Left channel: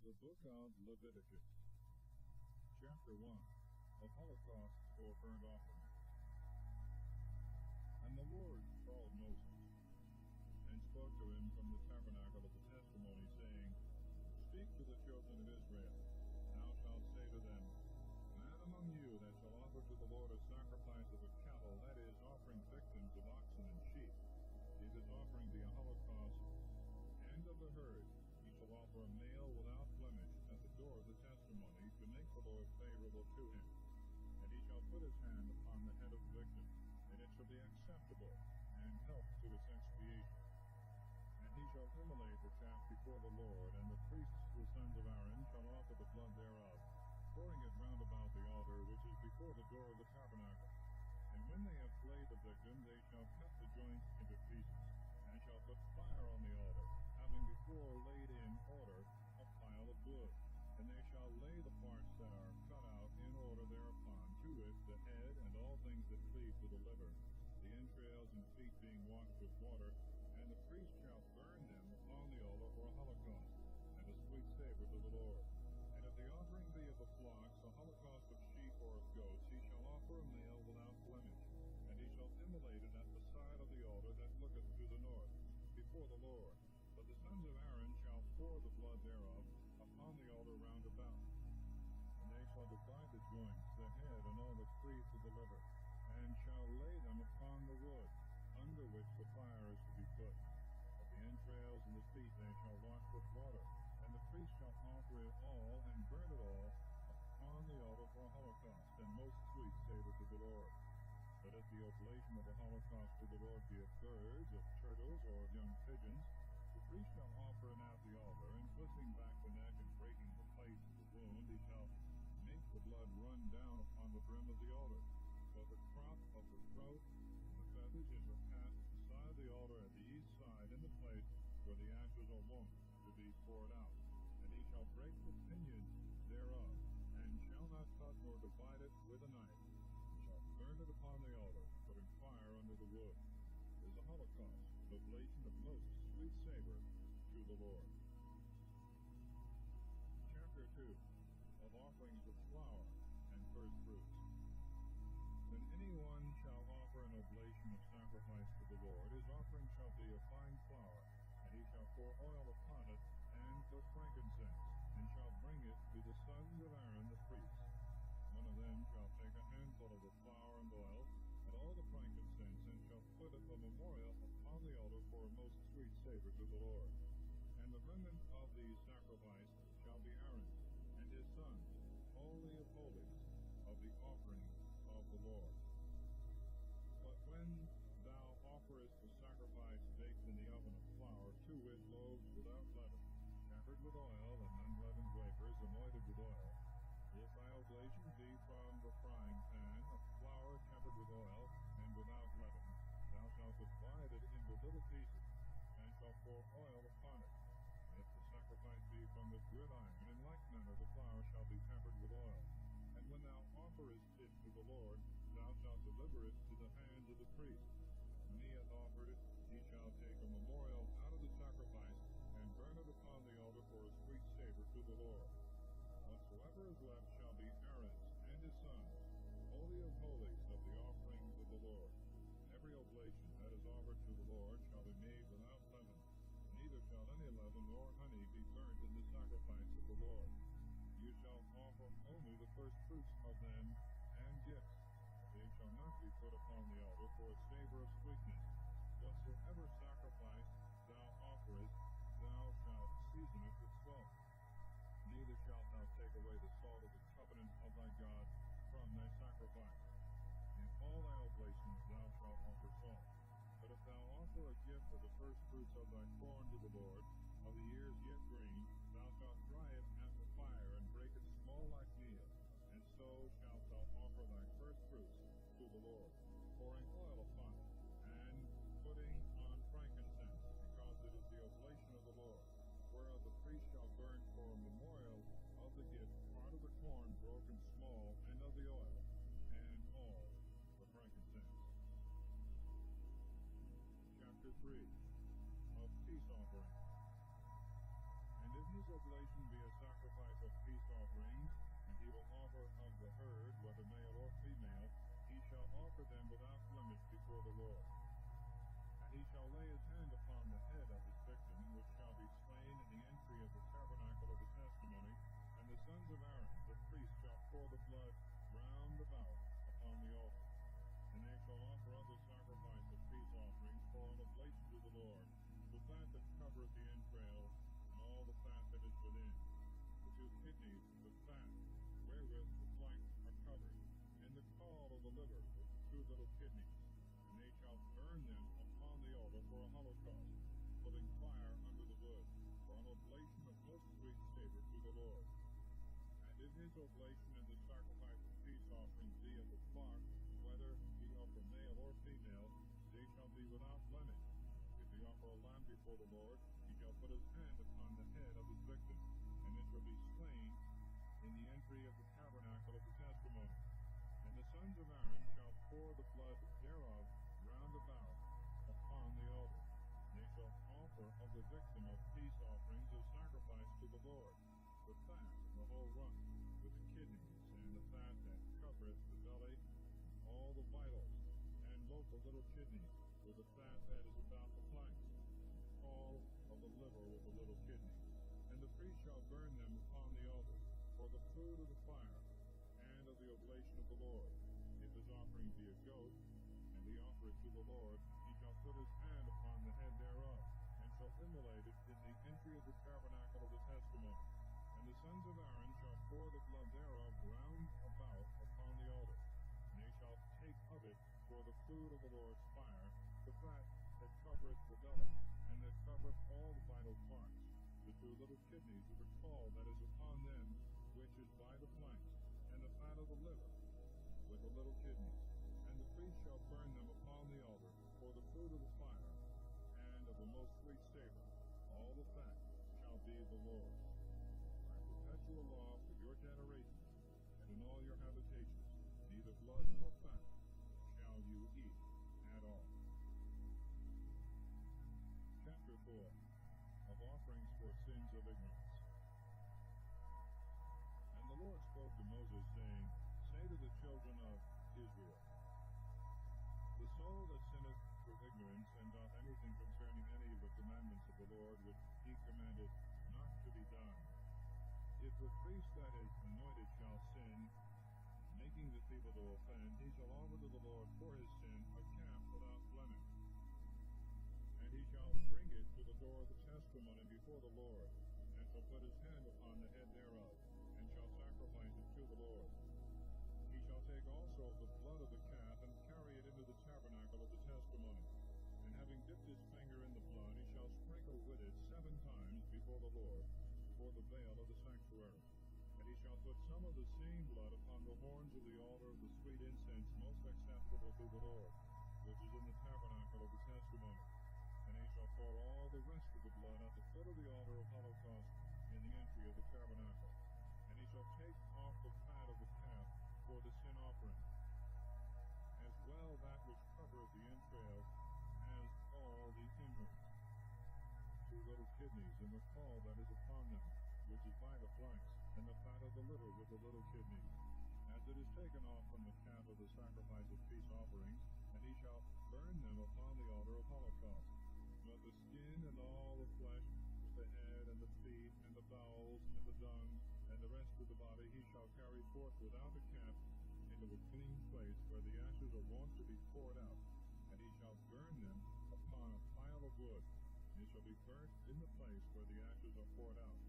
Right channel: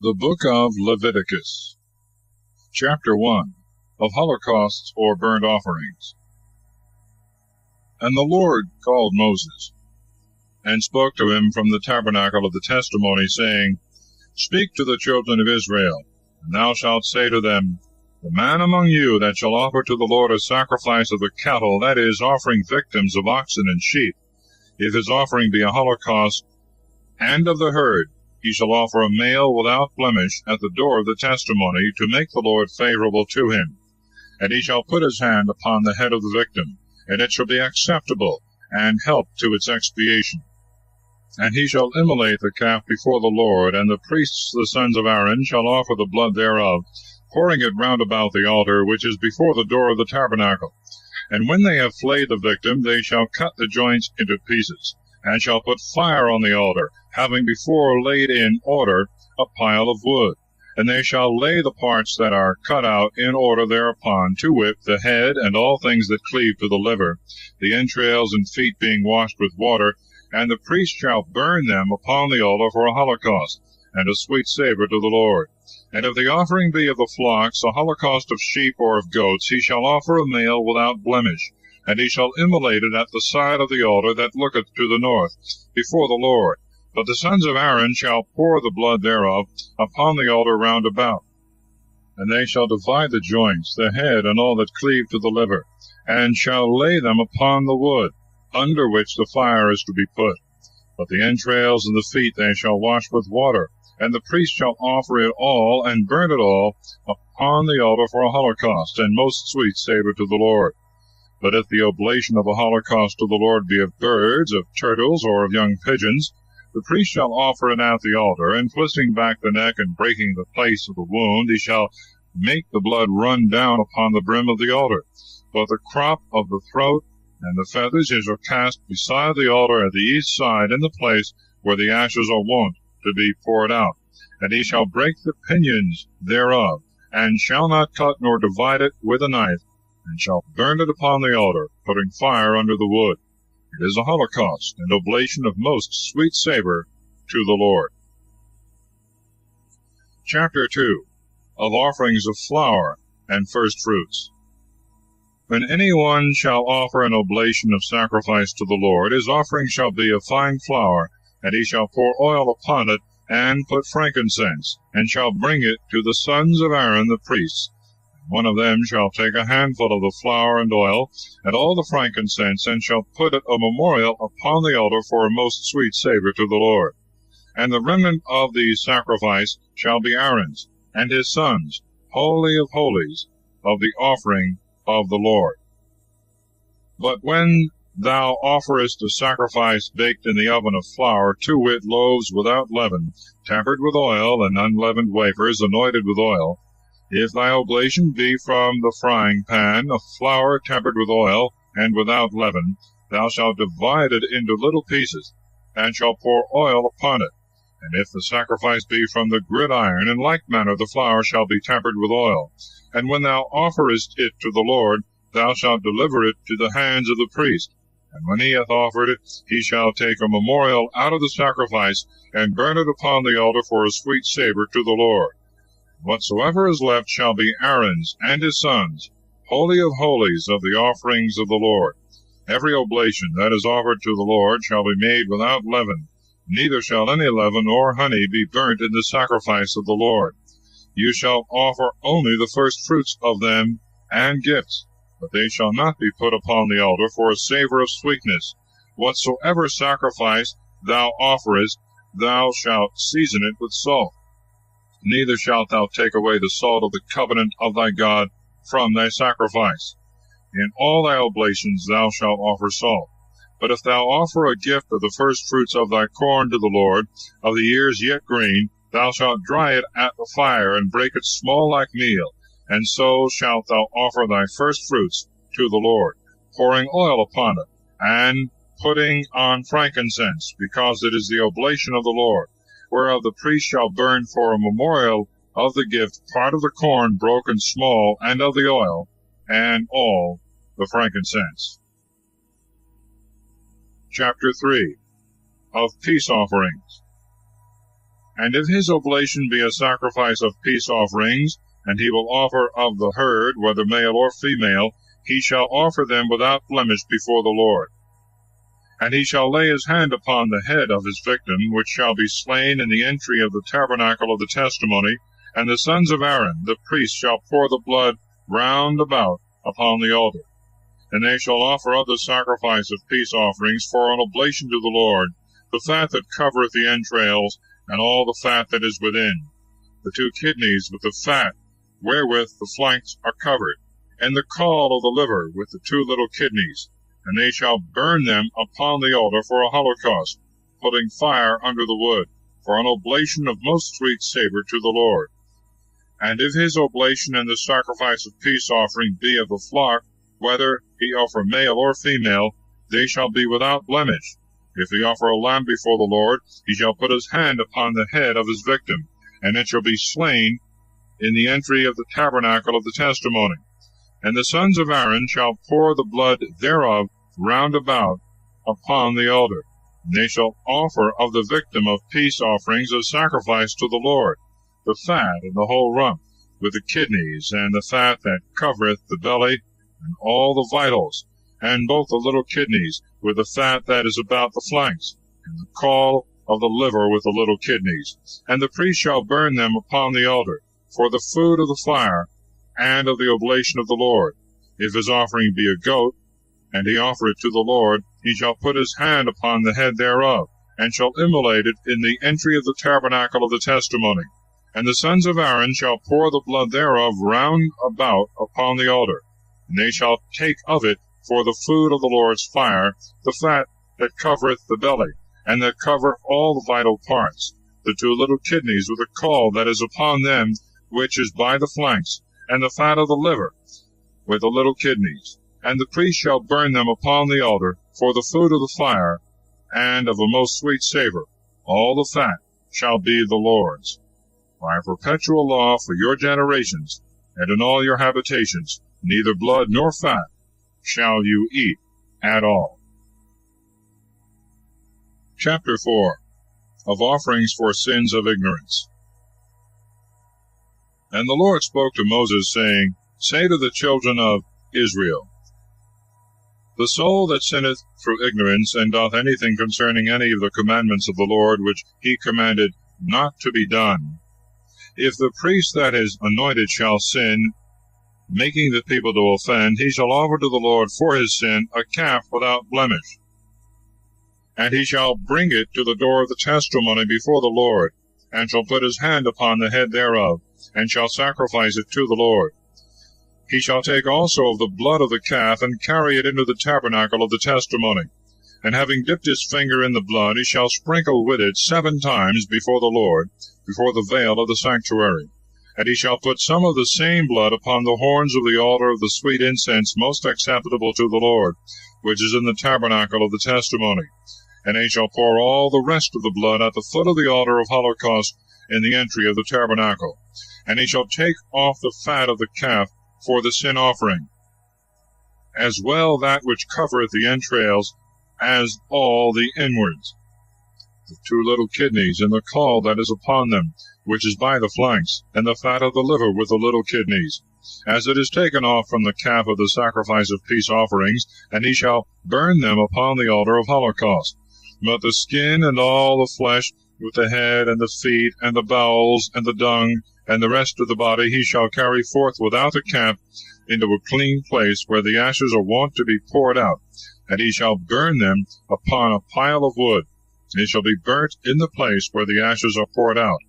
The Book of Leviticus, Chapter 1, of Holocausts or Burnt Offerings. And the Lord called Moses, and spoke to him from the tabernacle of the testimony, saying, Speak to the children of Israel, and thou shalt say to them, The man among you that shall offer to the Lord a sacrifice of the cattle, that is, offering victims of oxen and sheep, if his offering be a holocaust, and of the herd, he shall offer a male without blemish at the door of the testimony, to make the Lord favorable to him. And he shall put his hand upon the head of the victim, and it shall be acceptable, and help to its expiation. And he shall immolate the calf before the Lord, and the priests the sons of Aaron shall offer the blood thereof, pouring it round about the altar which is before the door of the tabernacle. And when they have flayed the victim, they shall cut the joints into pieces, and shall put fire on the altar, having before laid in order a pile of wood. And they shall lay the parts that are cut out in order thereupon, to wit, the head, and all things that cleave to the liver, the entrails and feet being washed with water, and the priest shall burn them upon the altar for a holocaust, and a sweet savour to the Lord. And if the offering be of the flocks, a holocaust of sheep or of goats, he shall offer a male without blemish, and he shall immolate it at the side of the altar that looketh to the north, before the Lord. But the sons of Aaron shall pour the blood thereof upon the altar round about. And they shall divide the joints, the head, and all that cleave to the liver, and shall lay them upon the wood, under which the fire is to be put. But the entrails and the feet they shall wash with water, and the priest shall offer it all, and burn it all, upon the altar for a holocaust, and most sweet savour to the Lord. But if the oblation of a holocaust to the Lord be of birds, of turtles, or of young pigeons, the priest shall offer it at the altar, and twisting back the neck and breaking the place of the wound, he shall make the blood run down upon the brim of the altar. But the crop of the throat and the feathers he shall cast beside the altar at the east side, in the place where the ashes are wont to be poured out. And he shall break the pinions thereof, and shall not cut nor divide it with a knife, and shall burn it upon the altar, putting fire under the wood. It is a holocaust and oblation of most sweet savour to the Lord. Chapter 2, of Offerings of Flour and First Fruits. When any one shall offer an oblation of sacrifice to the Lord, his offering shall be of fine flour, and he shall pour oil upon it, and put frankincense, and shall bring it to the sons of Aaron the priests. One of them shall take a handful of the flour and oil, and all the frankincense, and shall put it a memorial upon the altar for a most sweet savour to the Lord. And the remnant of the sacrifice shall be Aaron's, and his sons, holy of holies, of the offering of the Lord. But when thou offerest a sacrifice baked in the oven of flour, to wit, loaves without leaven, tempered with oil, and unleavened wafers anointed with oil, if thy oblation be from the frying pan, of flour tempered with oil, and without leaven, thou shalt divide it into little pieces, and shalt pour oil upon it. And if the sacrifice be from the gridiron, in like manner the flour shall be tempered with oil. And when thou offerest it to the Lord, thou shalt deliver it to the hands of the priest. And when he hath offered it, he shall take a memorial out of the sacrifice, and burn it upon the altar for a sweet savour to the Lord. Whatsoever is left shall be Aaron's and his sons, holy of holies of the offerings of the Lord. Every oblation that is offered to the Lord shall be made without leaven, neither shall any leaven or honey be burnt in the sacrifice of the Lord. You shall offer only the first fruits of them and gifts, but they shall not be put upon the altar for a savour of sweetness. Whatsoever sacrifice thou offerest, thou shalt season it with salt. Neither shalt thou take away the salt of the covenant of thy God from thy sacrifice. In all thy oblations thou shalt offer salt. But if thou offer a gift of the first fruits of thy corn to the Lord, of the ears yet green, thou shalt dry it at the fire, and break it small like meal, and so shalt thou offer thy first fruits to the Lord, pouring oil upon it, and putting on frankincense, because it is the oblation of the Lord, whereof the priest shall burn for a memorial of the gift part of the corn broken small, and of the oil, and all the frankincense. Chapter 3, of Peace Offerings. And if his oblation be a sacrifice of peace offerings, and he will offer of the herd, whether male or female, he shall offer them without blemish before the Lord. And he shall lay his hand upon the head of his victim, which shall be slain in the entry of the tabernacle of the testimony, and the sons of Aaron, the priests, shall pour the blood round about upon the altar. And they shall offer of the sacrifice of peace offerings for an oblation to the Lord, the fat that covereth the entrails, and all the fat that is within, the 2 kidneys with the fat wherewith the flanks are covered, and the caul of the liver with the 2 little kidneys. And they shall burn them upon the altar for a holocaust, putting fire under the wood, for an oblation of most sweet savour to the Lord. And if his oblation and the sacrifice of peace offering be of the flock, whether he offer male or female, they shall be without blemish. If he offer a lamb before the Lord, he shall put his hand upon the head of his victim, and it shall be slain in the entry of the tabernacle of the testimony. And the sons of Aaron shall pour the blood thereof round about upon the altar. And they shall offer of the victim of peace offerings of sacrifice to the Lord, the fat and the whole rump, with the kidneys, and the fat that covereth the belly, and all the vitals, and both the little kidneys, with the fat that is about the flanks, and the caul of the liver with the little kidneys. And the priest shall burn them upon the altar, for the food of the fire, and of the oblation of the Lord. If his offering be a goat, and he offer it to the Lord, he shall put his hand upon the head thereof, and shall immolate it in the entry of the tabernacle of the testimony. And the sons of Aaron shall pour the blood thereof round about upon the altar. And they shall take of it for the food of the Lord's fire, the fat that covereth the belly, and that covereth all the vital parts, the 2 little kidneys with the caul that is upon them, which is by the flanks, and the fat of the liver, with the little kidneys. And the priest shall burn them upon the altar for the food of the fire, and of a most sweet savour. All the fat shall be the Lord's. By a perpetual law for your generations, and in all your habitations, neither blood nor fat shall you eat at all. Chapter 4. Of Offerings for Sins of Ignorance. And the Lord spoke to Moses, saying, Say to the children of Israel, The soul that sinneth through ignorance, and doth anything concerning any of the commandments of the Lord, which he commanded not to be done, if the priest that is anointed shall sin, making the people to offend, he shall offer to the Lord for his sin a calf without blemish. And he shall bring it to the door of the testimony before the Lord, and shall put his hand upon the head thereof, and shall sacrifice it to the Lord. He shall take also of the blood of the calf, and carry it into the tabernacle of the testimony. And having dipped his finger in the blood, he shall sprinkle with it 7 times before the Lord, before the veil of the sanctuary. And he shall put some of the same blood upon the horns of the altar of the sweet incense most acceptable to the Lord, which is in the tabernacle of the testimony. And he shall pour all the rest of the blood at the foot of the altar of holocaust in the entry of the tabernacle. And he shall take off the fat of the calf for the sin offering, as well that which covereth the entrails, as all the inwards, the 2 little kidneys, and the caul that is upon them, which is by the flanks, and the fat of the liver with the little kidneys, as it is taken off from the calf of the sacrifice of peace offerings, and he shall burn them upon the altar of holocaust. But the skin and all the flesh, with the head and the feet, and the bowels, and the dung, and the rest of the body, he shall carry forth without the camp into a clean place, where the ashes are wont to be poured out, and he shall burn them upon a pile of wood. They shall be burnt in the place where the ashes are poured out.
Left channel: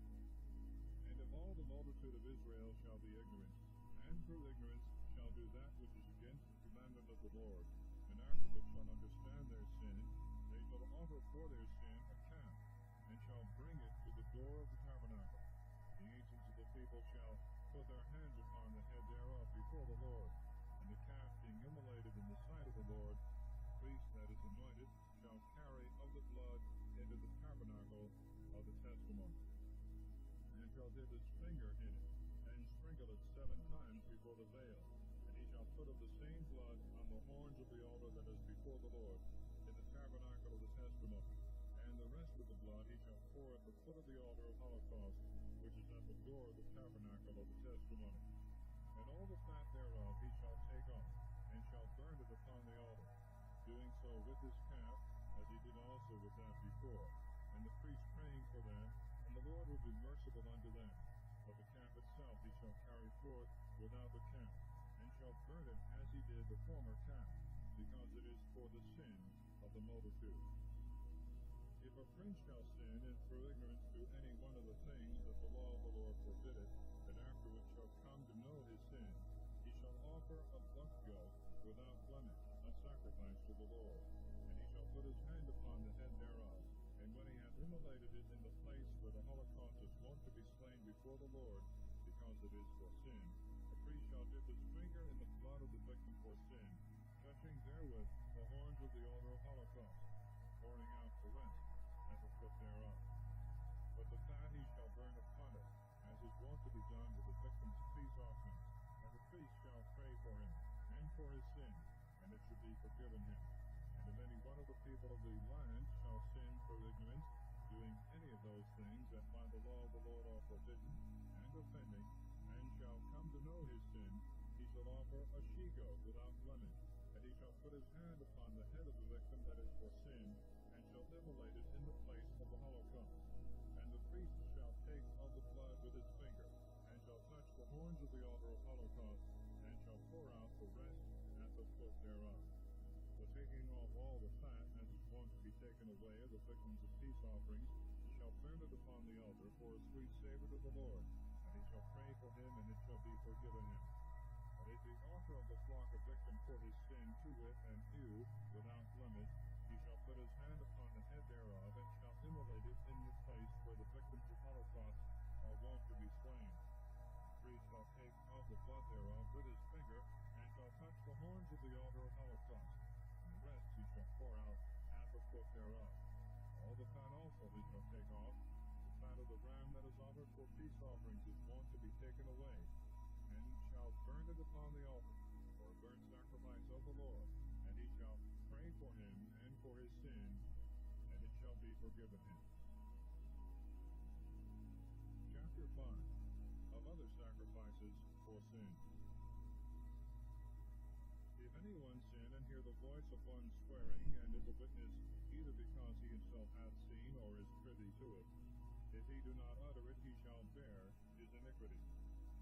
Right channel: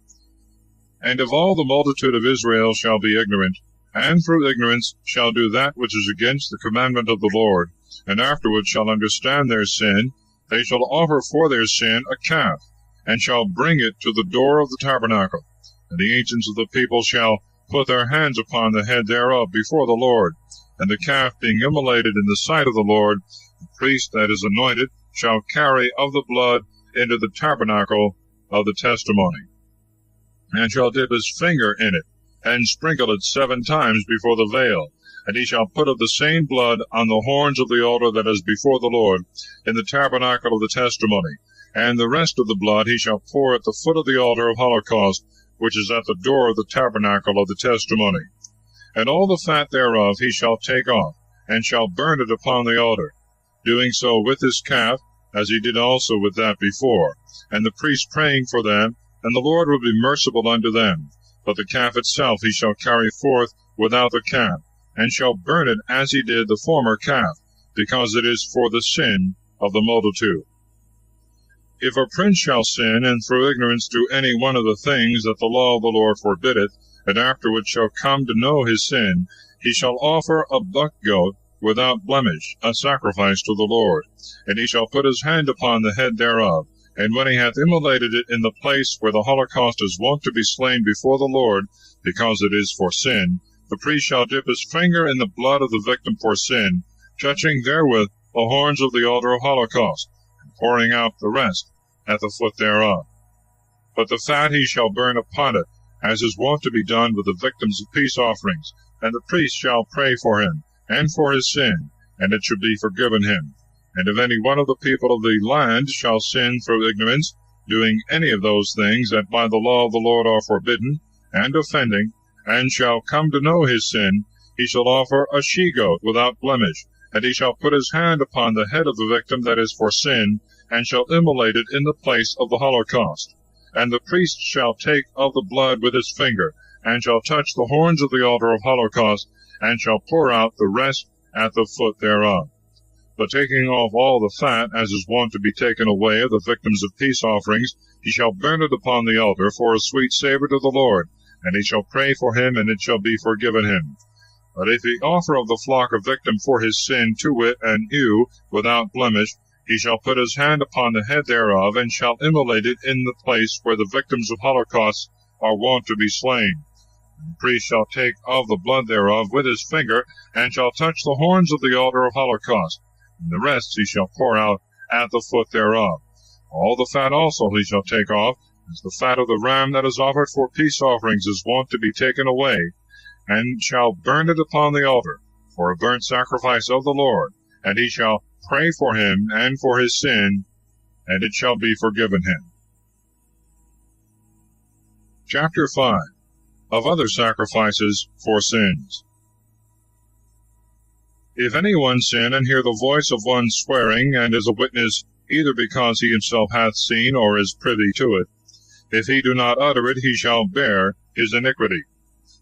And if all the multitude of Israel shall be ignorant, and through ignorance shall do that which is against the commandment of the Lord, and afterward shall understand their sin, they shall offer for their sin a calf, and shall bring it to the door of the tabernacle. And the ancients of the people shall put their hands upon the head thereof before the Lord. And the calf being immolated in the sight of the Lord, the priest that is anointed shall carry of the blood into the tabernacle of the testimony, and shall dip his finger in it, and sprinkle it 7 times before the veil. And he shall put of the same blood on the horns of the altar that is before the Lord, in the tabernacle of the testimony. And the rest of the blood he shall pour at the foot of the altar of holocaust, which is at the door of the tabernacle of the testimony. And all the fat thereof he shall take off, and shall burn it upon the altar, doing so with his calf, as he did also with that before, and the priest praying for them, and the Lord will be merciful unto them. But the calf itself he shall carry forth without the camp, and shall burn it as he did the former calf, because it is for the sin of the multitude. If a prince shall sin, and through ignorance do any one of the things that the law of the Lord forbiddeth, and afterward shall come to know his sin, he shall offer a buck goat without blemish, a sacrifice to the Lord. And he shall put his hand upon the head thereof, and when he hath immolated it in the place where the holocaust is wont to be slain before the Lord, because it is for sin, the priest shall dip his finger in the blood of the victim for sin, touching therewith the horns of the altar of holocaust, and pouring out the rest at the foot thereof. But the fat he shall burn upon it, as is wont to be done with the victims of peace offerings, and the priest shall pray for him, and for his sin, and it shall be forgiven him. And if any one of the people of the land shall sin through ignorance, doing any of those things that by the law of the Lord are forbidden, and offending, and shall come to know his sin, he shall offer a she-goat without blemish, and he shall put his hand upon the head of the victim that is for sin, and shall immolate it in the place of the holocaust. And the priest shall take of the blood with his finger, and shall touch the horns of the altar of holocaust, and shall pour out the rest at the foot thereof. But taking off all the fat, as is wont to be taken away of the victims of peace offerings, he shall burn it upon the altar for a sweet savour to the Lord, and he shall pray for him, and it shall be forgiven him. But if he offer of the flock a victim for his sin, to wit, an ewe, without blemish, he shall put his hand upon the head thereof, and shall immolate it in the place where the victims of holocaust are wont to be slain. And the priest shall take of the blood thereof with his finger, and shall touch the horns of the altar of holocaust, and the rest he shall pour out at the foot thereof. All the fat also he shall take off, as the fat of the ram that is offered for peace offerings is wont to be taken away, and shall burn it upon the altar, for a burnt sacrifice of the Lord, and he shall pray for him and for his sin, and it shall be forgiven him. Chapter 5. Of other sacrifices for sins. If any one sin, and hear the voice of one swearing, and is a witness, either because he himself hath seen, or is privy to it, if he do not utter it, he shall bear his iniquity.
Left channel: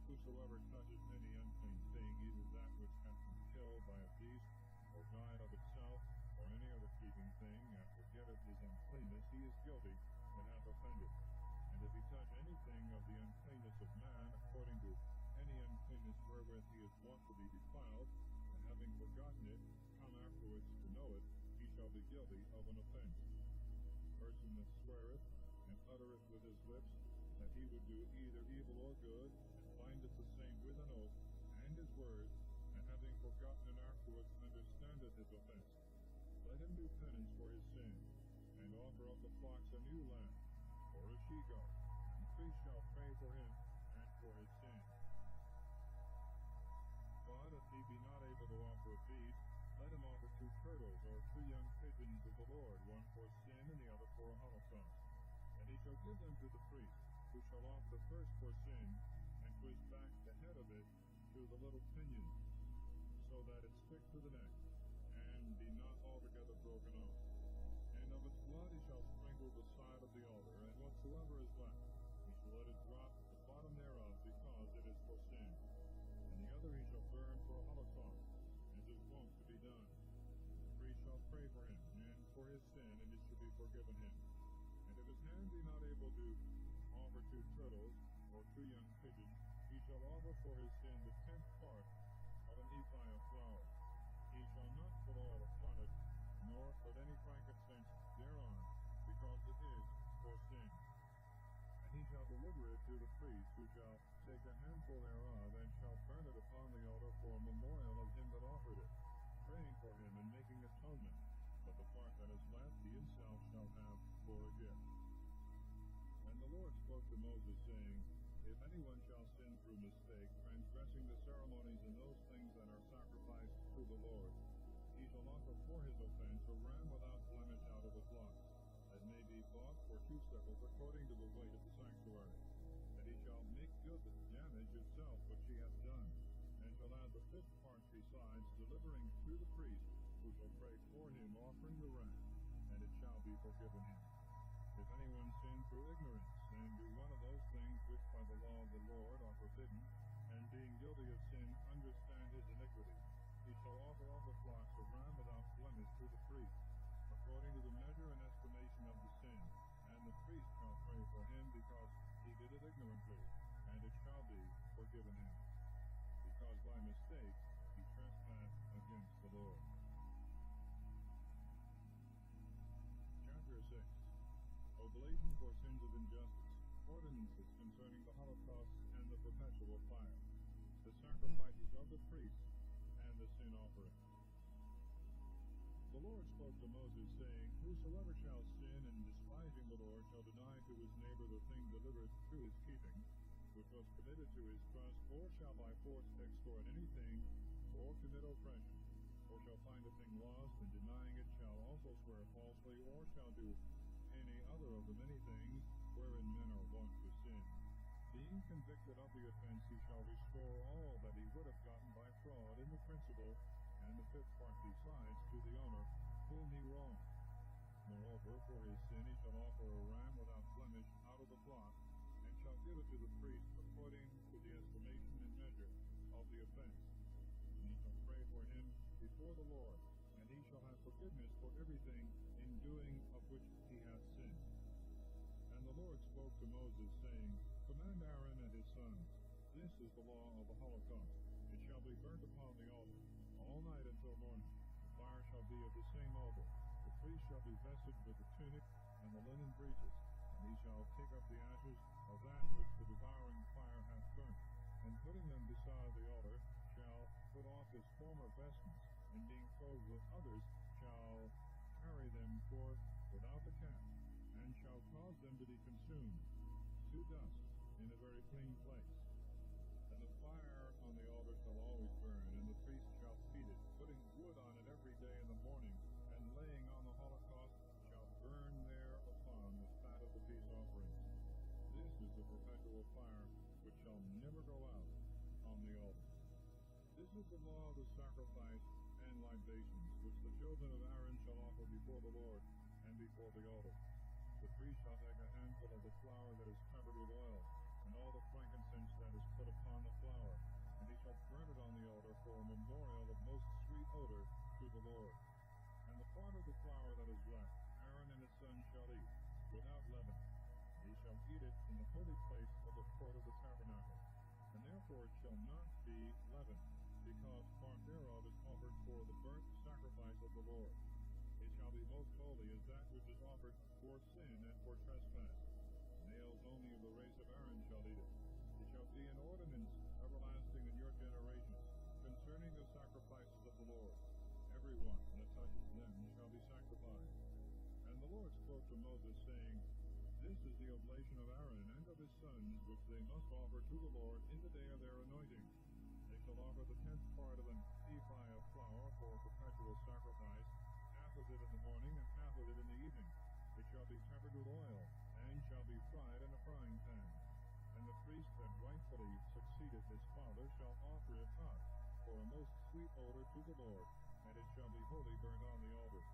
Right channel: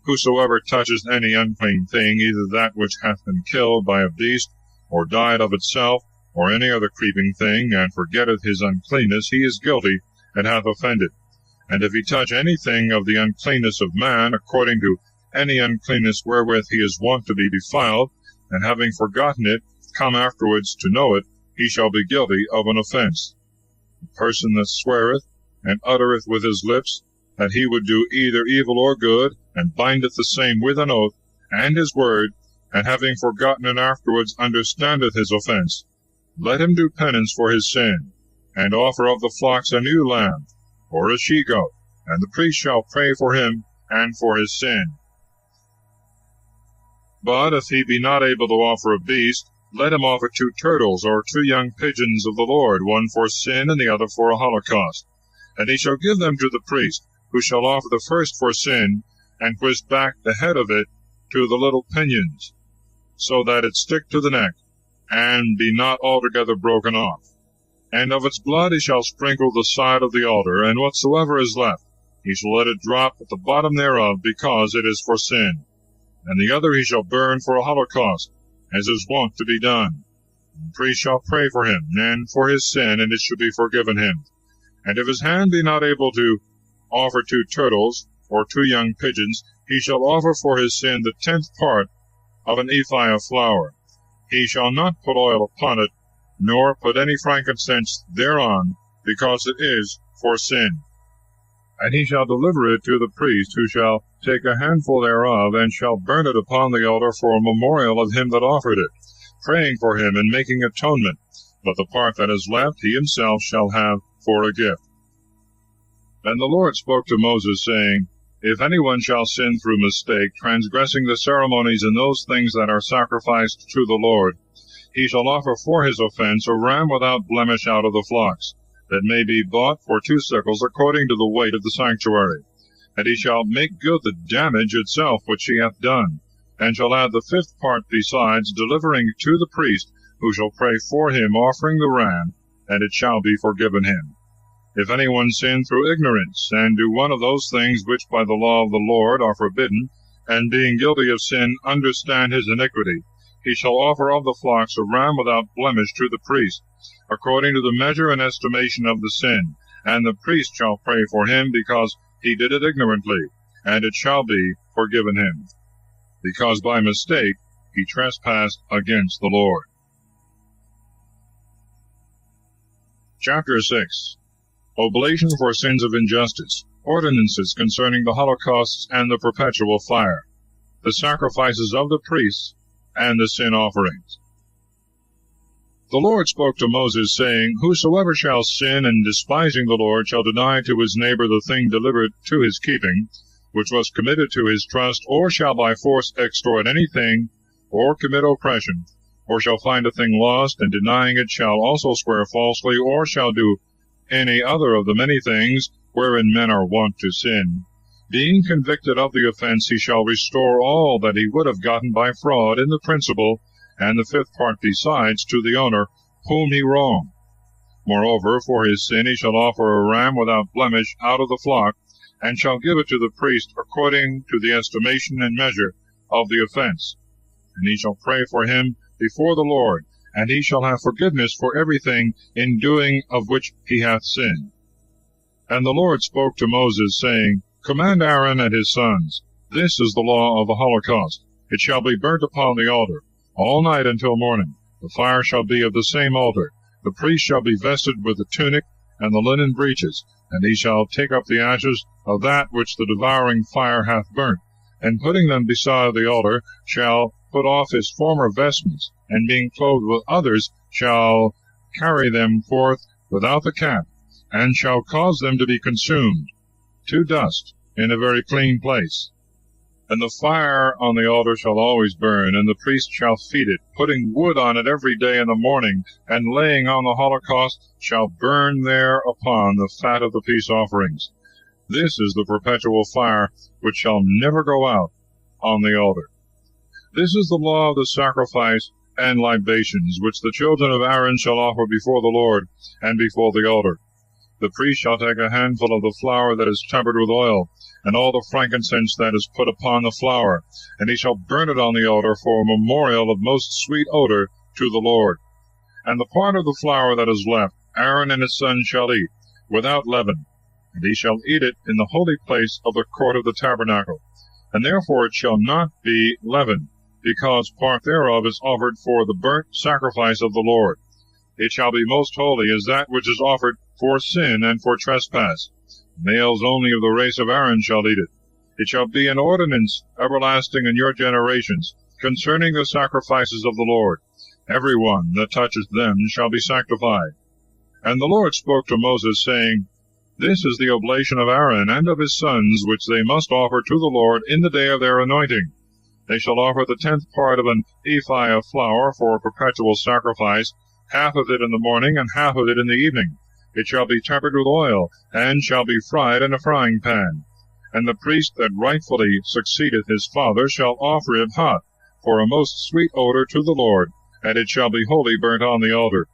Whosoever touches any unclean thing, either that which hath been killed by a beast, or died of itself, or any other creeping thing, and forgetteth his uncleanness, he is guilty, and hath offended. And if he touch anything of the uncleanness of man, according to any uncleanness wherewith he is wont to be defiled, and having forgotten it, come afterwards to know it, he shall be guilty of an offense. The person that sweareth, and uttereth with his lips, that he would do either evil or good, and bindeth the same with an oath, and his word, and having forgotten it afterwards understandeth his offense, let him do penance for his sin, and offer of the flocks a new lamb, or a she-goat, and the priest shall pray for him and for his sin. But if he be not able to offer a beast, let him offer 2 turtles, or 2 young pigeons of the Lord, one for sin, and the other for a holocaust. And he shall give them to the priest, who shall offer the first for sin, and twist back the head of it to the little pinions, so that it stick to the neck, and be not altogether broken off. And of its blood he shall sprinkle the side of the altar, and whatsoever is left, he shall let it drop at the bottom thereof, because it is for sin. And the other he shall burn for a holocaust, as is wont to be done. And the priest shall pray for him, and for his sin, and it shall be forgiven him. And if his hand be not able to offer 2 turtles, or 2 young pigeons, he shall offer for his sin the 10th part of an ephah of flour. He shall not put oil upon it, nor put any frankincense thereon, because it is for sin. And he shall deliver it to the priest, who shall take a handful thereof, and shall burn it upon the altar for a memorial of him that offered it, praying for him and making atonement. But the part that is left he himself shall have for a gift. And the Lord spoke to Moses, saying, If any one shall sin through mistake, transgressing the ceremonies in those things that are sacrificed to the Lord, he shall offer for his offense a ram without blemish out of the flocks, that may be bought for 2 shekels according to the weight of the sanctuary. And he shall make good the damage itself which he hath done, and shall add the 5th part besides, delivering to the priest, who shall pray for him, offering the ram, and it shall be forgiven him. If any one sin through ignorance, and do one of those things which by the law of the Lord are forbidden, and being guilty of sin understand his iniquity, he shall offer of the flocks a ram without blemish to the priest, according to the measure and estimation of the sin, and the priest shall pray for him, because he did it ignorantly, and it shall be forgiven him, because by mistake he trespassed against the Lord. Chapter 6. Oblation for sins of injustice, ordinances concerning the holocausts and the perpetual fire, the sacrifices of the priests, and the sin offerings. The Lord spoke to Moses, saying, Whosoever shall sin, and despising the Lord, shall deny to his neighbor the thing delivered to his keeping, which was committed to his trust, or shall by force extort anything, or commit oppression, or shall find a thing lost, and denying it shall also swear falsely, or shall do any other of the many things wherein men are wont to sin. Being convicted of the offense, he shall restore all that he would have gotten by fraud in the principal, and the 5th part besides, to the owner whom he wronged. Moreover, for his sin he shall offer a ram without blemish out of the flock, and shall give it to the priest according to the estimation and measure of the offense. And he shall pray for him before the Lord, and he shall have forgiveness for everything in doing of which he hath sinned. And the Lord spoke to Moses, saying, Command Aaron and his sons, this is the law of the holocaust. It shall be burnt upon the altar, all night until morning. The fire shall be of the same altar. The priest shall be vested with the tunic and the linen breeches, and he shall take up the ashes of that which the devouring fire hath burnt, and putting them beside the altar, shall put off his former vestments, and being clothed with others, shall carry them forth without the camp, and shall cause them to be consumed to dust in a very clean place. And the fire on the altar shall always burn, and the priest shall feed it, putting wood on it every day in the morning, and laying on the holocaust shall burn thereupon the fat of the peace offerings. This is the perpetual fire, which shall never go out on the altar. This is the law of the sacrifice and libations, which the children of Aaron shall offer before the Lord, and before the altar. The priest shall take a handful of the flour that is tempered with oil, and all the frankincense that is put upon the flour, and he shall burn it on the altar for a memorial of most sweet odor to the Lord. And the part of the flour that is left, Aaron and his sons shall eat, without leaven, and he shall eat it in the holy place of the court of the tabernacle. And therefore it shall not be leavened, because part thereof is offered for the burnt sacrifice of the Lord. It shall be most holy as that which is offered for sin and for trespass. Males only of the race of Aaron shall eat it. It shall be an ordinance everlasting in your generations, concerning the sacrifices of the Lord. Every one that toucheth them shall be sanctified. And the Lord spoke to Moses, saying, This is the oblation of Aaron and of his sons, which they must offer to the Lord in the day of their anointing. They shall offer the 10th part of an ephah of flour for a perpetual sacrifice, half of it in the morning, and half of it in the evening. It shall be tempered with oil, and shall be fried in a frying pan. And the priest that rightfully succeedeth his father shall offer it hot, for a most sweet odor to the Lord, and it shall be wholly burnt on the altar.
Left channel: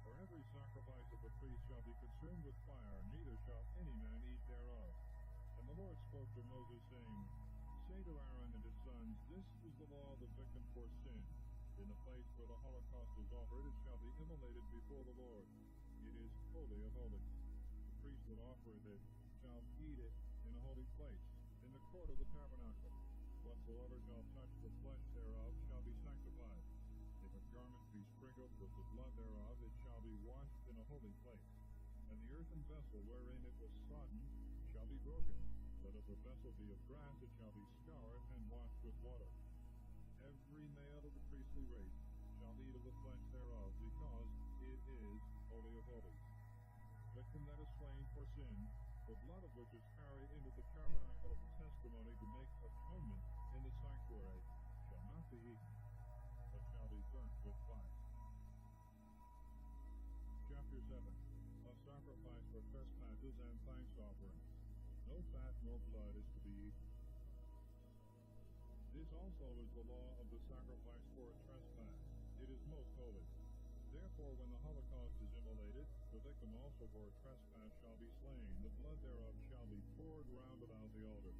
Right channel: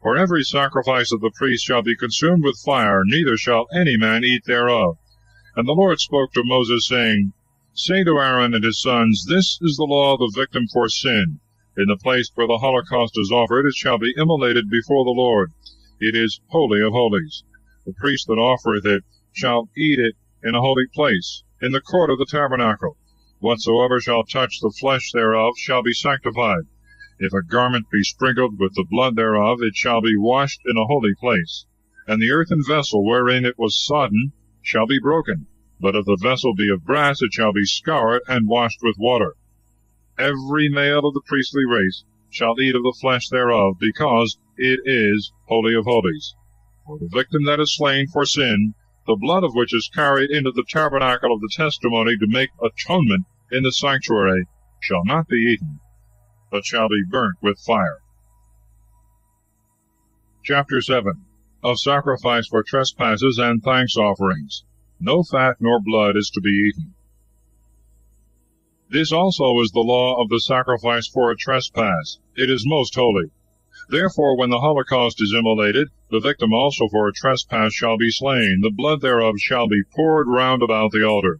For every sacrifice of the priest shall be consumed with fire, neither shall any man eat thereof. And the Lord spoke to Moses, saying, Say to Aaron and his sons, This is the law of the victim for sin. In the place where the holocaust is offered, it shall be immolated before the Lord. It is holy of holies. The priest that offereth it shall eat it in a holy place, in the court of the tabernacle. Whatsoever shall touch the flesh thereof shall be sanctified. If a garment be sprinkled with the blood thereof, it shall be washed in a holy place. And the earthen vessel wherein it was sodden shall be broken. But if the vessel be of brass, it shall be scoured and washed with water. Every male of the priestly race shall eat of the flesh thereof, because it is holy of holies. For the victim that is slain for sin, the blood of which is carried into the tabernacle of the testimony to make atonement in the sanctuary, shall not be eaten, but shall be burnt with fire. Chapter 7. of sacrifice for trespasses and thanks offerings. No fat nor blood is to be eaten. This also is the law of the sacrifice for a trespass. It is most holy. Therefore, when the holocaust is immolated, the victim also for a trespass shall be slain. The blood thereof shall be poured round about the altar.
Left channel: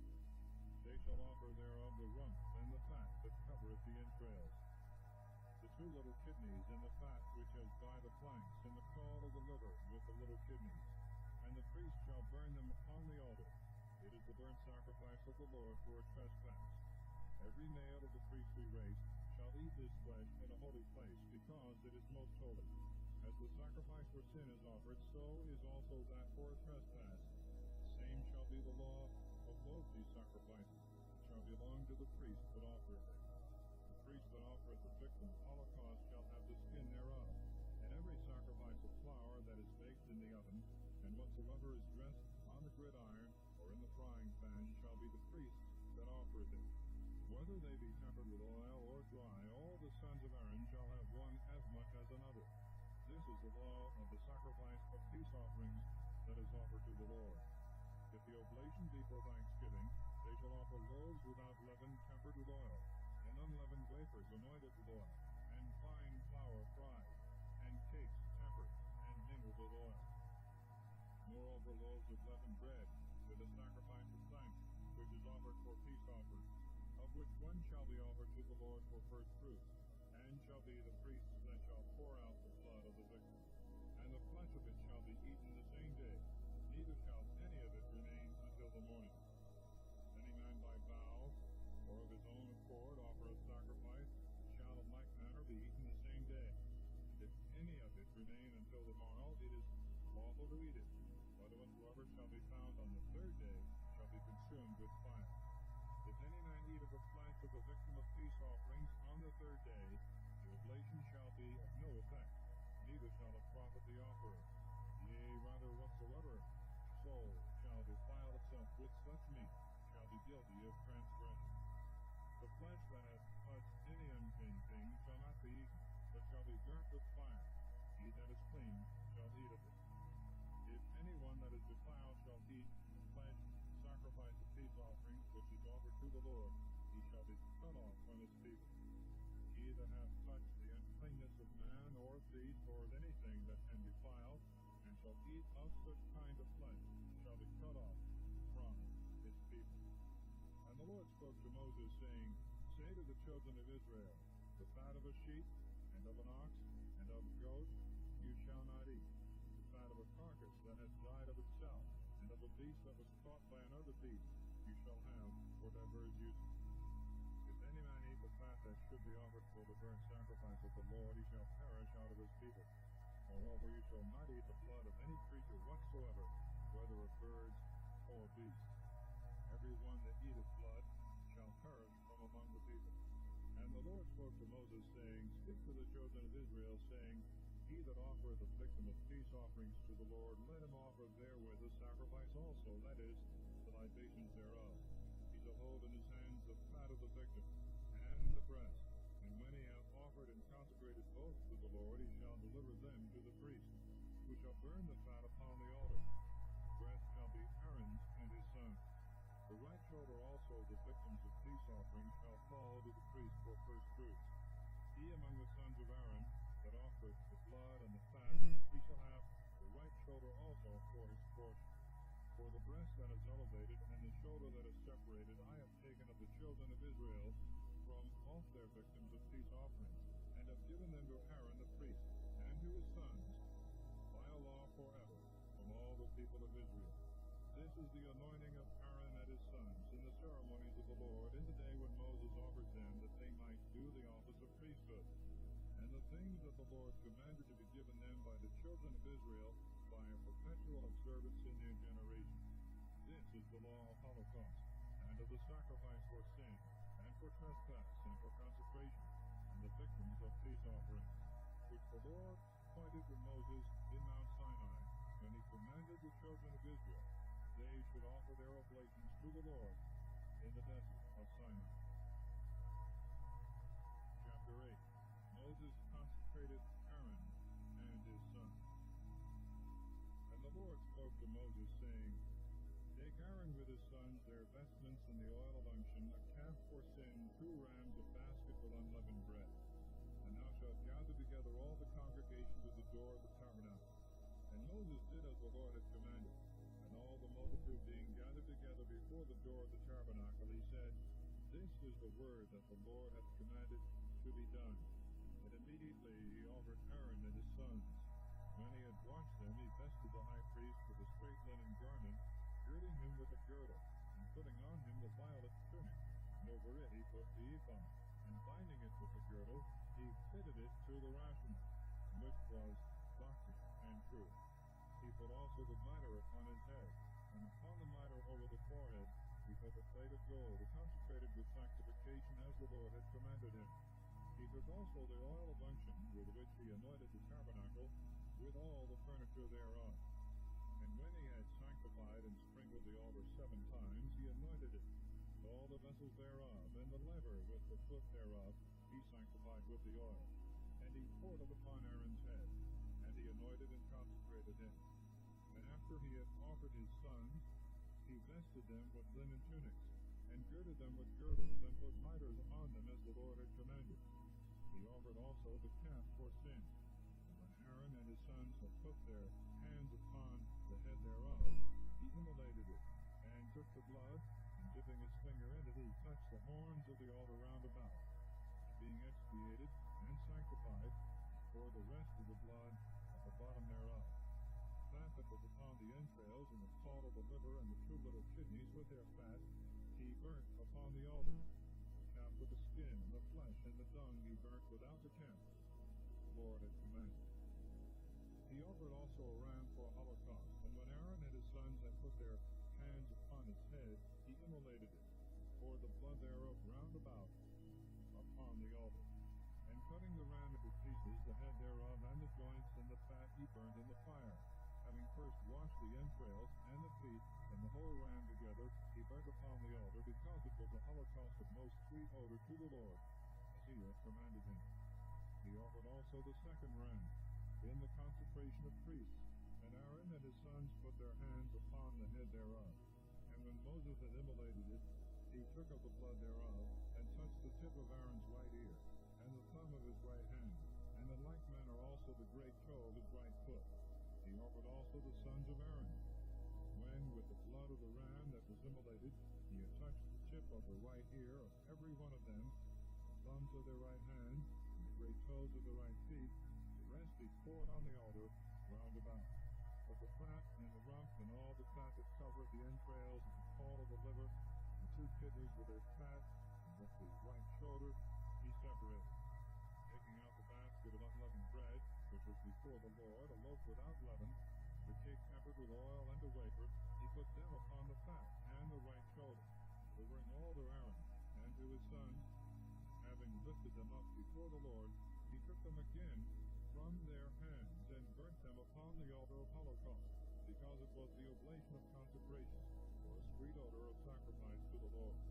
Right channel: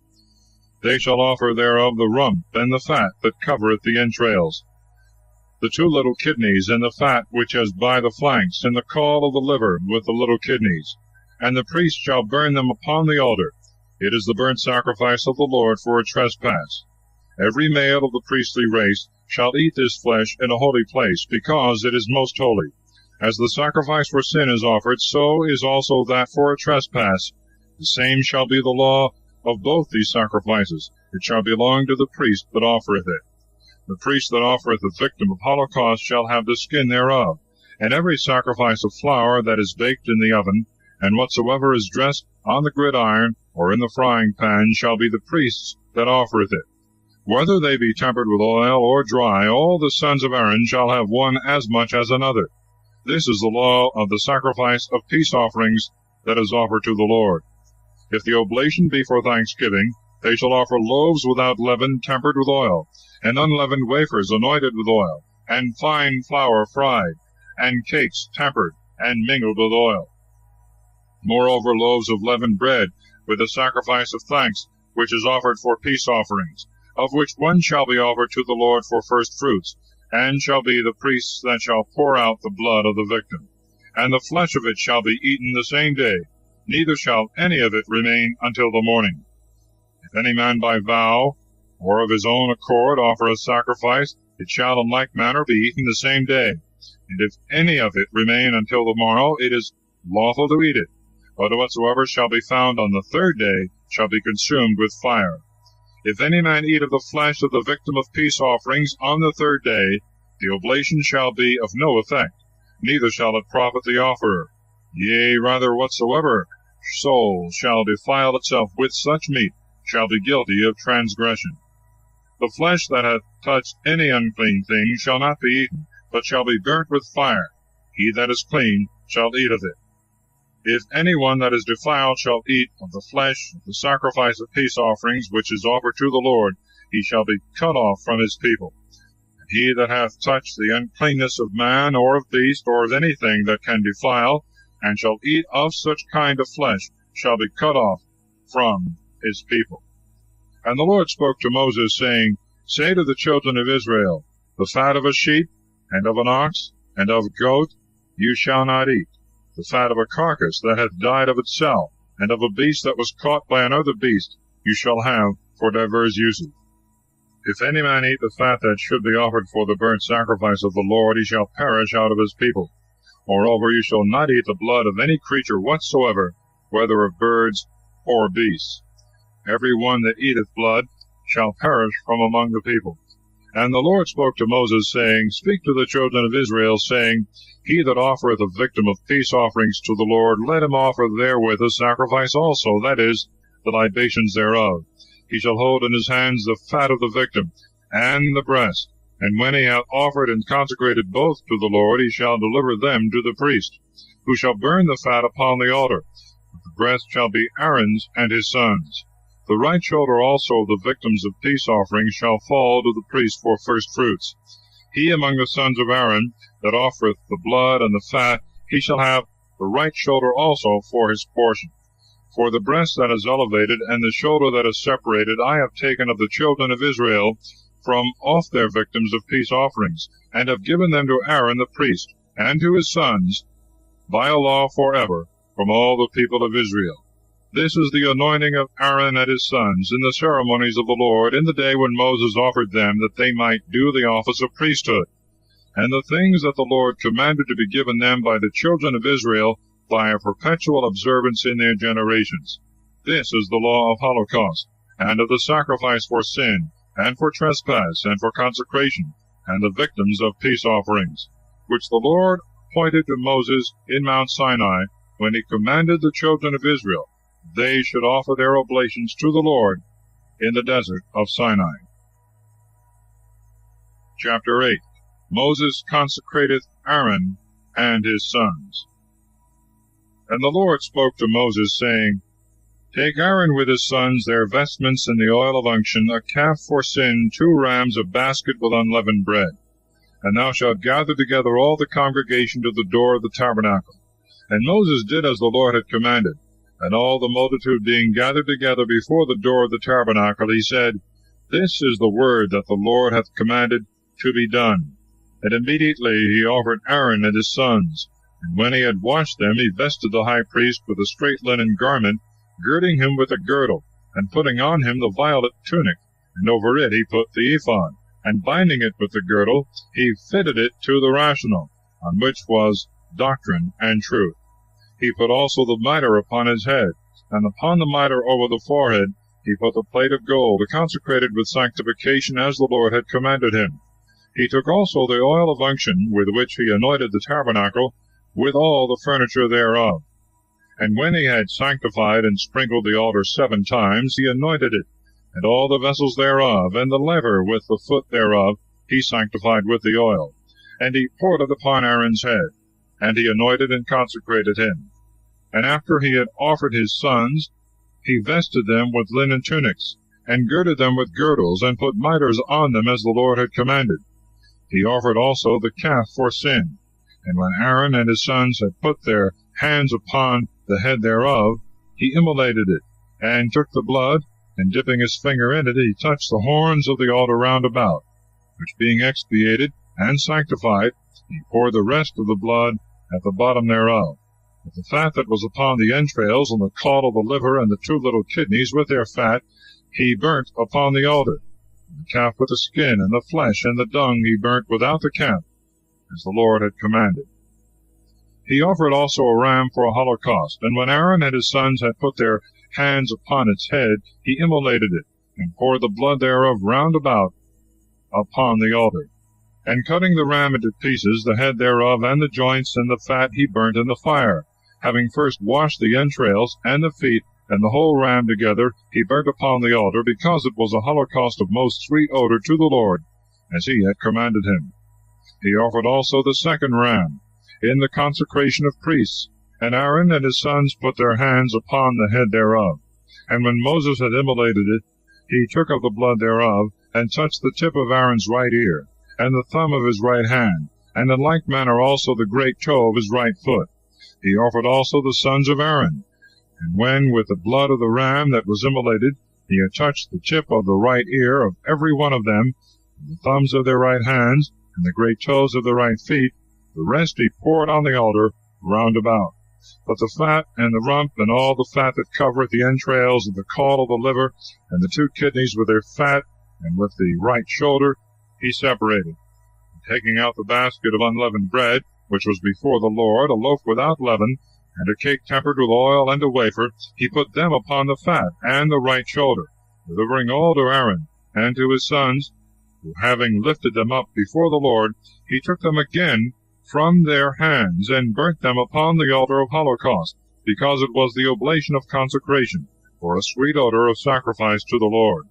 They shall offer thereof the rump and the fat that covereth the entrails, the 2 little kidneys, and the fat which is by the flanks, and the caul of the liver with the little kidneys. And the priest shall burn them upon the altar. It is the burnt sacrifice of the Lord for a trespass. Every male of the priestly race shall eat this flesh in a holy place, because it is most holy. As the sacrifice for sin is offered, so is also that for a trespass. The same shall be the law of both these sacrifices. It shall belong to the priest that offereth it. The priest that offereth the victim of holocaust shall have the skin thereof. And every sacrifice of flour that is baked in the oven, and whatsoever is dressed on the gridiron or in the frying pan, shall be the priest's that offereth it. Whether they be tempered with oil or dry, all the sons of Aaron shall have one as much as another. This is the law of the sacrifice of peace offerings that is offered to the Lord. If the oblation be for thanksgiving, they shall offer loaves without leaven tempered with oil, and unleavened wafers anointed with oil, and fine flour fried, and cakes tempered and mingled with oil. Moreover, loaves of leavened bread, with the sacrifice of thanks, which is offered for peace offerings, of which one shall be offered to the Lord for first fruits, and shall be the priest's that shall pour out the blood of the victim. And the flesh of it shall be eaten the same day, neither shall any of it remain until the morning. If any man by vow, or of his own accord, offer a sacrifice, it shall in like manner be eaten the same day. And if any of it remain until the morrow, it is lawful to eat it. But whatsoever shall be found on the 3rd day shall be consumed with fire. If any man eat of the flesh of the victim of peace offerings on the 3rd day, the oblation shall be of no effect, neither shall it profit the offerer. Yea, rather, whatsoever soul shall defile itself with such meat shall be guilty of transgression. The flesh that hath touched any unclean thing shall not be eaten, but shall be burnt with fire. He that is clean shall eat of it. If any one that is defiled shall eat of the flesh of the sacrifice of peace offerings which is offered to the Lord, he shall be cut off from his people. And he that hath touched the uncleanness of man, or of beast, or of anything that can defile, and shall eat of such kind of flesh, shall be cut off from his people. And the Lord spoke to Moses, saying, Say to the children of Israel, The fat of a sheep, and of an ox, and of a goat, you shall not eat. The fat of a carcass that hath died of itself, and of a beast that was caught by another beast, you shall have for divers uses. If any man eat the fat that should be offered for the burnt sacrifice of the Lord, he shall perish out of his people. Moreover, you shall not eat the blood of any creature whatsoever, whether of birds or beasts. Every one that eateth blood shall perish from among the people. And the Lord spoke to Moses, saying, Speak to the children of Israel, saying, He that offereth a victim of peace offerings to the Lord, let him offer therewith a sacrifice also, that is, the libations thereof. He shall hold in his hands the fat of the victim, and the breast. And when he hath offered and consecrated both to the Lord, he shall deliver them to the priest, who shall burn the fat upon the altar. The breast shall be Aaron's and his sons'. The right shoulder also of the victims of peace offerings shall fall to the priest for first fruits. He among the sons of Aaron that offereth the blood and the fat, he shall have the right shoulder also for his portion. For the breast that is elevated, and the shoulder that is separated, I have taken of the children of Israel from off their victims of peace offerings, and have given them to Aaron the priest, and to his sons, by a law forever, from all the people of Israel. This is the anointing of Aaron and his sons in the ceremonies of the Lord, in the day when Moses offered them, that they might do the office of priesthood, and the things that the Lord commanded to be given them by the children of Israel by a perpetual observance in their generations. This is the law of holocaust, and of the sacrifice for sin, and for trespass, and for consecration, and the victims of peace offerings, which the Lord appointed to Moses in Mount Sinai, when he commanded the children of Israel they should offer their oblations to the Lord in the desert of Sinai. Chapter 8. Moses consecrateth Aaron and his sons. And the Lord spoke to Moses, saying, Take Aaron with his sons, their vestments, and the oil of unction, a calf for sin, 2 rams, a basket with unleavened bread. And thou shalt gather together all the congregation to the door of the tabernacle. And Moses did as the Lord had commanded. And all the multitude being gathered together before the door of the tabernacle, he said, This is the word that the Lord hath commanded to be done. And immediately he offered Aaron and his sons. And when he had washed them, he vested the high priest with a straight linen garment, girding him with a girdle, and putting on him the violet tunic, and over it he put the ephod, and binding it with the girdle, he fitted it to the rational, on which was doctrine and truth. He put also the mitre upon his head, and upon the mitre over the forehead he put the plate of gold, consecrated with sanctification, as the Lord had commanded him. He took also the oil of unction, with which he anointed the tabernacle, with all the furniture thereof. And when he had sanctified and sprinkled the altar 7 times, he anointed it, and all the vessels thereof, and the laver with the foot thereof, he sanctified with the oil. And he poured it upon Aaron's head, and he anointed and consecrated him. And after he had offered his sons, he vested them with linen tunics, and girded them with girdles, and put mitres on them, as the Lord had commanded. He offered also the calf for sin. And when Aaron and his sons had put their hands upon the head thereof, he immolated it, and took the blood, and dipping his finger in it, he touched the horns of the altar round about, which being expiated and sanctified, he poured the rest of the blood at the bottom thereof. But the fat that was upon the entrails, and the caul of the liver, and the 2 little kidneys with their fat, he burnt upon the altar. And the calf with the skin, and the flesh, and the dung he burnt without the camp, as the Lord had commanded. He offered also a ram for a holocaust, and when Aaron and his sons had put their hands upon its head, he immolated it, and poured the blood thereof round about upon the altar. And cutting the ram into pieces, the head thereof, and the joints, and the fat, he burnt in the fire. Having first washed the entrails, and the feet, and the whole ram together, he burnt upon the altar, because it was a holocaust of most sweet odor to the Lord, as he had commanded him. He offered also the 2nd ram, in the consecration of priests, and Aaron and his sons put their hands upon the head thereof. And when Moses had immolated it, he took of the blood thereof, and touched the tip of Aaron's right ear, and the thumb of his right hand, and in like manner also the great toe of his right foot. He offered also the sons of Aaron. And when with the blood of the ram that was immolated, he had touched the tip of the right ear of every one of them, and the thumbs of their right hands, and the great toes of their right feet, the rest he poured on the altar round about. But the fat, and the rump, and all the fat that covereth the entrails, and the caul of the liver, and the 2 kidneys with their fat, and with the right shoulder, he separated. And taking out the basket of unleavened bread, which was before the Lord, a loaf without leaven, and a cake tempered with oil, and a wafer, he put them upon the fat, and the right shoulder, delivering all to Aaron, and to his sons, who having lifted them up before the Lord, he took them again from their hands, and burnt them upon the altar of holocaust, because it was the oblation of consecration, for a sweet odor of sacrifice to the Lord.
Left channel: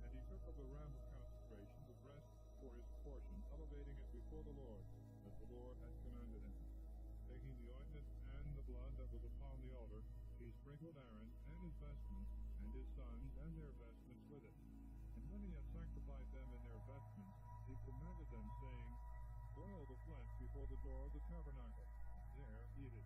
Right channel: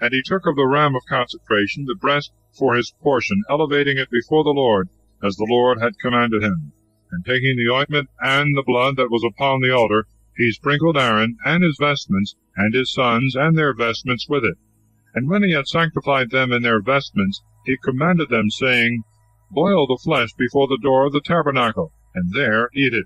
And he took of the ram of consecration the breast for his portion, elevating it before the Lord, as the Lord had commanded him. And taking the ointment and the blood that was upon the altar, he sprinkled Aaron and his vestments, and his sons and their vestments with it. And when he had sanctified them in their vestments, he commanded them, saying, Boil the flesh before the door of the tabernacle, and there eat it.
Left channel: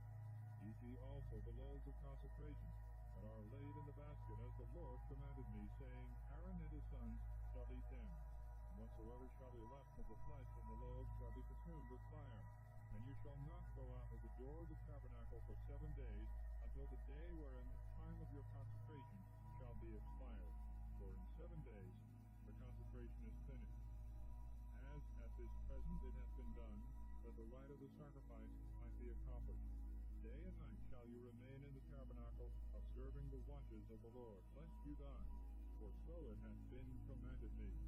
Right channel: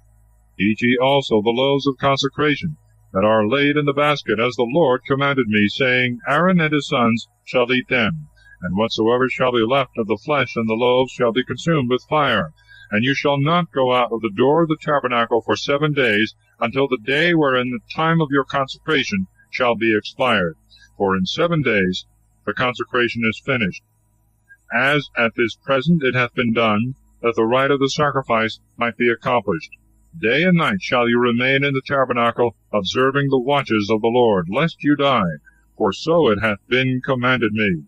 Eat ye also the loaves of consecration, that are laid in the basket, as the Lord commanded me, saying, Aaron and his sons shall eat them. And whatsoever shall be left of the flesh and the loaves shall be consumed with fire. And you shall not go out of the door of the tabernacle for 7 days, until the day wherein the time of your consecration shall be expired. For in 7 days the consecration is finished, as at this present it hath been done, that the rite of the sacrifice might be accomplished. Day and night shall you remain in the tabernacle, observing the watches of the Lord, lest you die, for so it hath been commanded me.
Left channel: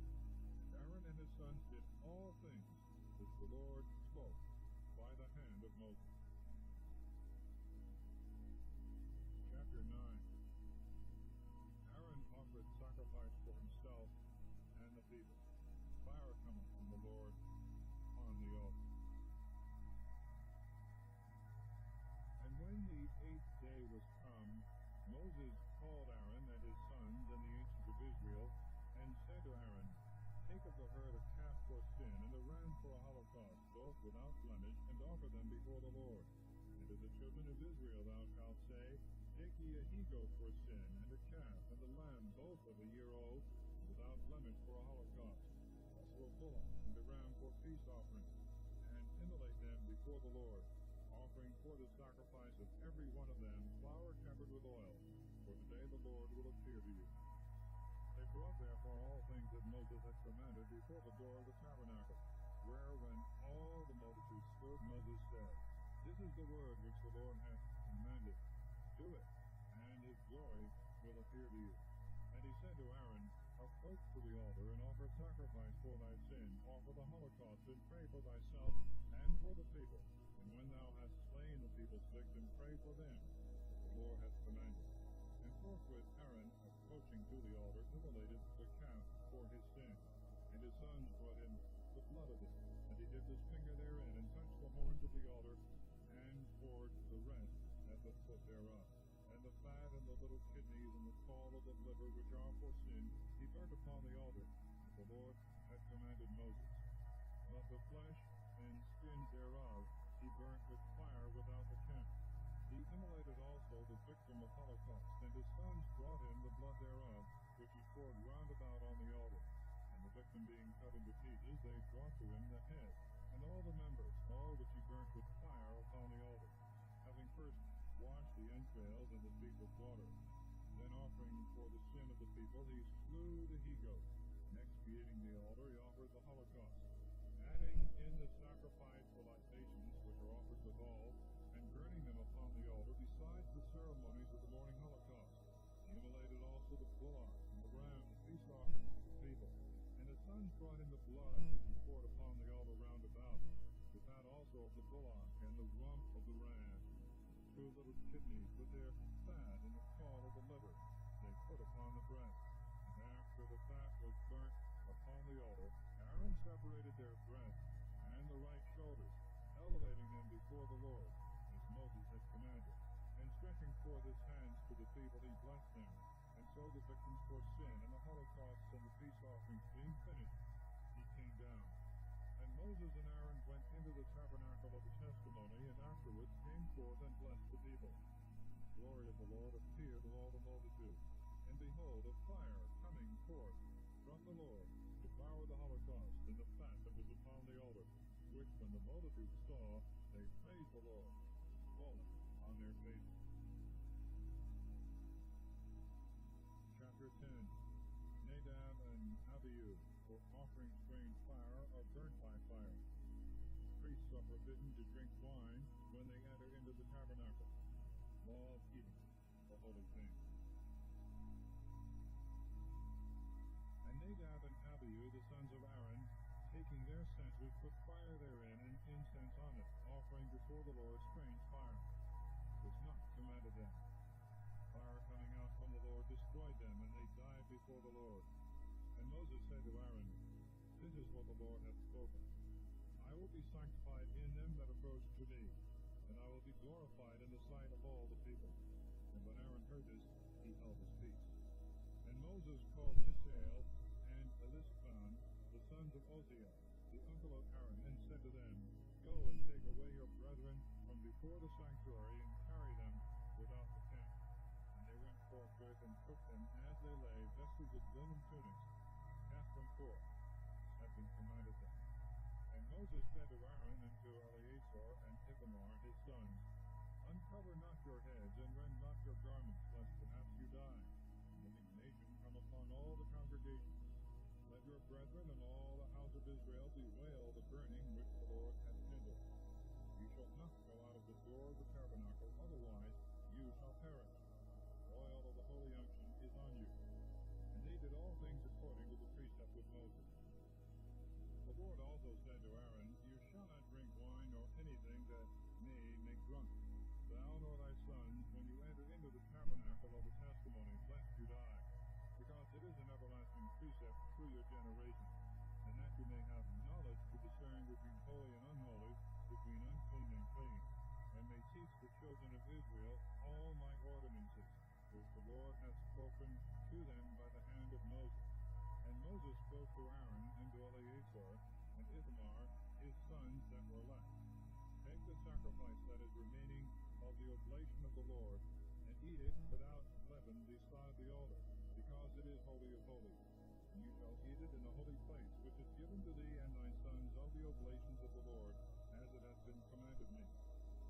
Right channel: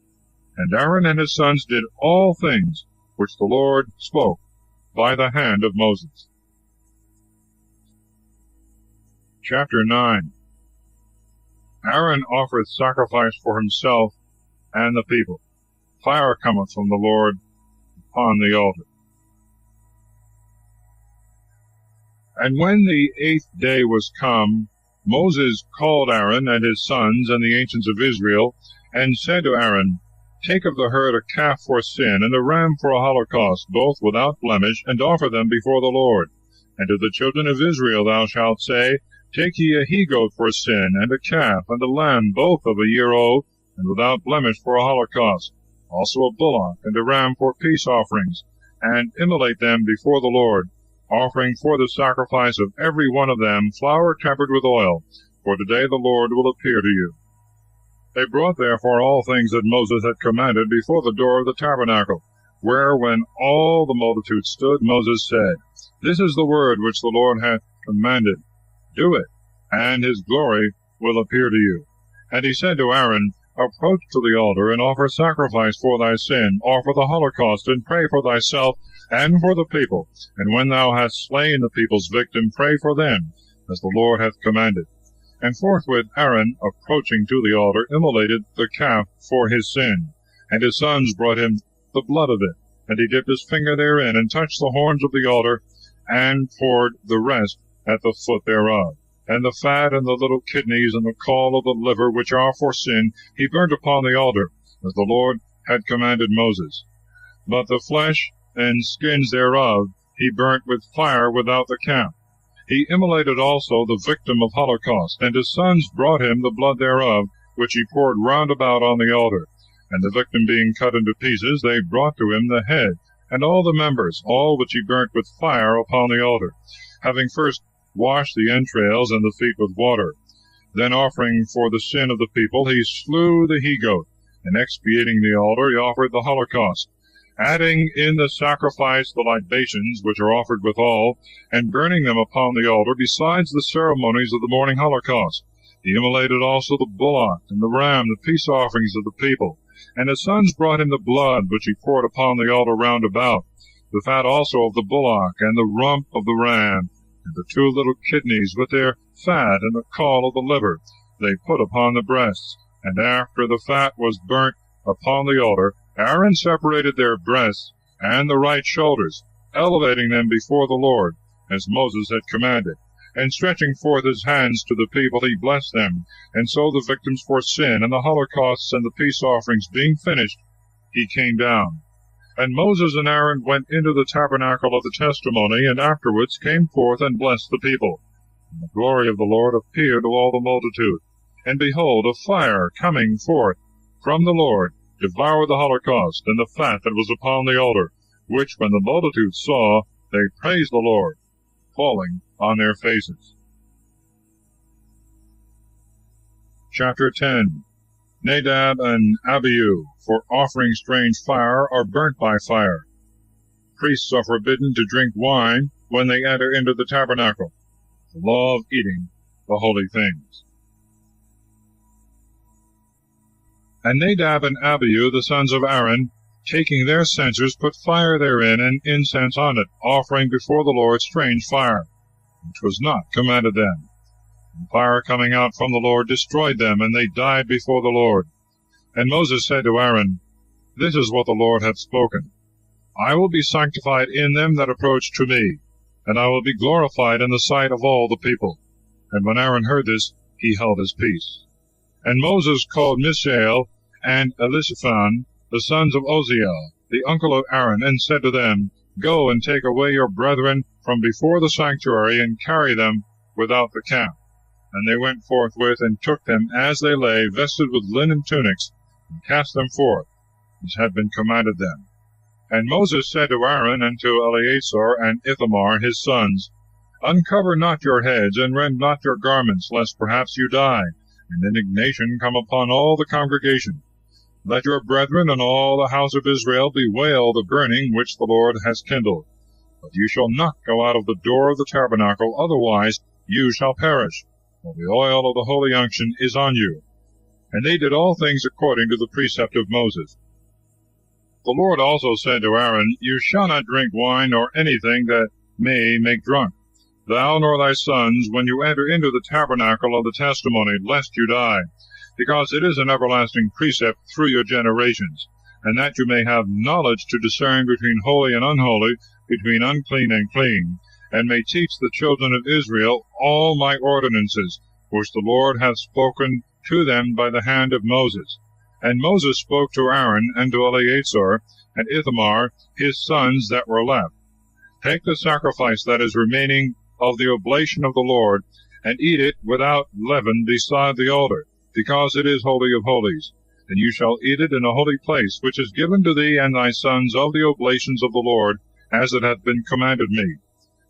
And Aaron and his sons did all things which the Lord spoke by the hand of Moses. Chapter 9. Aaron offereth sacrifice for himself and the people. Fire cometh from the Lord upon the altar. And when the 8th day was come, Moses called Aaron and his sons and the ancients of Israel, and said to Aaron, Take of the herd a calf for sin, and a ram for a holocaust, both without blemish, and offer them before the Lord. And to the children of Israel thou shalt say, Take ye a he-goat for sin, and a calf, and a lamb, both of a year old, and without blemish for a holocaust, also a bullock and a ram for peace offerings, and immolate them before the Lord, offering for the sacrifice of every one of them flour tempered with oil, for today the Lord will appear to you. They brought therefore all things that Moses had commanded before the door of the tabernacle, where when all the multitude stood, Moses said, This is the word which the Lord hath commanded. Do it, and his glory will appear to you. And he said to Aaron, Approach to the altar, and offer sacrifice for thy sin, offer the holocaust, and pray for thyself and for the people. And when thou hast slain the people's victim, pray for them, as the Lord hath commanded. And forthwith Aaron, approaching to the altar, immolated the calf for his sin. And his sons brought him the blood of it, and he dipped his finger therein, and touched the horns of the altar, and poured the rest at the foot thereof. And the fat and the little kidneys and the caul of the liver, which are for sin, he burnt upon the altar, as the Lord had commanded Moses. But the flesh and skins thereof he burnt with fire without the camp. He immolated also the victim of holocaust, and his sons brought him the blood thereof, which he poured round about on the altar. And the victim being cut into pieces, they brought to him the head, and all the members, all which he burnt with fire upon the altar, having first washed the entrails and the feet with water. Then offering for the sin of the people, he slew the he-goat, and expiating the altar, he offered the holocaust, adding in the sacrifice the libations which are offered withal, and burning them upon the altar, besides the ceremonies of the morning holocaust. He immolated also the bullock and the ram, the peace offerings of the people. And his sons brought him the blood which he poured upon the altar round about, the fat also of the bullock, and the rump of the ram, and the 2 little kidneys with their fat, and the caul of the liver, they put upon the breasts. And after the fat was burnt upon the altar, Aaron separated their breasts and the right shoulders, elevating them before the Lord, as Moses had commanded. And stretching forth his hands to the people, he blessed them. And so the victims for sin, and the holocausts, and the peace offerings being finished, he came down. And Moses and Aaron went into the tabernacle of the testimony, and afterwards came forth and blessed the people. And the glory of the Lord appeared to all the multitude. And behold, a fire coming forth from the Lord devoured the holocaust and the fat that was upon the altar, which when the multitude saw, they praised the Lord, falling on their faces. Chapter 10. Nadab and Abihu, for offering strange fire, are burnt by fire. Priests are forbidden to drink wine when they enter into the tabernacle. The law of eating the holy things. And Nadab and Abihu, the sons of Aaron, taking their censers, put fire therein, and incense on it, offering before the Lord strange fire, which was not commanded them. And fire coming out from the Lord destroyed them, and they died before the Lord. And Moses said to Aaron, This is what the Lord hath spoken. I will be sanctified in them that approach to me, and I will be glorified in the sight of all the people. And when Aaron heard this, he held his peace. And Moses called Mishael and Elishaphan, the sons of Uzziel, the uncle of Aaron, and said to them, Go and take away your brethren from before the sanctuary, and carry them without the camp. And they went forthwith, and took them as they lay, vested with linen tunics, and cast them forth, as had been commanded them. And Moses said to Aaron and to Eleazar and Ithamar his sons, Uncover not your heads, and rend not your garments, lest perhaps you die, and indignation come upon all the congregation. Let your brethren and all the house of Israel bewail the burning which the Lord has kindled. But you shall not go out of the door of the tabernacle, otherwise you shall perish, for the oil of the holy unction is on you. And they did all things according to the precept of Moses. The Lord also said to Aaron, You shall not drink wine nor anything that may make drunk, thou nor thy sons, when you enter into the tabernacle of the testimony, lest you die, because it is an everlasting precept through your generations, and that you may have knowledge to discern between holy and unholy, between unclean and clean. and may teach the children of Israel all my ordinances, which the Lord hath spoken to them by the hand of Moses. And Moses spoke to Aaron and to Eleazar and Ithamar, his sons that were left. Take the sacrifice that is remaining of the oblation of the Lord, and eat it without leaven beside the altar, because it is holy of holies. And you shall eat it in a holy place, which is given to thee and thy sons of the oblations of the Lord, as it hath been commanded me.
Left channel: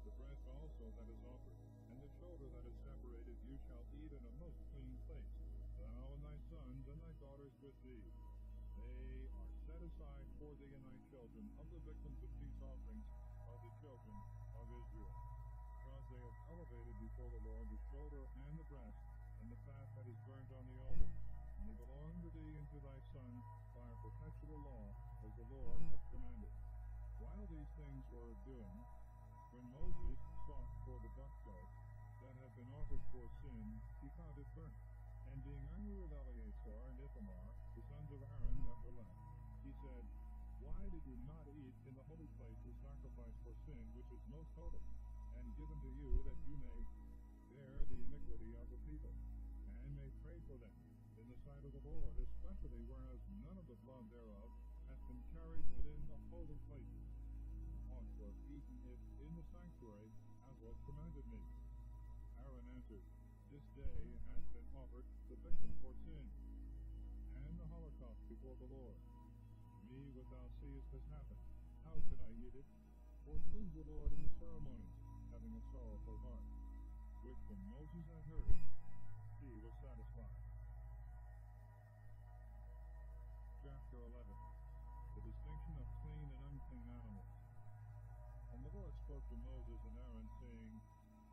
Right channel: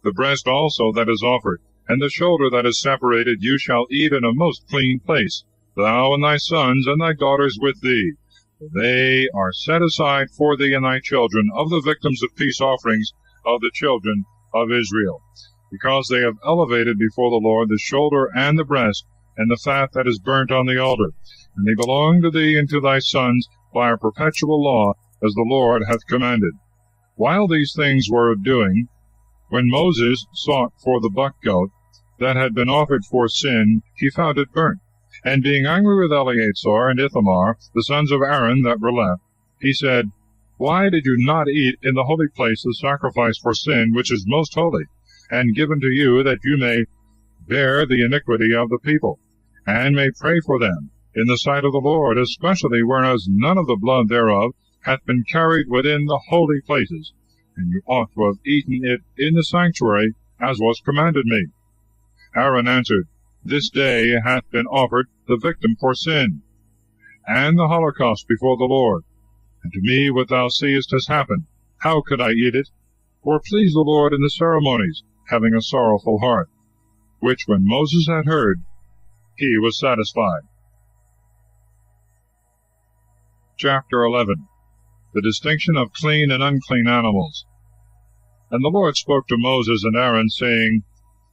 The breast also that is offered, and the shoulder that is separated, you shall eat in a most clean place, thou and thy sons and thy daughters with thee. For they are set aside for thee and thy children of the victims of peace offerings of the children of Israel, because they have elevated before the Lord the shoulder and the breast, and the fat that is burnt on the altar. And they belong to thee and to thy sons by a perpetual law, as the Lord hath commanded. While these things were doing, when Moses sought for the buck goat that had been offered for sin, he found it burnt. And being angry with Eleazar and Ithamar, the sons of Aaron that were left, he said, Why did you not eat in the holy place the sacrifice for sin, which is most holy, and given to you, that you may bear the iniquity of the people, and may pray for them in the sight of the Lord, especially whereas none of the blood thereof hath been carried within the holy places? And you ought to have eaten it in the sanctuary, as was commanded me. Aaron answered, This day hath been offered the victim for sin, and the holocaust before the Lord. And to me what thou seest has happened. How could I eat it? For please the Lord in the ceremonies, having a sorrowful heart. Which when Moses had heard, he was satisfied. Chapter 11. The distinction of clean and unclean animals. And the Lord spoke to Moses and Aaron, saying,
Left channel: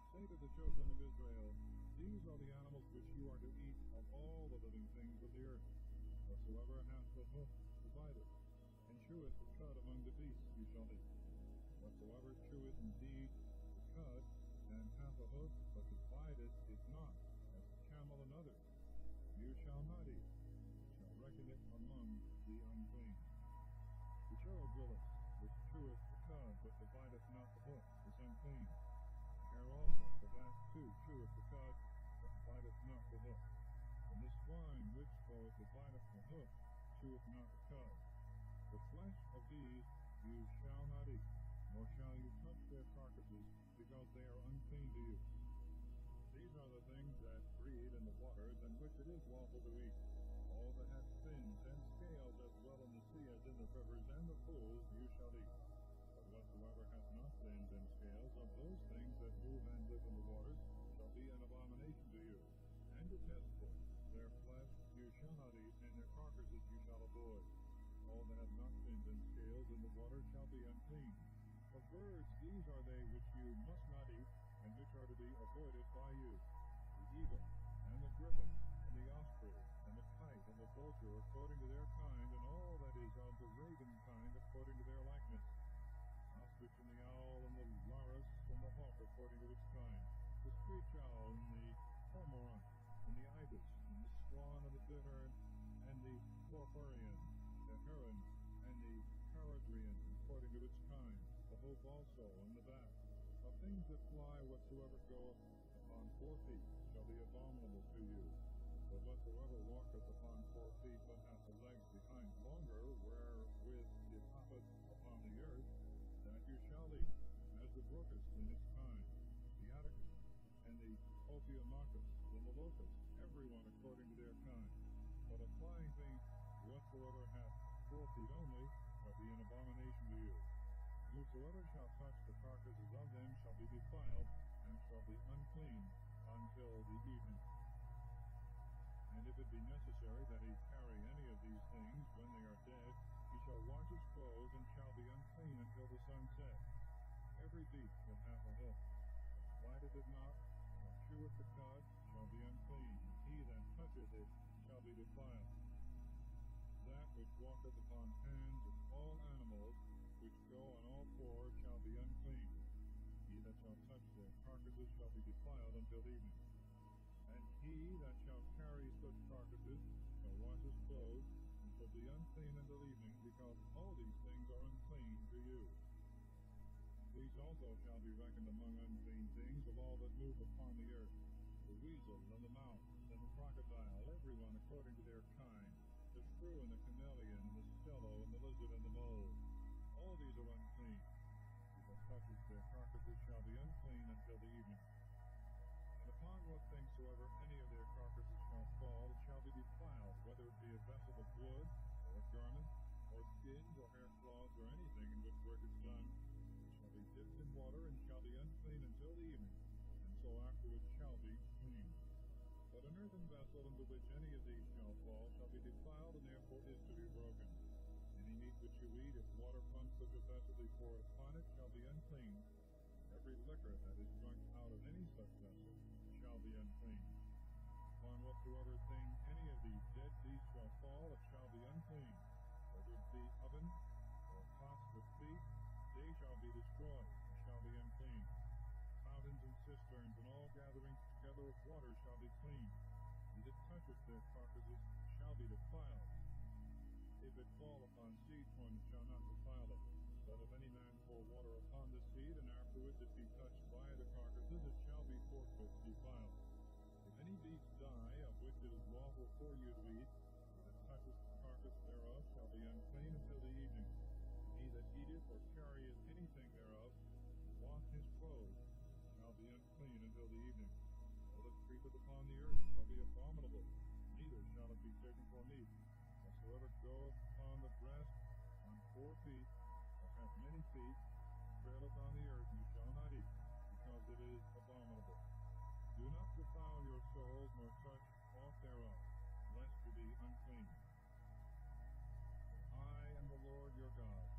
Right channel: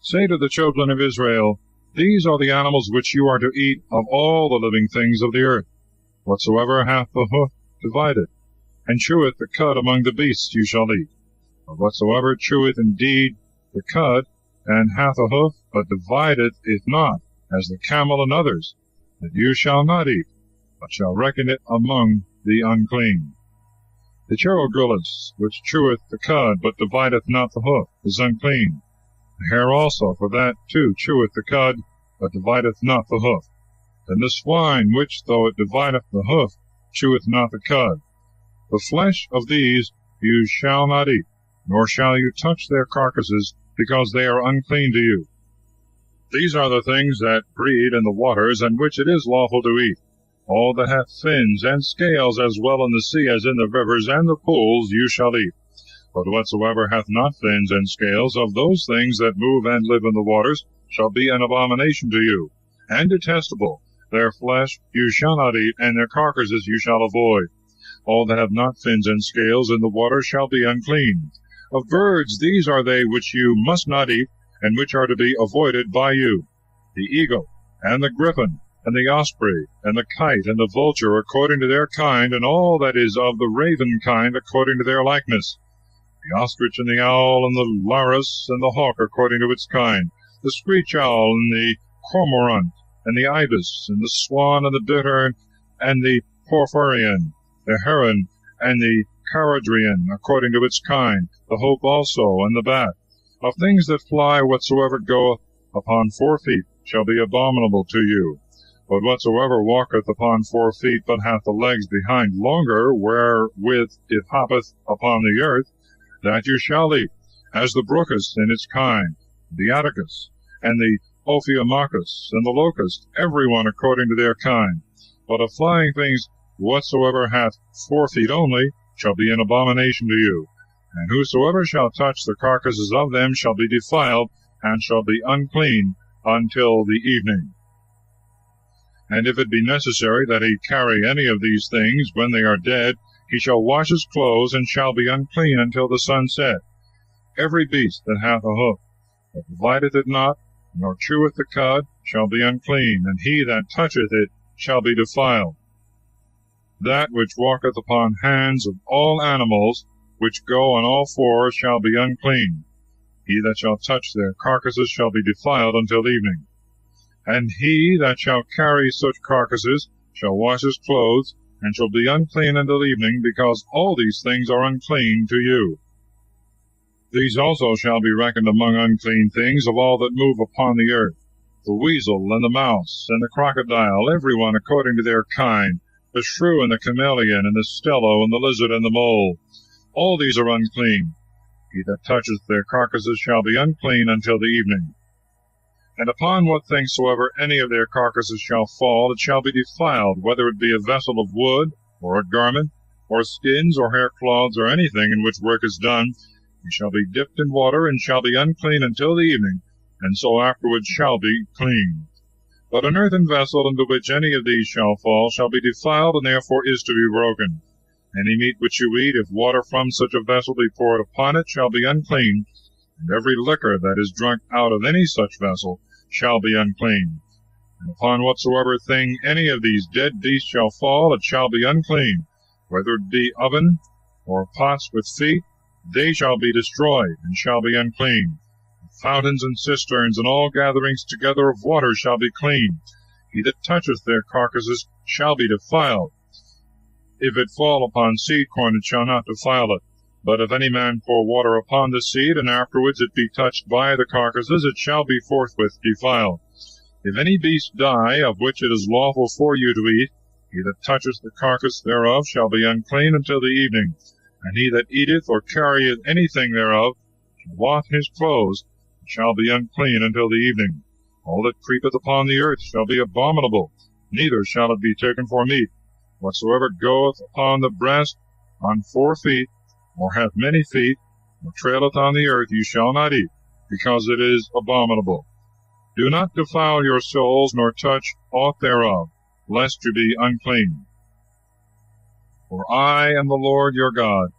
Say to the children of Israel, These are the animals which you are to eat of all the living things of the earth. Whatsoever hath the hoof, divide it, and cheweth the cud among the beasts you shall eat. But whatsoever cheweth indeed the cud, and hath a hoof, but divideth it not, as the camel and others, that you shall not eat, but shall reckon it among the unclean. The cherogrillis, which cheweth the cud, but divideth not the hoof, is unclean. The hare also, for that too cheweth the cud, but divideth not the hoof. And the swine, which, though it divideth the hoof, cheweth not the cud. The flesh of these you shall not eat, nor shall you touch their carcasses, because they are unclean to you. These are the things that breed in the waters, and which it is lawful to eat. All that hath fins and scales, as well in the sea as in the rivers and the pools, you shall eat. But whatsoever hath not fins and scales, of those things that move and live in the waters, shall be an abomination to you, and detestable. Their flesh you shall not eat, and their carcasses you shall avoid. All that have not fins and scales in the water shall be unclean. Of birds these are they which you must not eat, and which are to be avoided by you: the eagle, and the griffin, and the osprey, and the kite, and the vulture, according to their kind, and all that is of the raven kind, according to their likeness: the ostrich, and the owl, and the larus, and the hawk, according to its kind: the screech owl, and the cormorant, and the ibis, and the swan, and the bittern, and the porphyrion, the heron, and the caradrian, according to its kind: the hope also, and the bat. Of things that fly, whatsoever goeth upon 4 feet shall be abominable to you. But whatsoever walketh upon 4 feet, but hath the legs behind longer, wherewith it hoppeth upon the earth, that you shall eat, as the brocus in its kind, the atticus, and the ophiomachus, and the locust, every one according to their kind. But of flying things, whatsoever hath 4 feet only, shall be an abomination to you. And whosoever shall touch the carcasses of them shall be defiled, and shall be unclean until the evening. And if it be necessary that he carry any of these things when they are dead, he shall wash his clothes, and shall be unclean until the sun set. Every beast that hath a hoof, that divideth it not, nor cheweth the cud, shall be unclean, and he that toucheth it shall be defiled. That which walketh upon hands of all animals, which go on all 4, shall be unclean. He that shall touch their carcasses shall be defiled until evening. And he that shall carry such carcasses shall wash his clothes, and shall be unclean until evening, because all these things are unclean to you. These also shall be reckoned among unclean things of all that move upon the earth, the weasel, and the mouse, and the crocodile, every one according to their kind, the shrew, and the chameleon, and the stello, and the lizard, and the mole. All these are unclean. He that toucheth their carcasses shall be unclean until the evening. And upon what thing soever any of their carcasses shall fall, it shall be defiled, whether it be a vessel of wood, or a garment, or skins, or hair cloths, or anything in which work is done. He shall be dipped in water, and shall be unclean until the evening, and so afterwards shall be clean. But an earthen vessel into which any of these shall fall shall be defiled, and therefore is to be broken. Any meat which you eat, if water from such a vessel be poured upon it, shall be unclean, and every liquor that is drunk out of any such vessel shall be unclean. And upon whatsoever thing any of these dead beasts shall fall, it shall be unclean, whether it be oven, or pots with feet, they shall be destroyed, and shall be unclean. Fountains and cisterns, and all gatherings together of water shall be clean. He that toucheth their carcasses shall be defiled. If it fall upon seed corn, it shall not defile it. But if any man pour water upon the seed, and afterwards it be touched by the carcasses, it shall be forthwith defiled. If any beast die, of which it is lawful for you to eat, he that toucheth the carcass thereof shall be unclean until the evening. And he that eateth or carrieth anything thereof shall wash his clothes, and shall be unclean until the evening. All that creepeth upon the earth shall be abominable, neither shall it be taken for meat. Whatsoever goeth upon the breast, on 4 feet, or hath many feet, or traileth on the earth, you shall not eat, because it is abominable. Do not defile your souls, nor touch aught thereof, lest you be unclean. For I am the Lord your God.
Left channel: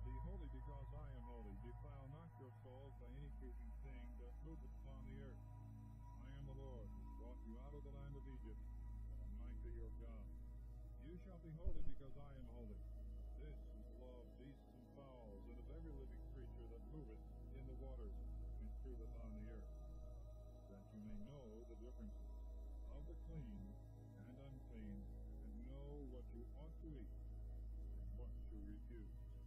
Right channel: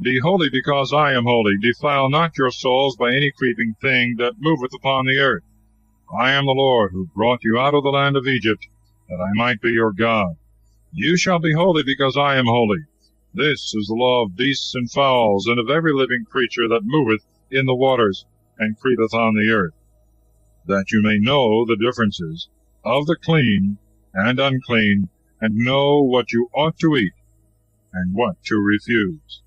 Be holy, because I am holy. Defile not your souls by any creeping thing that moveth upon the earth. I am the Lord, who brought you out of the land of Egypt, that I might be your God. You shall be holy, because I am holy. This is the law of beasts and fowls, and of every living creature that moveth in the waters, and creepeth on the earth, that you may know the differences of the clean and unclean, and know what you ought to eat, and what to refuse.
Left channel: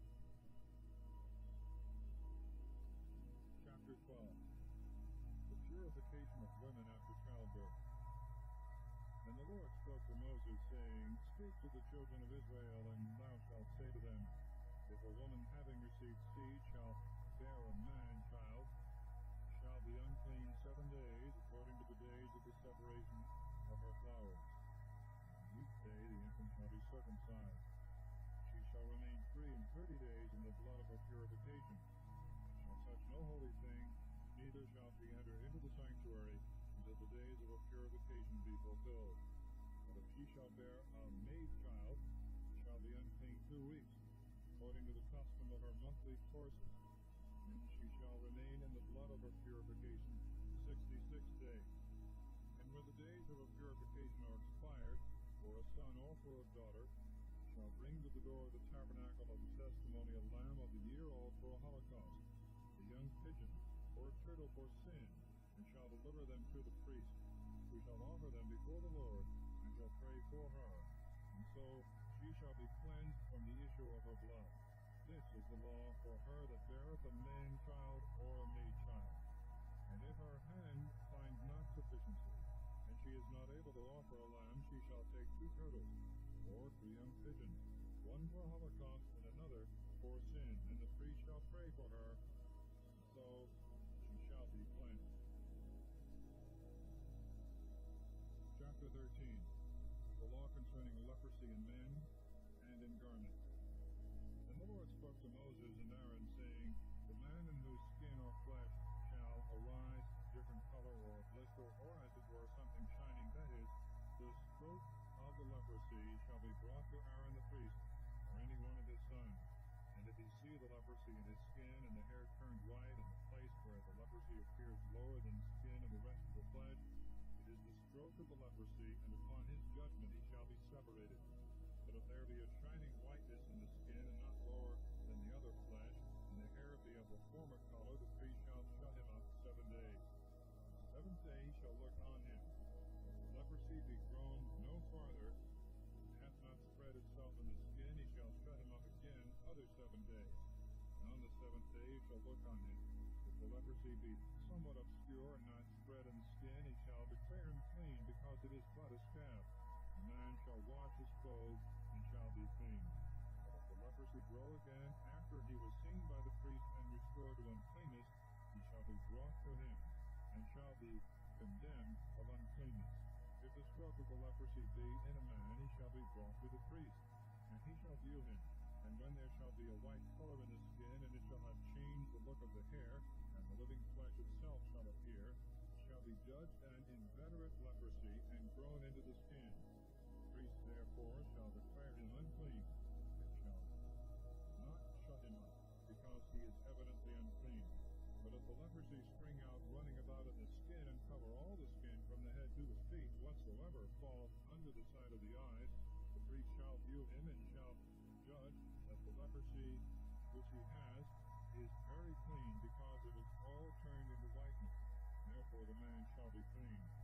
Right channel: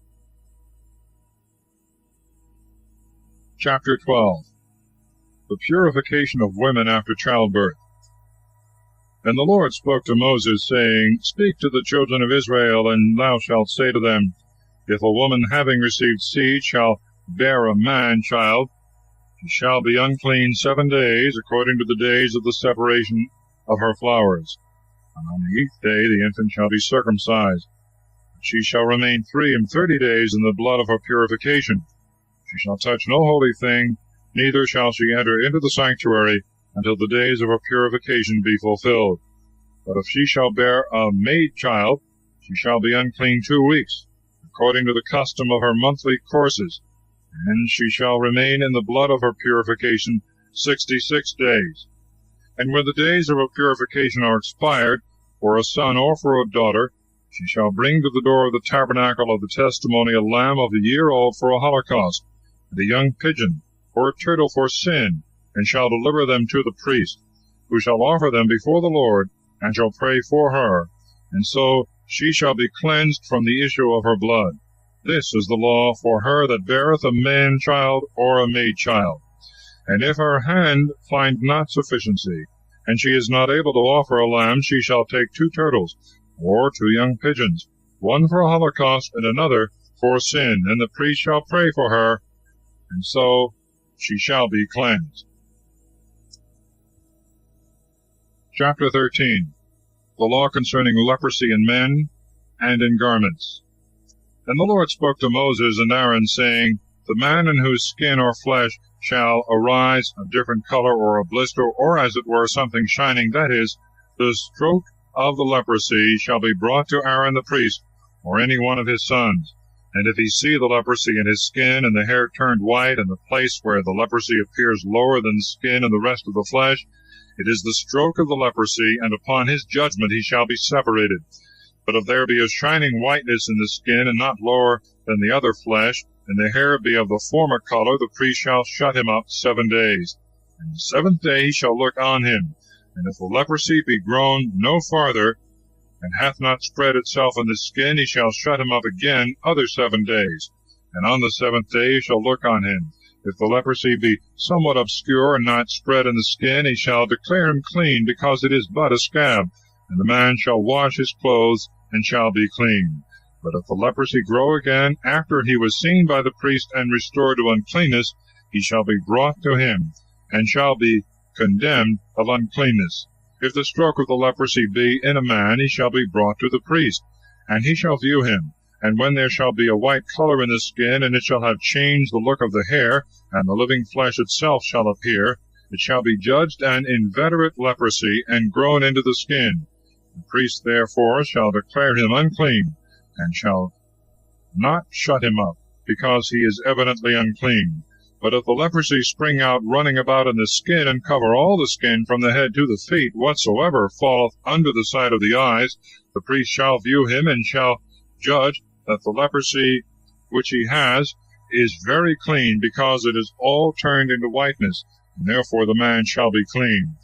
Chapter 12. The purification of women after childbirth. And the Lord spoke to Moses, saying, Speak to the children of Israel, and thou shalt say to them, If a woman having received seed shall bear a man-child, she shall be unclean 7 days, according to the days of the separation of her flowers. And on the 8th day the infant shall be circumcised. She shall remain 33 days in the blood of her purification. She shall touch no holy thing, neither shall she enter into the sanctuary, until the days of her purification be fulfilled. But if she shall bear a maid child, she shall be unclean 2 weeks, according to the custom of her monthly courses, and she shall remain in the blood of her purification 66 days. And when the days of her purification are expired, for a son or for a daughter, she shall bring to the door of the tabernacle of the testimony a lamb of a year old for a holocaust, and a young pigeon, or a turtle for sin, and shall deliver them to the priest, who shall offer them before the Lord, and shall pray for her, and so she shall be cleansed from the issue of her blood. This is the law for her that beareth a man-child or a maid-child. And if her hand find not sufficiency, and she is not able to offer a lamb, she shall take 2 turtles, or 2 young pigeons, one for a holocaust, and another for sin, and the priest shall pray for her, and so she shall be cleansed. Chapter 13. The law concerning leprosy in men and in garments. And the Lord spoke to Moses and Aaron, saying, The man in whose skin or flesh shall arise a different color, or a blister, or as it were something shining, that is, the stroke of the leprosy, shall be brought to Aaron the priest, or any one of his sons. And if he see the leprosy in his skin, and the hair turned white, and the place where the leprosy appears lower than the skin and the rest of the flesh, it is the stroke of the leprosy, and upon his judgment he shall be separated. But if there be a shining whiteness in the skin, and not lower than the other flesh, and the hair be of the former color, the priest shall shut him up 7 days. And the 7th day he shall look on him. And if the leprosy be grown no farther, and hath not spread itself in the skin, he shall shut him up again other 7 days. and on the 7th day he shall look on him. If the leprosy be somewhat obscure and not spread in the skin, he shall declare him clean, because it is but a scab. And the man shall wash his clothes, and shall be clean. But if the leprosy grow again, after he was seen by the priest and restored to uncleanness, he shall be brought to him, and shall be condemned of uncleanness. If the stroke of the leprosy be in a man, he shall be brought to the priest, and he shall view him. And when there shall be a white color in the skin, and it shall have changed the look of the hair, and the living flesh itself shall appear, it shall be judged an inveterate leprosy, and grown into the skin. The priest therefore shall declare him unclean, and shall not shut him up, because he is evidently unclean. But if the leprosy spring out running about in the skin, and cover all the skin from the head to the feet, whatsoever falleth under the side of the eyes, the priest shall view him, and shall judge that the leprosy which he has is very clean, because it is all turned into whiteness, and therefore the man shall be clean.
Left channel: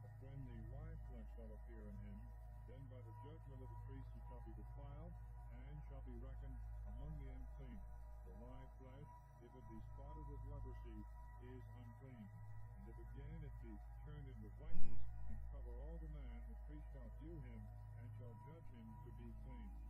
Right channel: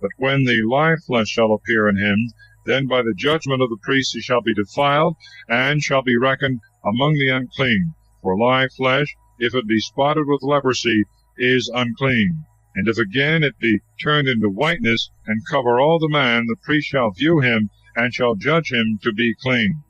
But when the live flesh shall appear in him, then by the judgment of the priest he shall be defiled, and shall be reckoned among the unclean. For live flesh, if it be spotted with leprosy, is unclean. And if again it be turned into whiteness, and cover all the man, the priest shall view him, and shall judge him to be clean.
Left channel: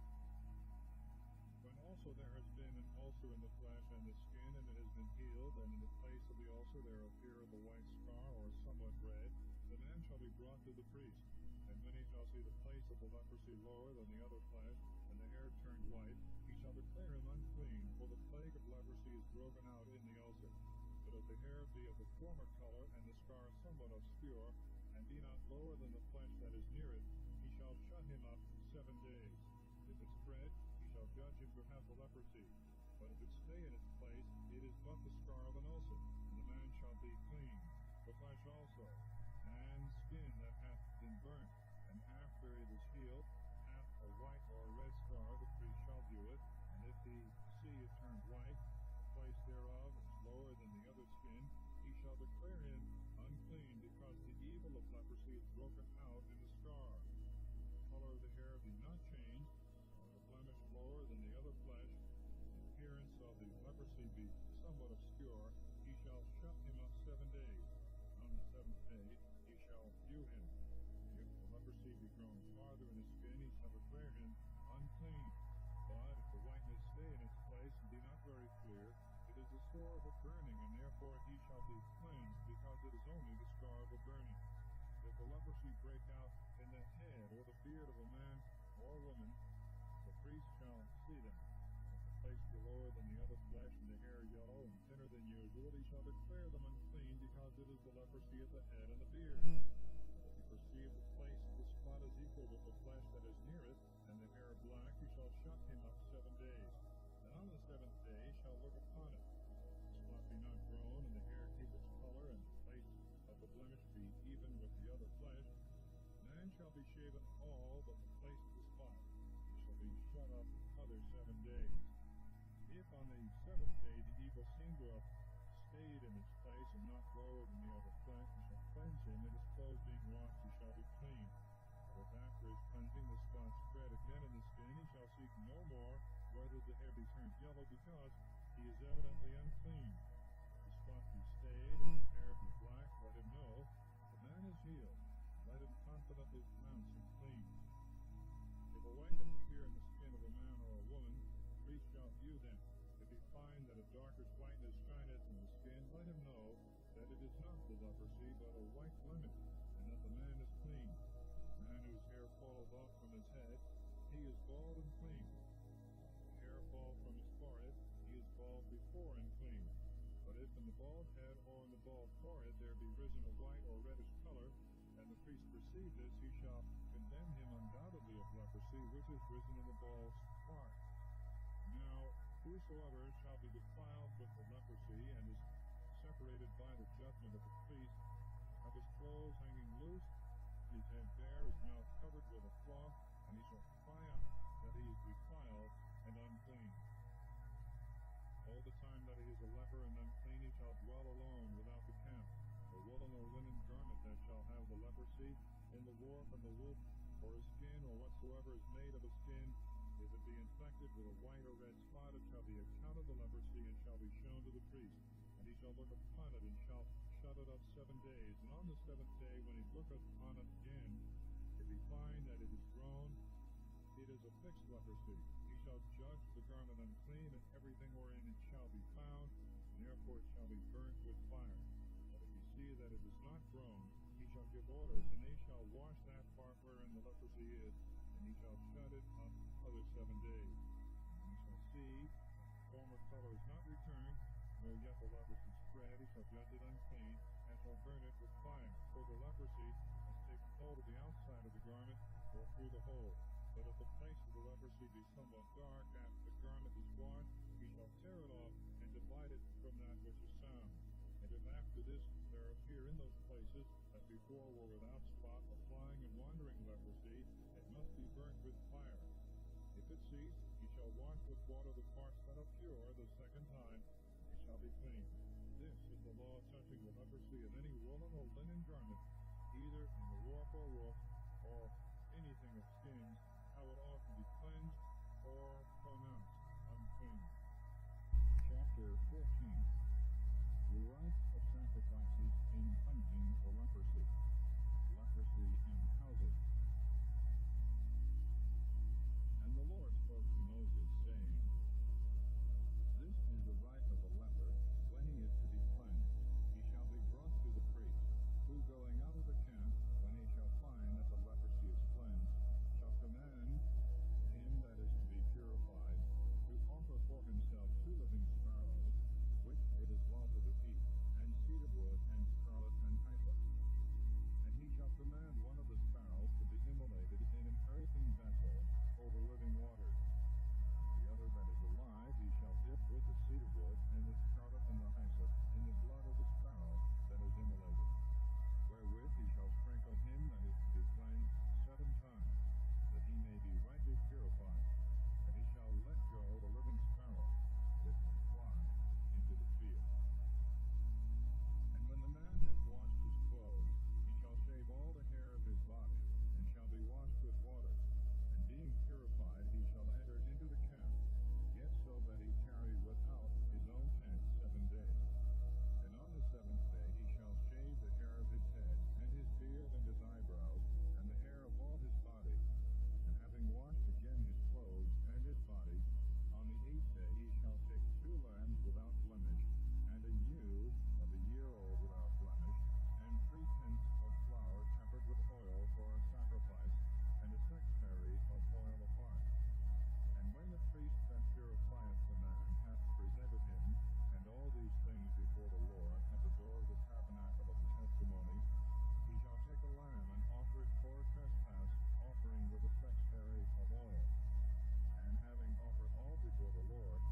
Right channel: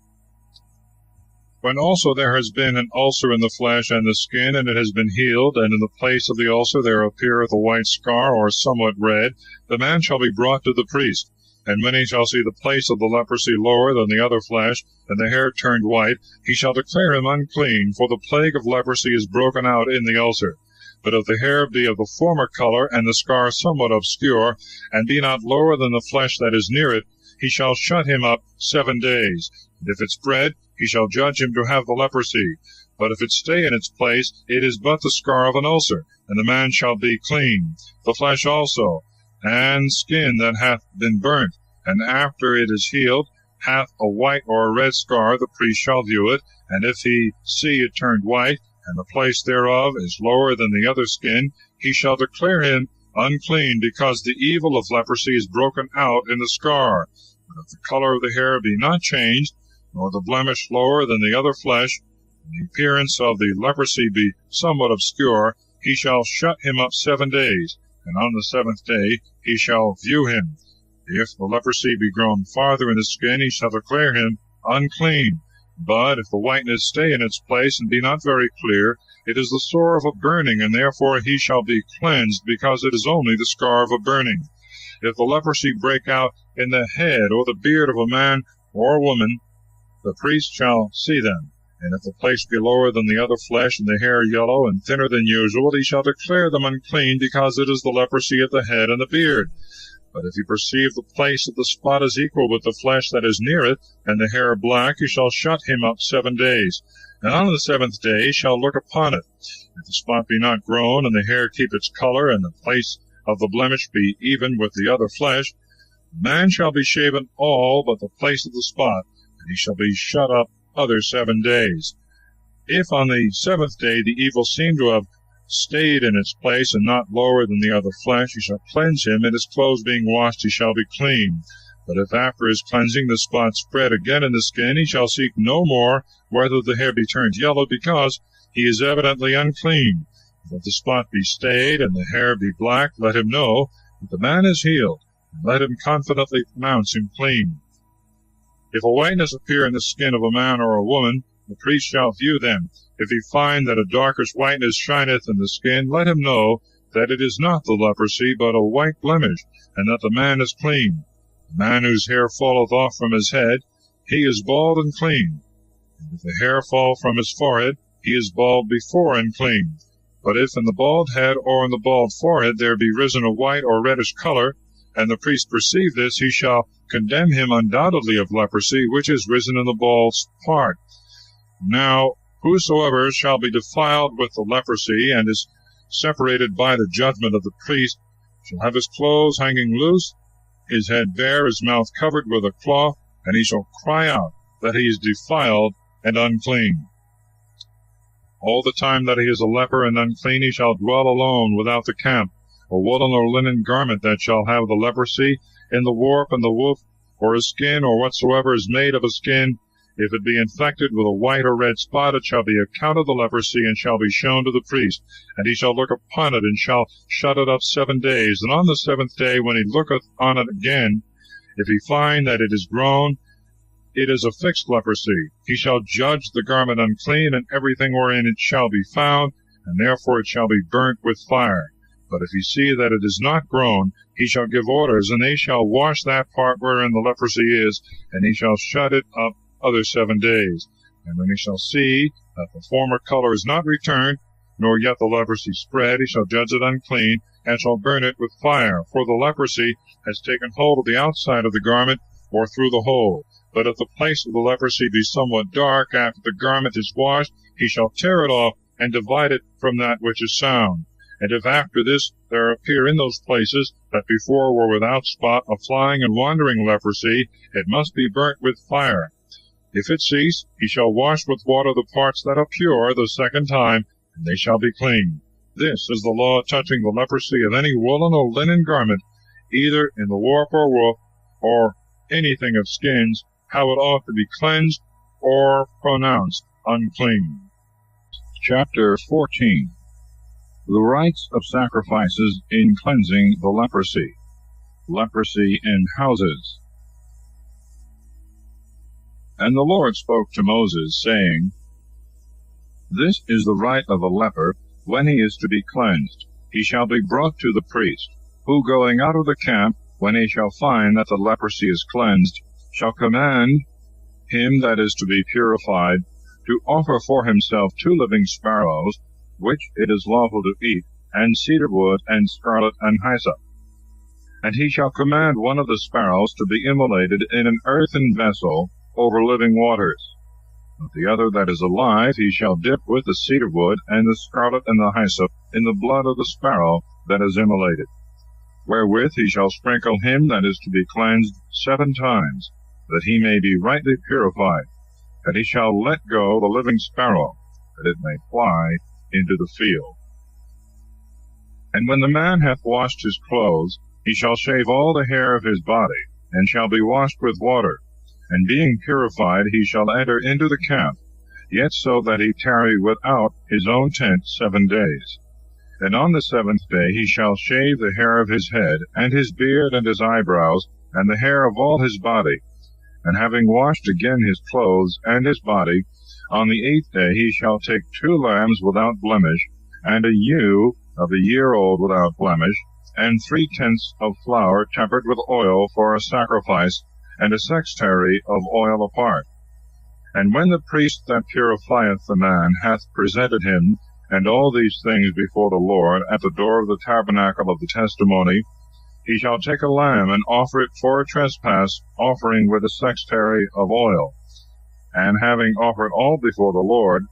When also there has been an ulcer in the flesh and the skin, and it has been healed, and in the place of the ulcer there appeareth a white scar, or somewhat red, the man shall be brought to the priest. And when he shall see the place of the leprosy lower than the other flesh, and the hair turned white, he shall declare him unclean, for the plague of leprosy is broken out in the ulcer. But if the hair be of the former color, and the scar somewhat obscure, and be not lower than the flesh that is near it, he shall shut him up 7 days. And if it spread, he shall judge him to have the leprosy. But if it stay in its place, it is but the scar of an ulcer, and the man shall be clean. The flesh also, and skin that hath been burnt, and after it is healed, hath a white or a red scar, the priest shall view it, and if he see it turned white, and the place thereof is lower than the other skin, he shall declare him unclean, because the evil of leprosy is broken out in the scar. But if the color of the hair be not changed, nor the blemish lower than the other flesh, and the appearance of the leprosy be somewhat obscure, he shall shut him up 7 days, and on the 7th day he shall view him. If the leprosy be grown farther in the skin, he shall declare him unclean. But if the whiteness stay in its place, and be not very clear, it is the sore of a burning, and therefore he shall be cleansed, because it is only the scar of a burning. If the leprosy break out in the head or the beard of a man or a woman, the priest shall see them. And if the place be lower than the other flesh, and the hair yellow and thinner than usual, he shall declare them unclean, because it is the leprosy of the head and the beard. But if he perceive the place of the spot is equal with the flesh that is near it, and the hair black, he shall shut him up 7 days. And on the 7th day he shall look upon it. If the spot be not grown, and the hair keep its color, and the place of the blemish be even with the other flesh, the man shall be shaven all but the place of the spot, and he shall be shut up other 7 days. If on the 7th day the evil seem to have stayed in its place, and not lower than the other flesh, he shall cleanse him, and his clothes being washed he shall be clean. But if after his cleansing the spot spread again in the skin, he shall seek no more whether the hair be turned yellow, because he is evidently unclean. If the spot be stayed, and the hair be black, let him know that the man is healed, and let him confidently pronounce him clean. If a whiteness appear in the skin of a man or a woman, the priest shall view them. If he find that a darkish whiteness shineth in the skin, let him know that it is not the leprosy, but a white blemish, and that the man is clean. The man whose hair falleth off from his head, he is bald and clean. And if the hair fall from his forehead, he is bald before and clean. But if in the bald head or in the bald forehead there be risen a white or reddish color, and the priest perceive this, he shall condemn him undoubtedly of leprosy, which is risen in the bald part. Now whosoever shall be defiled with the leprosy, and is separated by the judgment of the priest, shall have his clothes hanging loose, his head bare, his mouth covered with a cloth, and he shall cry out that he is defiled and unclean. All the time that he is a leper and unclean, he shall dwell alone without the camp. A woolen or linen garment that shall have the leprosy, in the warp and the woof, or a skin, or whatsoever is made of a skin, If it be infected with a white or red spot, it shall be accounted the leprosy, and shall be shown to the priest. And he shall look upon it, and shall shut it up 7 days. And on the 7th day, when he looketh on it again, if he find that it is grown, it is a fixed leprosy. He shall judge the garment unclean, and everything wherein it shall be found, and therefore it shall be burnt with fire. But if he see that it is not grown, he shall give orders, and they shall wash that part wherein the leprosy is, and he shall shut it up other 7 days. And when he shall see that the former color is not returned, nor yet the leprosy spread, he shall judge it unclean, and shall burn it with fire. For the leprosy has taken hold of the outside of the garment, or through the hole. But if the place of the leprosy be somewhat dark, after the garment is washed, he shall tear it off, and divide it from that which is sound. And if after this there appear in those places that before were without spot a flying and wandering leprosy, it must be burnt with fire. If it cease, he shall wash with water the parts that are pure the 2nd time, and they shall be clean. This is the law touching the leprosy of any woolen or linen garment, either in the warp or woof, or anything of skins, how it ought to be cleansed or pronounced unclean. Chapter 14. The rites of sacrifices in cleansing the leprosy. Leprosy in houses. And the Lord spoke to Moses, saying, This is the rite of a leper, when he is to be cleansed. He shall be brought to the priest, who going out of the camp, when he shall find that the leprosy is cleansed, shall command him that is to be purified to offer for himself 2 living sparrows, which it is lawful to eat, and cedar wood, and scarlet, and hyssop. And he shall command one of the sparrows to be immolated in an earthen vessel over living waters. But the other that is alive he shall dip with the cedar wood, and the scarlet, and the hyssop, in the blood of the sparrow that is immolated. Wherewith he shall sprinkle him that is to be cleansed 7 times, that he may be rightly purified. And he shall let go the living sparrow, that it may fly into the field. And when the man hath washed his clothes, he shall shave all the hair of his body, and shall be washed with water. And being purified, he shall enter into the camp, yet so that he tarry without his own tent 7 days. And on the 7th day he shall shave the hair of his head, and his beard, and his eyebrows, and the hair of all his body. And having washed again his clothes and his body, on the 8th day he shall take 2 lambs without blemish, and a ewe of a year old without blemish, and 3/10 of flour tempered with oil for a sacrifice, and a sextary of oil apart. And when the priest that purifieth the man hath presented him, and all these things before the Lord, at the door of the tabernacle of the testimony, he shall take a lamb, and offer it for a trespass offering with a sextary of oil. And having offered all before the Lord,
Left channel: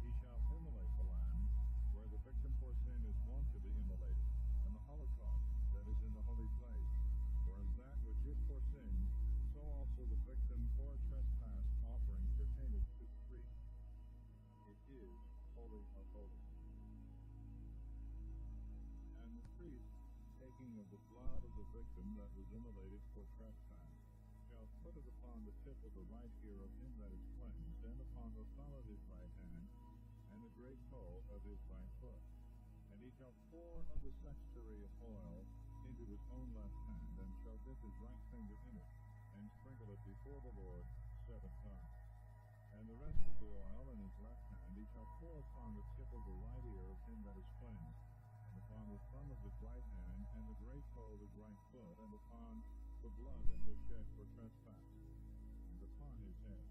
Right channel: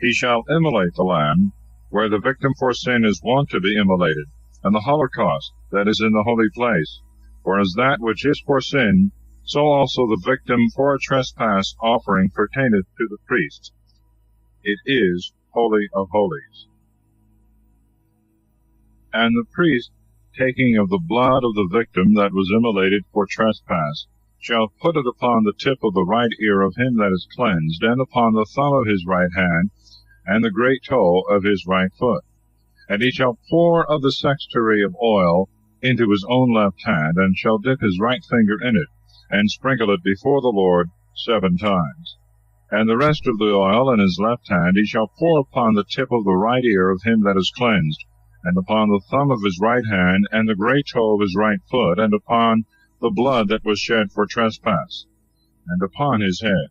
he shall immolate the lamb, where the victim for sin is wont to be immolated, and the holocaust that is in the holy place. For as that which is for sin, so also the victim for a trespass offering pertaineth to the priest. It is holy of holies. And the priest, taking of the blood of the victim that was immolated for trespass, shall put it upon the tip of the right ear of him that is cleansed, and upon the thumb of his right hand, and the great toe of his right foot. And he shall pour of the sextary of oil into his own left hand, and shall dip his right finger in it, and sprinkle it before the Lord 7 times. And the rest of the oil in his left hand he shall pour upon the tip of the right ear of him that is cleansed, and upon the thumb of his right hand, and the great toe of his right foot, and upon the blood that was shed for trespass, and upon his head.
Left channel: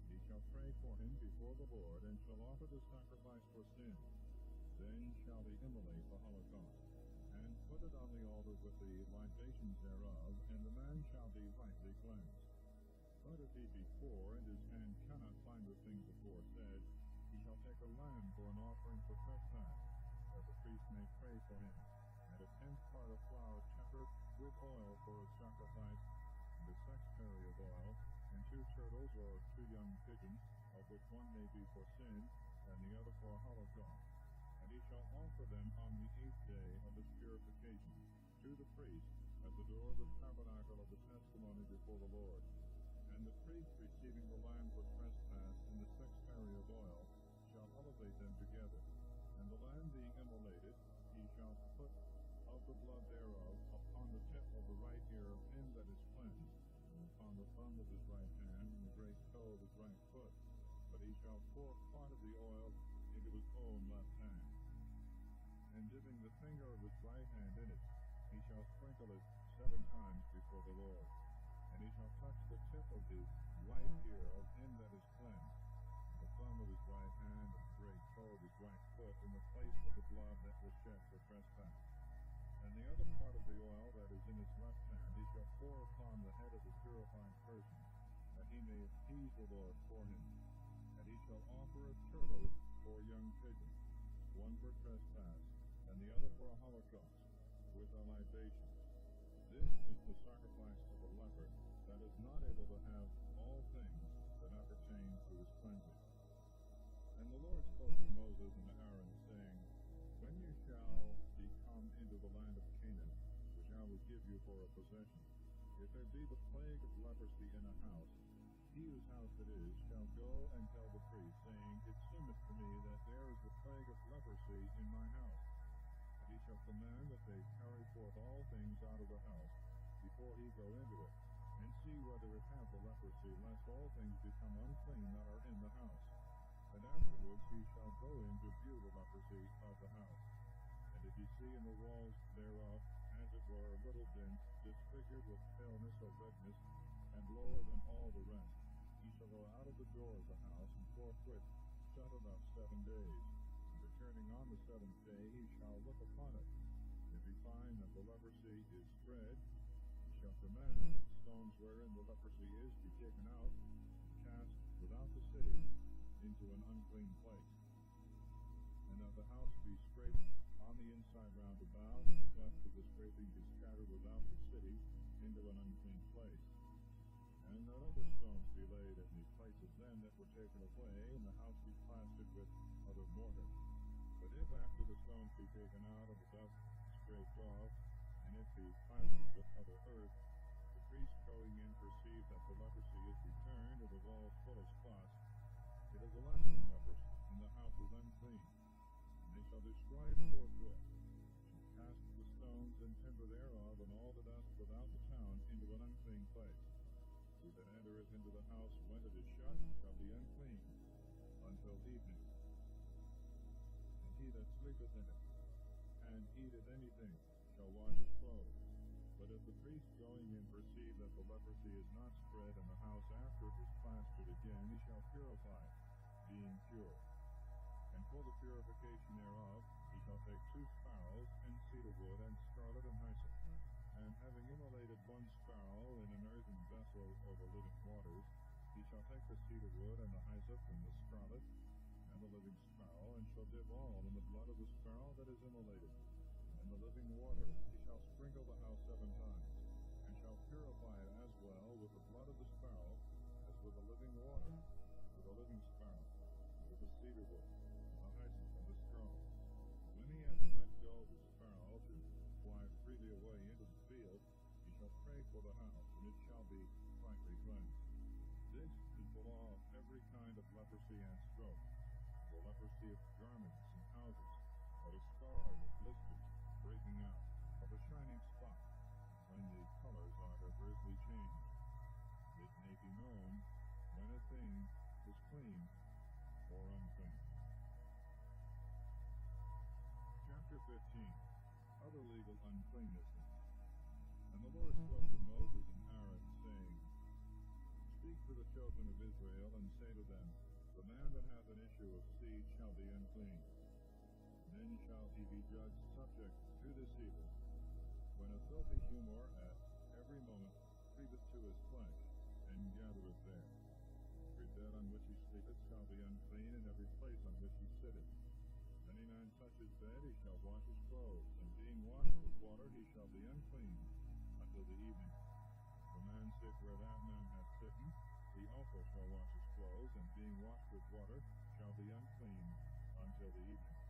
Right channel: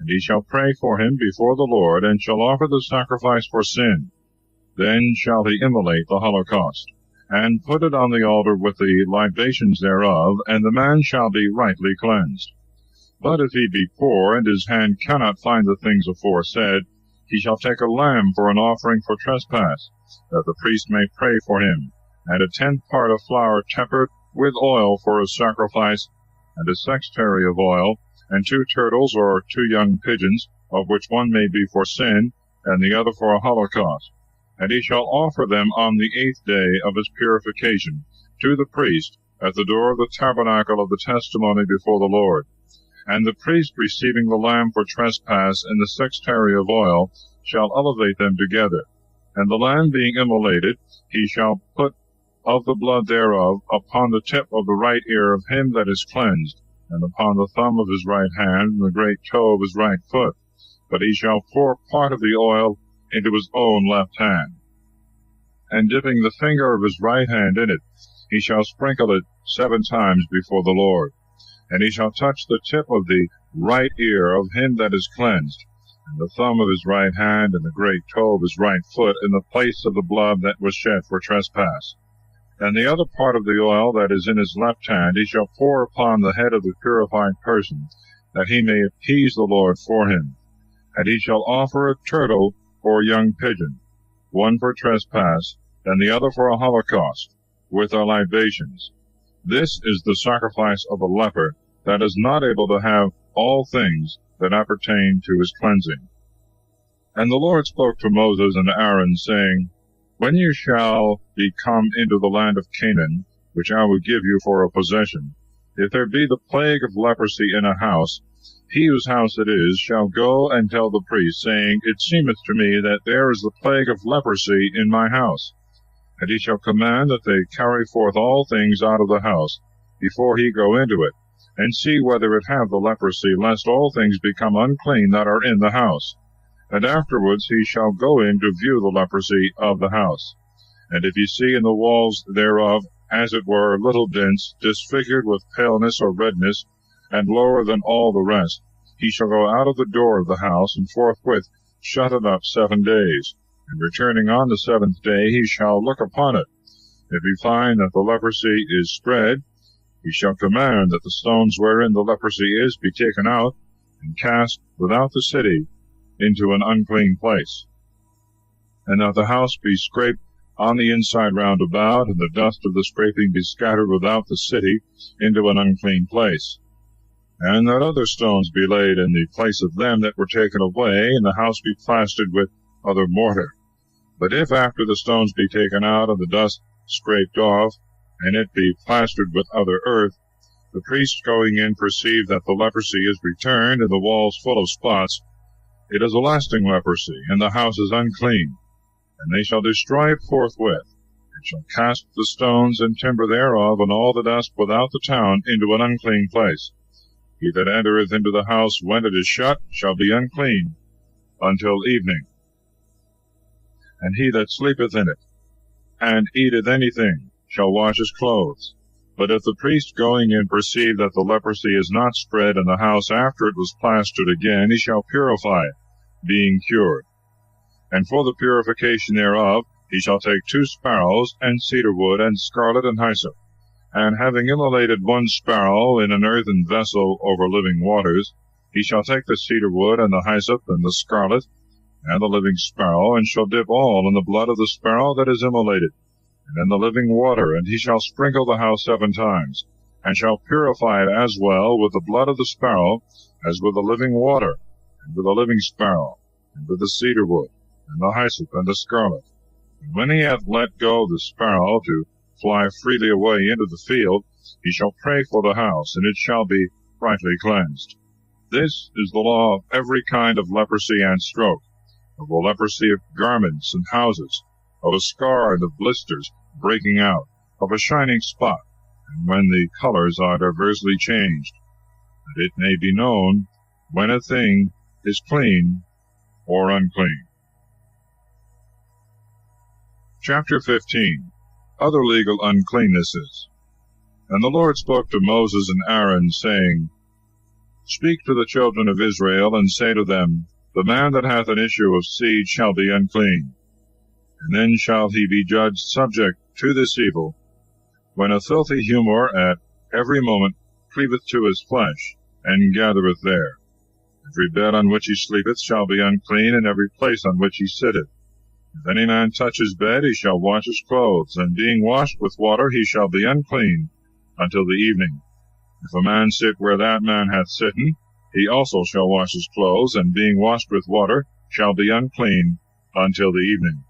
And he shall pray for him before the Lord, and shall offer the sacrifice for sin. Then shall he immolate the holocaust, and put it on the altar with the libations thereof, and the man shall be rightly cleansed. But if he be poor, and his hand cannot find the things aforesaid, he shall take a lamb for an offering for trespass, that the priest may pray for him, and a 10th part of flour tempered with oil for a sacrifice, and a sextary of oil, and 2 turtles or 2 young pigeons, of which one may be for sin, and the other for a holocaust. And he shall offer them on the 8th day of his purification to the priest at the door of the tabernacle of the testimony before the Lord. And the priest receiving the lamb for trespass in the sextary of oil shall elevate them together. And the lamb being immolated, he shall put of the blood thereof upon the tip of the right ear of him that is cleansed, and upon the thumb of his right hand, and the great toe of his right foot. But he shall pour part of the oil into his own left hand. And dipping the finger of his right hand in it, he shall sprinkle it 7 times before the Lord. And he shall touch the tip of the right ear of him that is cleansed, and the thumb of his right hand, and the great toe of his right foot, in the place of the blood that was shed for trespass. And the other part of the oil that is in his left hand he shall pour upon the head of the purified person, that he may appease the Lord for him. And he shall offer a turtle or a young pigeon, one for trespass, and the other for a holocaust, with their libations. This is the sacrifice of a leper that is not able to have all things that appertain to his cleansing. And the Lord spoke to Moses and Aaron, saying, When you shall be come into the land of Canaan, which I will give you for a possession, if there be the plague of leprosy in a house, he whose house it is shall go and tell the priest, saying, It seemeth to me that there is the plague of leprosy in my house. And he shall command that they carry forth all things out of the house, before he go into it, and see whether it have the leprosy, lest all things become unclean that are in the house. And afterwards he shall go in to view the leprosy of the house. And if he see in the walls thereof, as it were, little dints, disfigured with paleness or redness, and lower than all the rest, he shall go out of the door of the house, and forthwith shut it up 7 days. And returning on the 7th day, he shall look upon it. If he find that the leprosy is spread, he shall command that the stones wherein the leprosy is be taken out, and cast without the city into an unclean place. And that the house be scraped on the inside round about, and the dust of the scraping be scattered without the city into an unclean place. And that other stones be laid in the place of them that were taken away, and the house be plastered with other mortar. But if after the stones be taken out, and the dust scraped off, and it be plastered with other earth, the priest going in perceive that the leprosy is returned, and the walls full of spots, it is a lasting leprosy, and the house is unclean. And they shall destroy it forthwith, and shall cast the stones and timber thereof, and all the dust without the town, into an unclean place. He that entereth into the house when it is shut shall be unclean until evening. And he that sleepeth in it, and eateth anything, shall wash his clothes. But if the priest going in perceive that the leprosy is not spread in the house after it was plastered again, he shall purify it, being cured. And for the purification thereof he shall take 2 sparrows, and cedar wood, and scarlet, and hyssop. And having immolated 1 sparrow in an earthen vessel over living waters, he shall take the cedar wood, and the hyssop, and the scarlet, and the living sparrow, and shall dip all in the blood of the sparrow that is immolated, and in the living water, and he shall sprinkle the house 7 times, and shall purify it as well with the blood of the sparrow as with the living water, and with the living sparrow, and with the cedar wood, and the hyssop, and the scarlet. And when he hath let go the sparrow to fly freely away into the field, he shall pray for the house, and it shall be rightly cleansed. This is the law of every kind of leprosy and stroke, of the leprosy of garments and houses, of a scar and of blisters breaking out, of a shining spot, and when the colors are diversely changed, that it may be known when a thing is clean or unclean. Chapter 15. Other legal uncleannesses. And the Lord spoke to Moses and Aaron, saying, Speak to the children of Israel, and say to them, The man that hath an issue of seed shall be unclean. And then shall he be judged subject to this evil, when a filthy humour at every moment cleaveth to his flesh, and gathereth there. Every bed on which he sleepeth shall be unclean, and every place on which he sitteth. If any man touch his bed, he shall wash his clothes, and being washed with water, he shall be unclean until the evening. If a man sit where that man hath sitten, he also shall wash his clothes, and being washed with water, shall be unclean until the evening.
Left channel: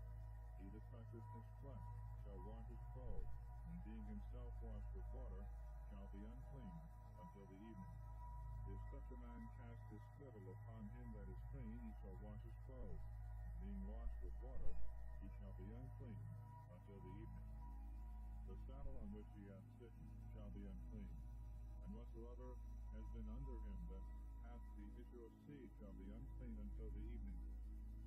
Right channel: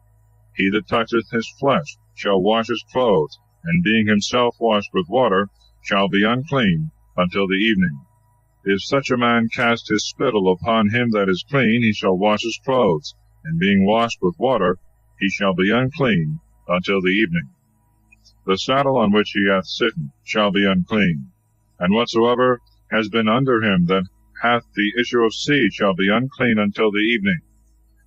He that toucheth his flesh shall wash his clothes, and being himself washed with water, shall be unclean until the evening. If such a man cast his spittle upon him that is clean, he shall wash his clothes, and being washed with water, he shall be unclean until the evening. The saddle on which he hath sitten shall be unclean, and whatsoever has been under him that hath the issue of seed shall be unclean until the evening.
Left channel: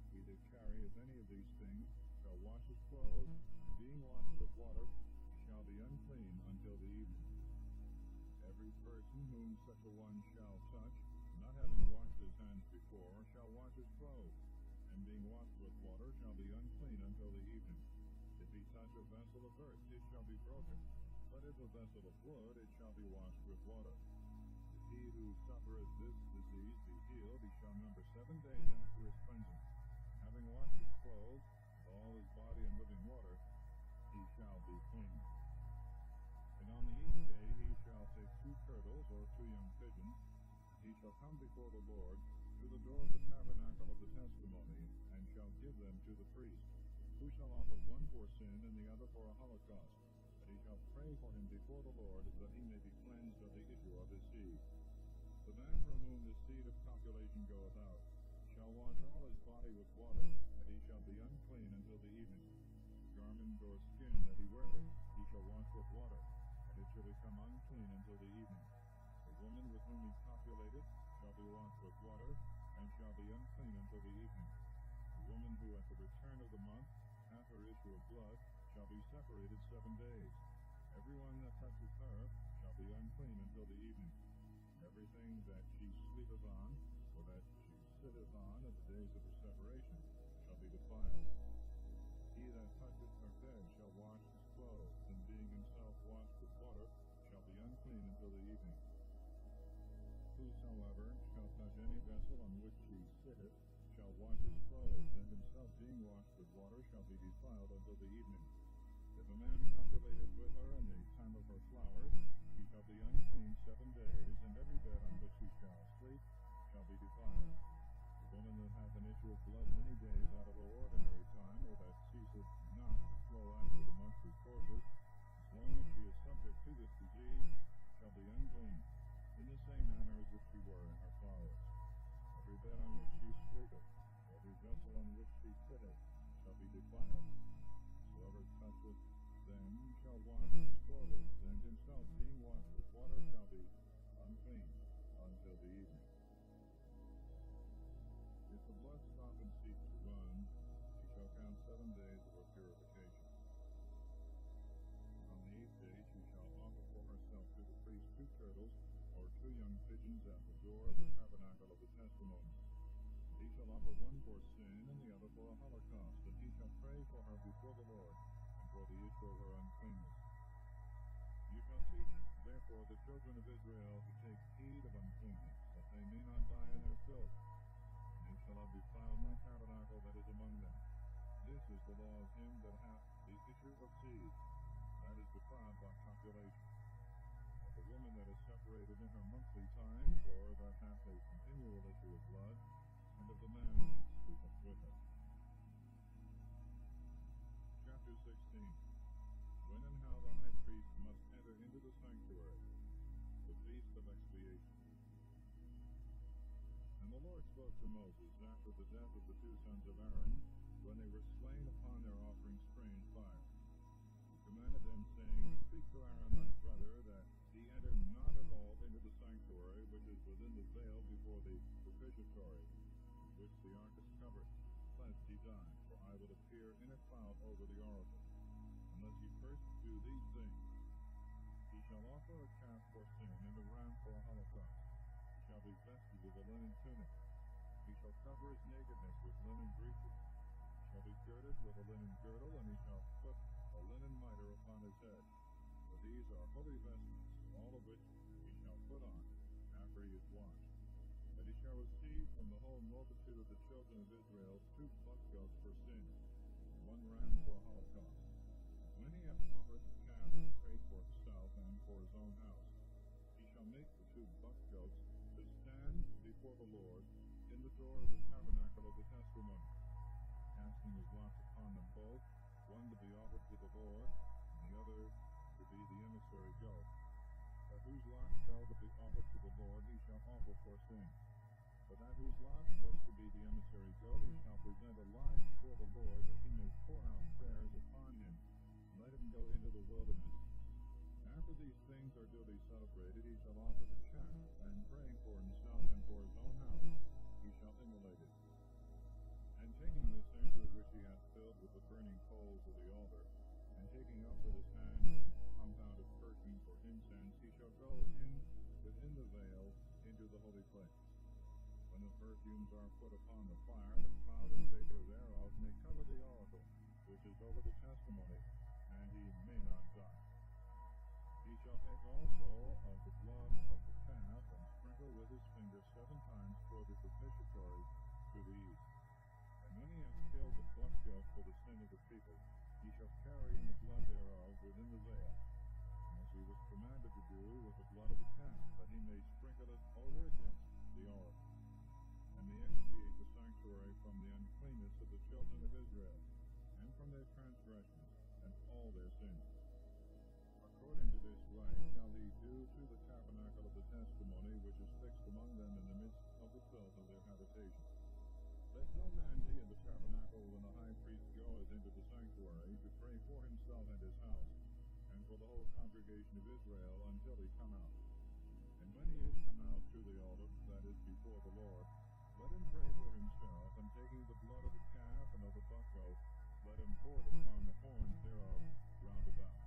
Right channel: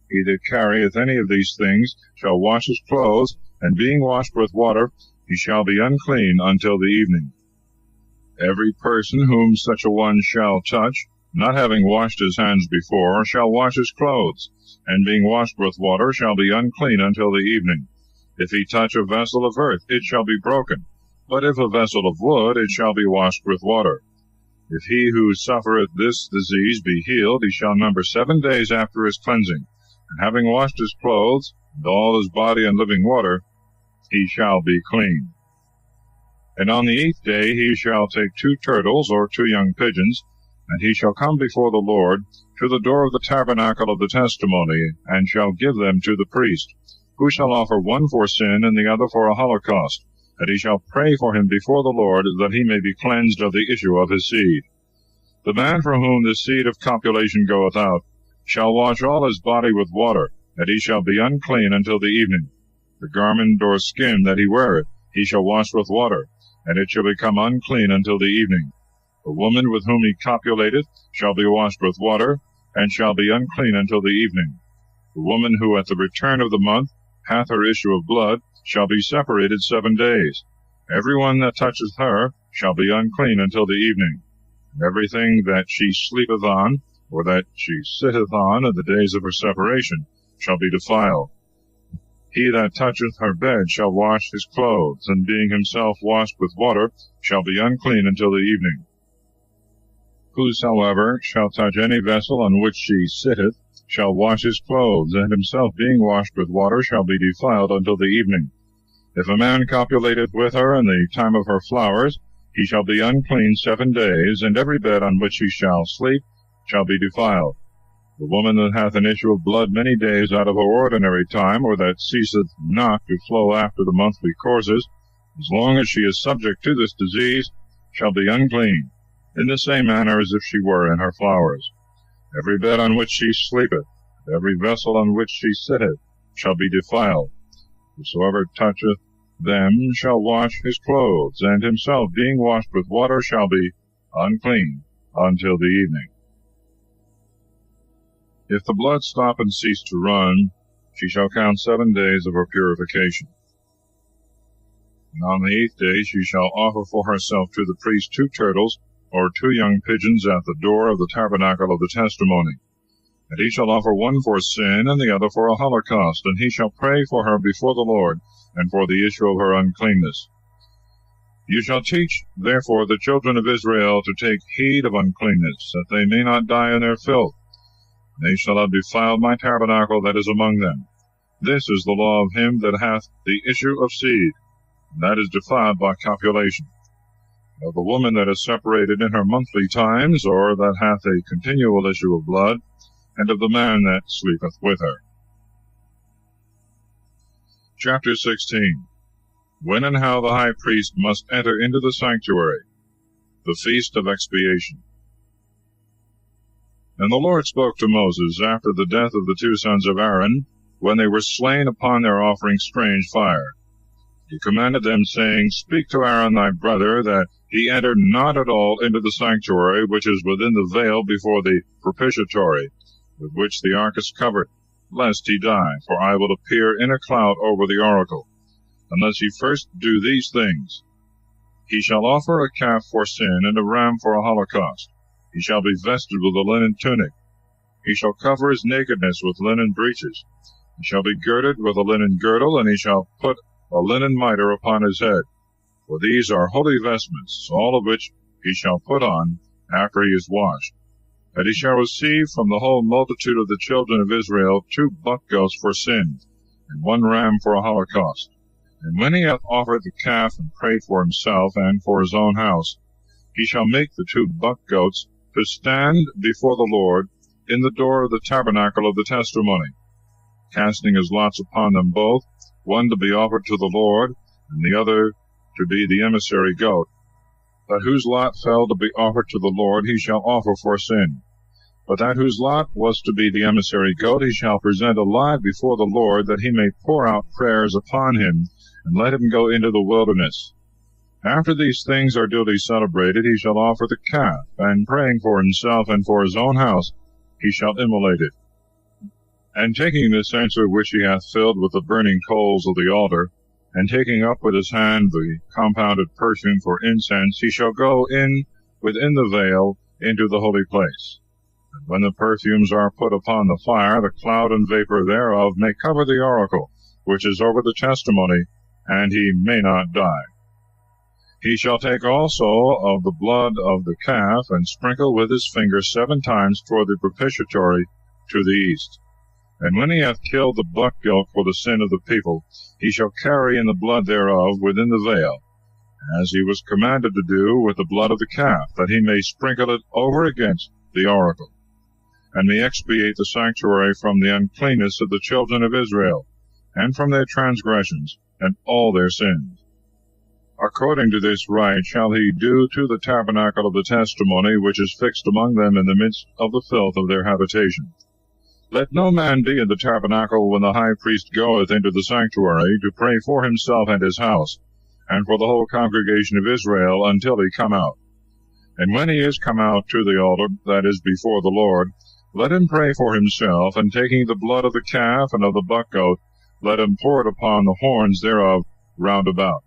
He that carrieth any of these things shall wash his clothes, and being washed with water, he shall be unclean until the evening. Every person whom such a one shall touch, not having washed his hands before, shall wash his clothes, and being washed with water shall be unclean until the evening. If he touch a vessel of earth, it shall be broken, but if a vessel of wood, it shall be washed with water. If he who suffereth this disease be healed, he shall number 7 days after his cleansing, and having washed his clothes, and all his body in living water, he shall be clean. And on the 8th day he shall take 2 turtles or 2 young pigeons, and he shall come before the Lord to the door of the tabernacle of the testimony, and shall give them to the priest, who shall offer one for sin and the other for a holocaust, and he shall pray for him before the Lord, that he may be cleansed of the issue of his seed. The man for whom the seed of copulation goeth out shall wash all his body with water, and he shall be unclean until the evening. The garment or skin that he weareth he shall wash with water, and it shall become unclean until the evening. The woman with whom he copulateth shall be washed with water, and shall be unclean until the evening. The woman who at the return of the month hath her issue of blood shall be separated 7 days. Every one that toucheth her shall be unclean until the evening. And everything that she sleepeth on, or that she sitteth on in the days of her separation, shall be defiled. He that toucheth her bed shall wash his clothes, and being himself washed with water, shall be unclean until the evening. Whosoever shall touch any vessel on which she sitteth shall wash his clothes, and himself being washed with water shall be defiled until the evening. If a man copulateth with her in the time of her flowers, he shall be unclean 7 days, and every bed on which he shall sleep shall be defiled. The woman that hath an issue of blood many days out of her ordinary time, or that ceaseth not to flow after the monthly courses, as long as she is subject to this disease, shall be unclean, in the same manner as if she were in her flowers. Every bed on which she sleepeth, every vessel on which she sitteth, shall be defiled. Whosoever toucheth them shall wash his clothes, and himself being washed with water shall be unclean until the evening. If the blood stop and cease to run, she shall count 7 days of her purification. And on the 8th day she shall offer for herself to the priest 2 turtles, or 2 young pigeons at the door of the tabernacle of the testimony. And he shall offer one for sin, and the other for a holocaust, and he shall pray for her before the Lord, and for the issue of her uncleanness. You shall teach, therefore, the children of Israel to take heed of uncleanness, that they may not die in their filth. They shall not defile my tabernacle that is among them. This is the law of him that hath the issue of seed, and that is defiled by copulation. Of the woman that is separated in her monthly times, or that hath a continual issue of blood, and of the man that sleepeth with her. Chapter 16. When and how the high priest must enter into the sanctuary. The Feast of Expiation. And the Lord spoke to Moses after the death of the 2 sons of Aaron, when they were slain upon their offering strange fire. He commanded them, saying, Speak to Aaron thy brother, that he enter not at all into the sanctuary which is within the veil before the propitiatory, with which the ark is covered, lest he die, for I will appear in a cloud over the oracle, unless he first do these things. He shall offer a calf for sin, and a ram for a holocaust. He shall be vested with a linen tunic. He shall cover his nakedness with linen breeches. He shall be girded with a linen girdle, and he shall put a linen mitre upon his head. For these are holy vestments, all of which he shall put on after he is washed. And he shall receive from the whole multitude of the children of Israel 2 buck goats for sin, and 1 ram for a holocaust. And when he hath offered the calf and prayed for himself and for his own house, he shall make the 2 buck goats to stand before the Lord in the door of the tabernacle of the testimony, casting his lots upon them both, one to be offered to the Lord, and the other to be the emissary goat. that whose lot fell to be offered to the Lord he shall offer for sin. But that whose lot was to be the emissary goat he shall present alive before the Lord, that he may pour out prayers upon him, and let him go into the wilderness. After these things are duly celebrated, he shall offer the calf, and praying for himself and for his own house, he shall immolate it. And taking the censer which he hath filled with the burning coals of the altar, and taking up with his hand the compounded perfume for incense, he shall go in within the veil into the holy place. And when the perfumes are put upon the fire, the cloud and vapor thereof may cover the oracle, which is over the testimony, and he may not die. He shall take also of the blood of the calf, and sprinkle with his finger 7 times toward the propitiatory to the east. And when he hath killed the buck goat for the sin of the people, he shall carry in the blood thereof within the veil, as he was commanded to do with the blood of the calf, that he may sprinkle it over against the oracle, and may expiate the sanctuary from the uncleanness of the children of Israel, and from their transgressions, and all their sins. According to this rite shall he do to the tabernacle of the testimony, which is fixed among them in the midst of the filth of their habitation. Let no man be in the tabernacle when the high priest goeth into the sanctuary, to pray for himself and his house, and for the whole congregation of Israel, until he come out. And when he is come out to the altar that is before the Lord, let him pray for himself, and taking the blood of the calf and of the buck goat, let him pour it upon the horns thereof round about.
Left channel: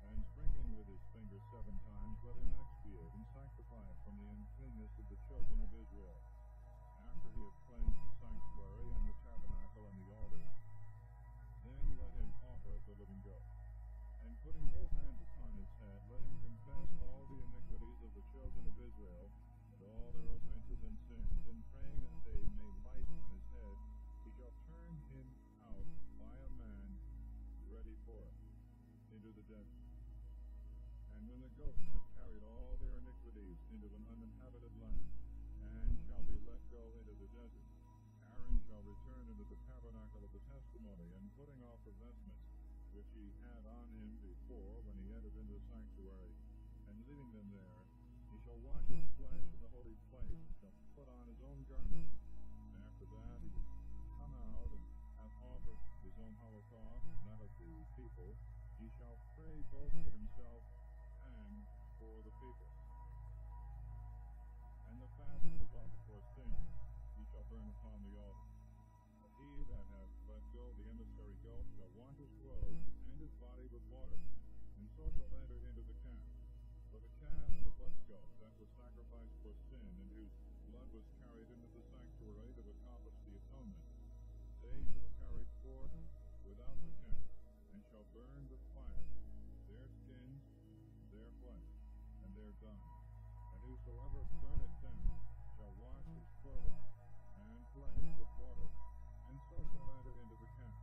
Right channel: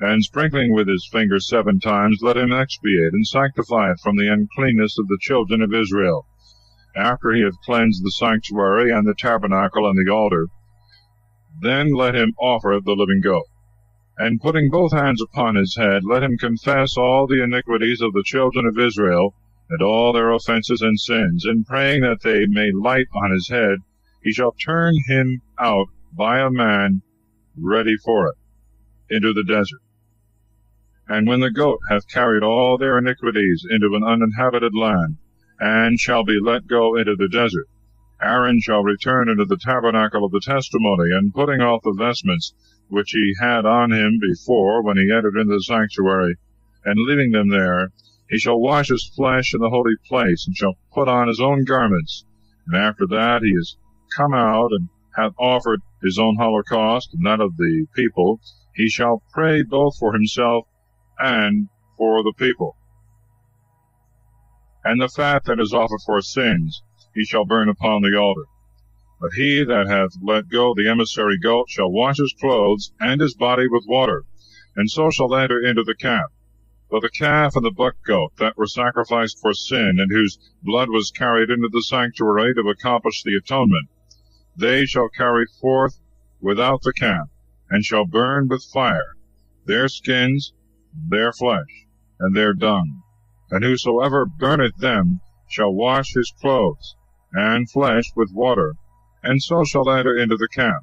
And sprinkling with his finger 7 times, let him expiate and sanctify it from the uncleanness of the children of Israel. After he hath cleansed the sanctuary, and the tabernacle, and the altar, then let him offer the living goat. And putting both hands upon his head, let him confess all the iniquities of the children of Israel, and all their offenses and sins, and praying that they may light on his head, he shall turn him out by a man ready for it into the desert. And when the goat hath carried all their iniquities into an uninhabited land, and shall be let go into the desert, Aaron shall return into the tabernacle of the testimony, and putting off the vestments which he had on him before when he entered into the sanctuary, and leaving them there, he shall wash his flesh in the holy place, and shall put on his own garments. And after that he is come out, and hath offered his own holocaust, and that of the people, he shall pray both for himself and for the people. And the fat that is offered for sins he shall burn upon the altar. But he that hath let go the emissary goat shall wash his clothes and his body with water, and so shall enter into the camp. But the calf and the buck goat that were sacrificed for sin, and whose blood was carried into the sanctuary to accomplish the atonement, they shall carry forth without the camp, and shall burn with fire their skins, their flesh, and their dung. And whosoever burneth them shall wash his clothes and flesh with water, and so shall enter into the camp.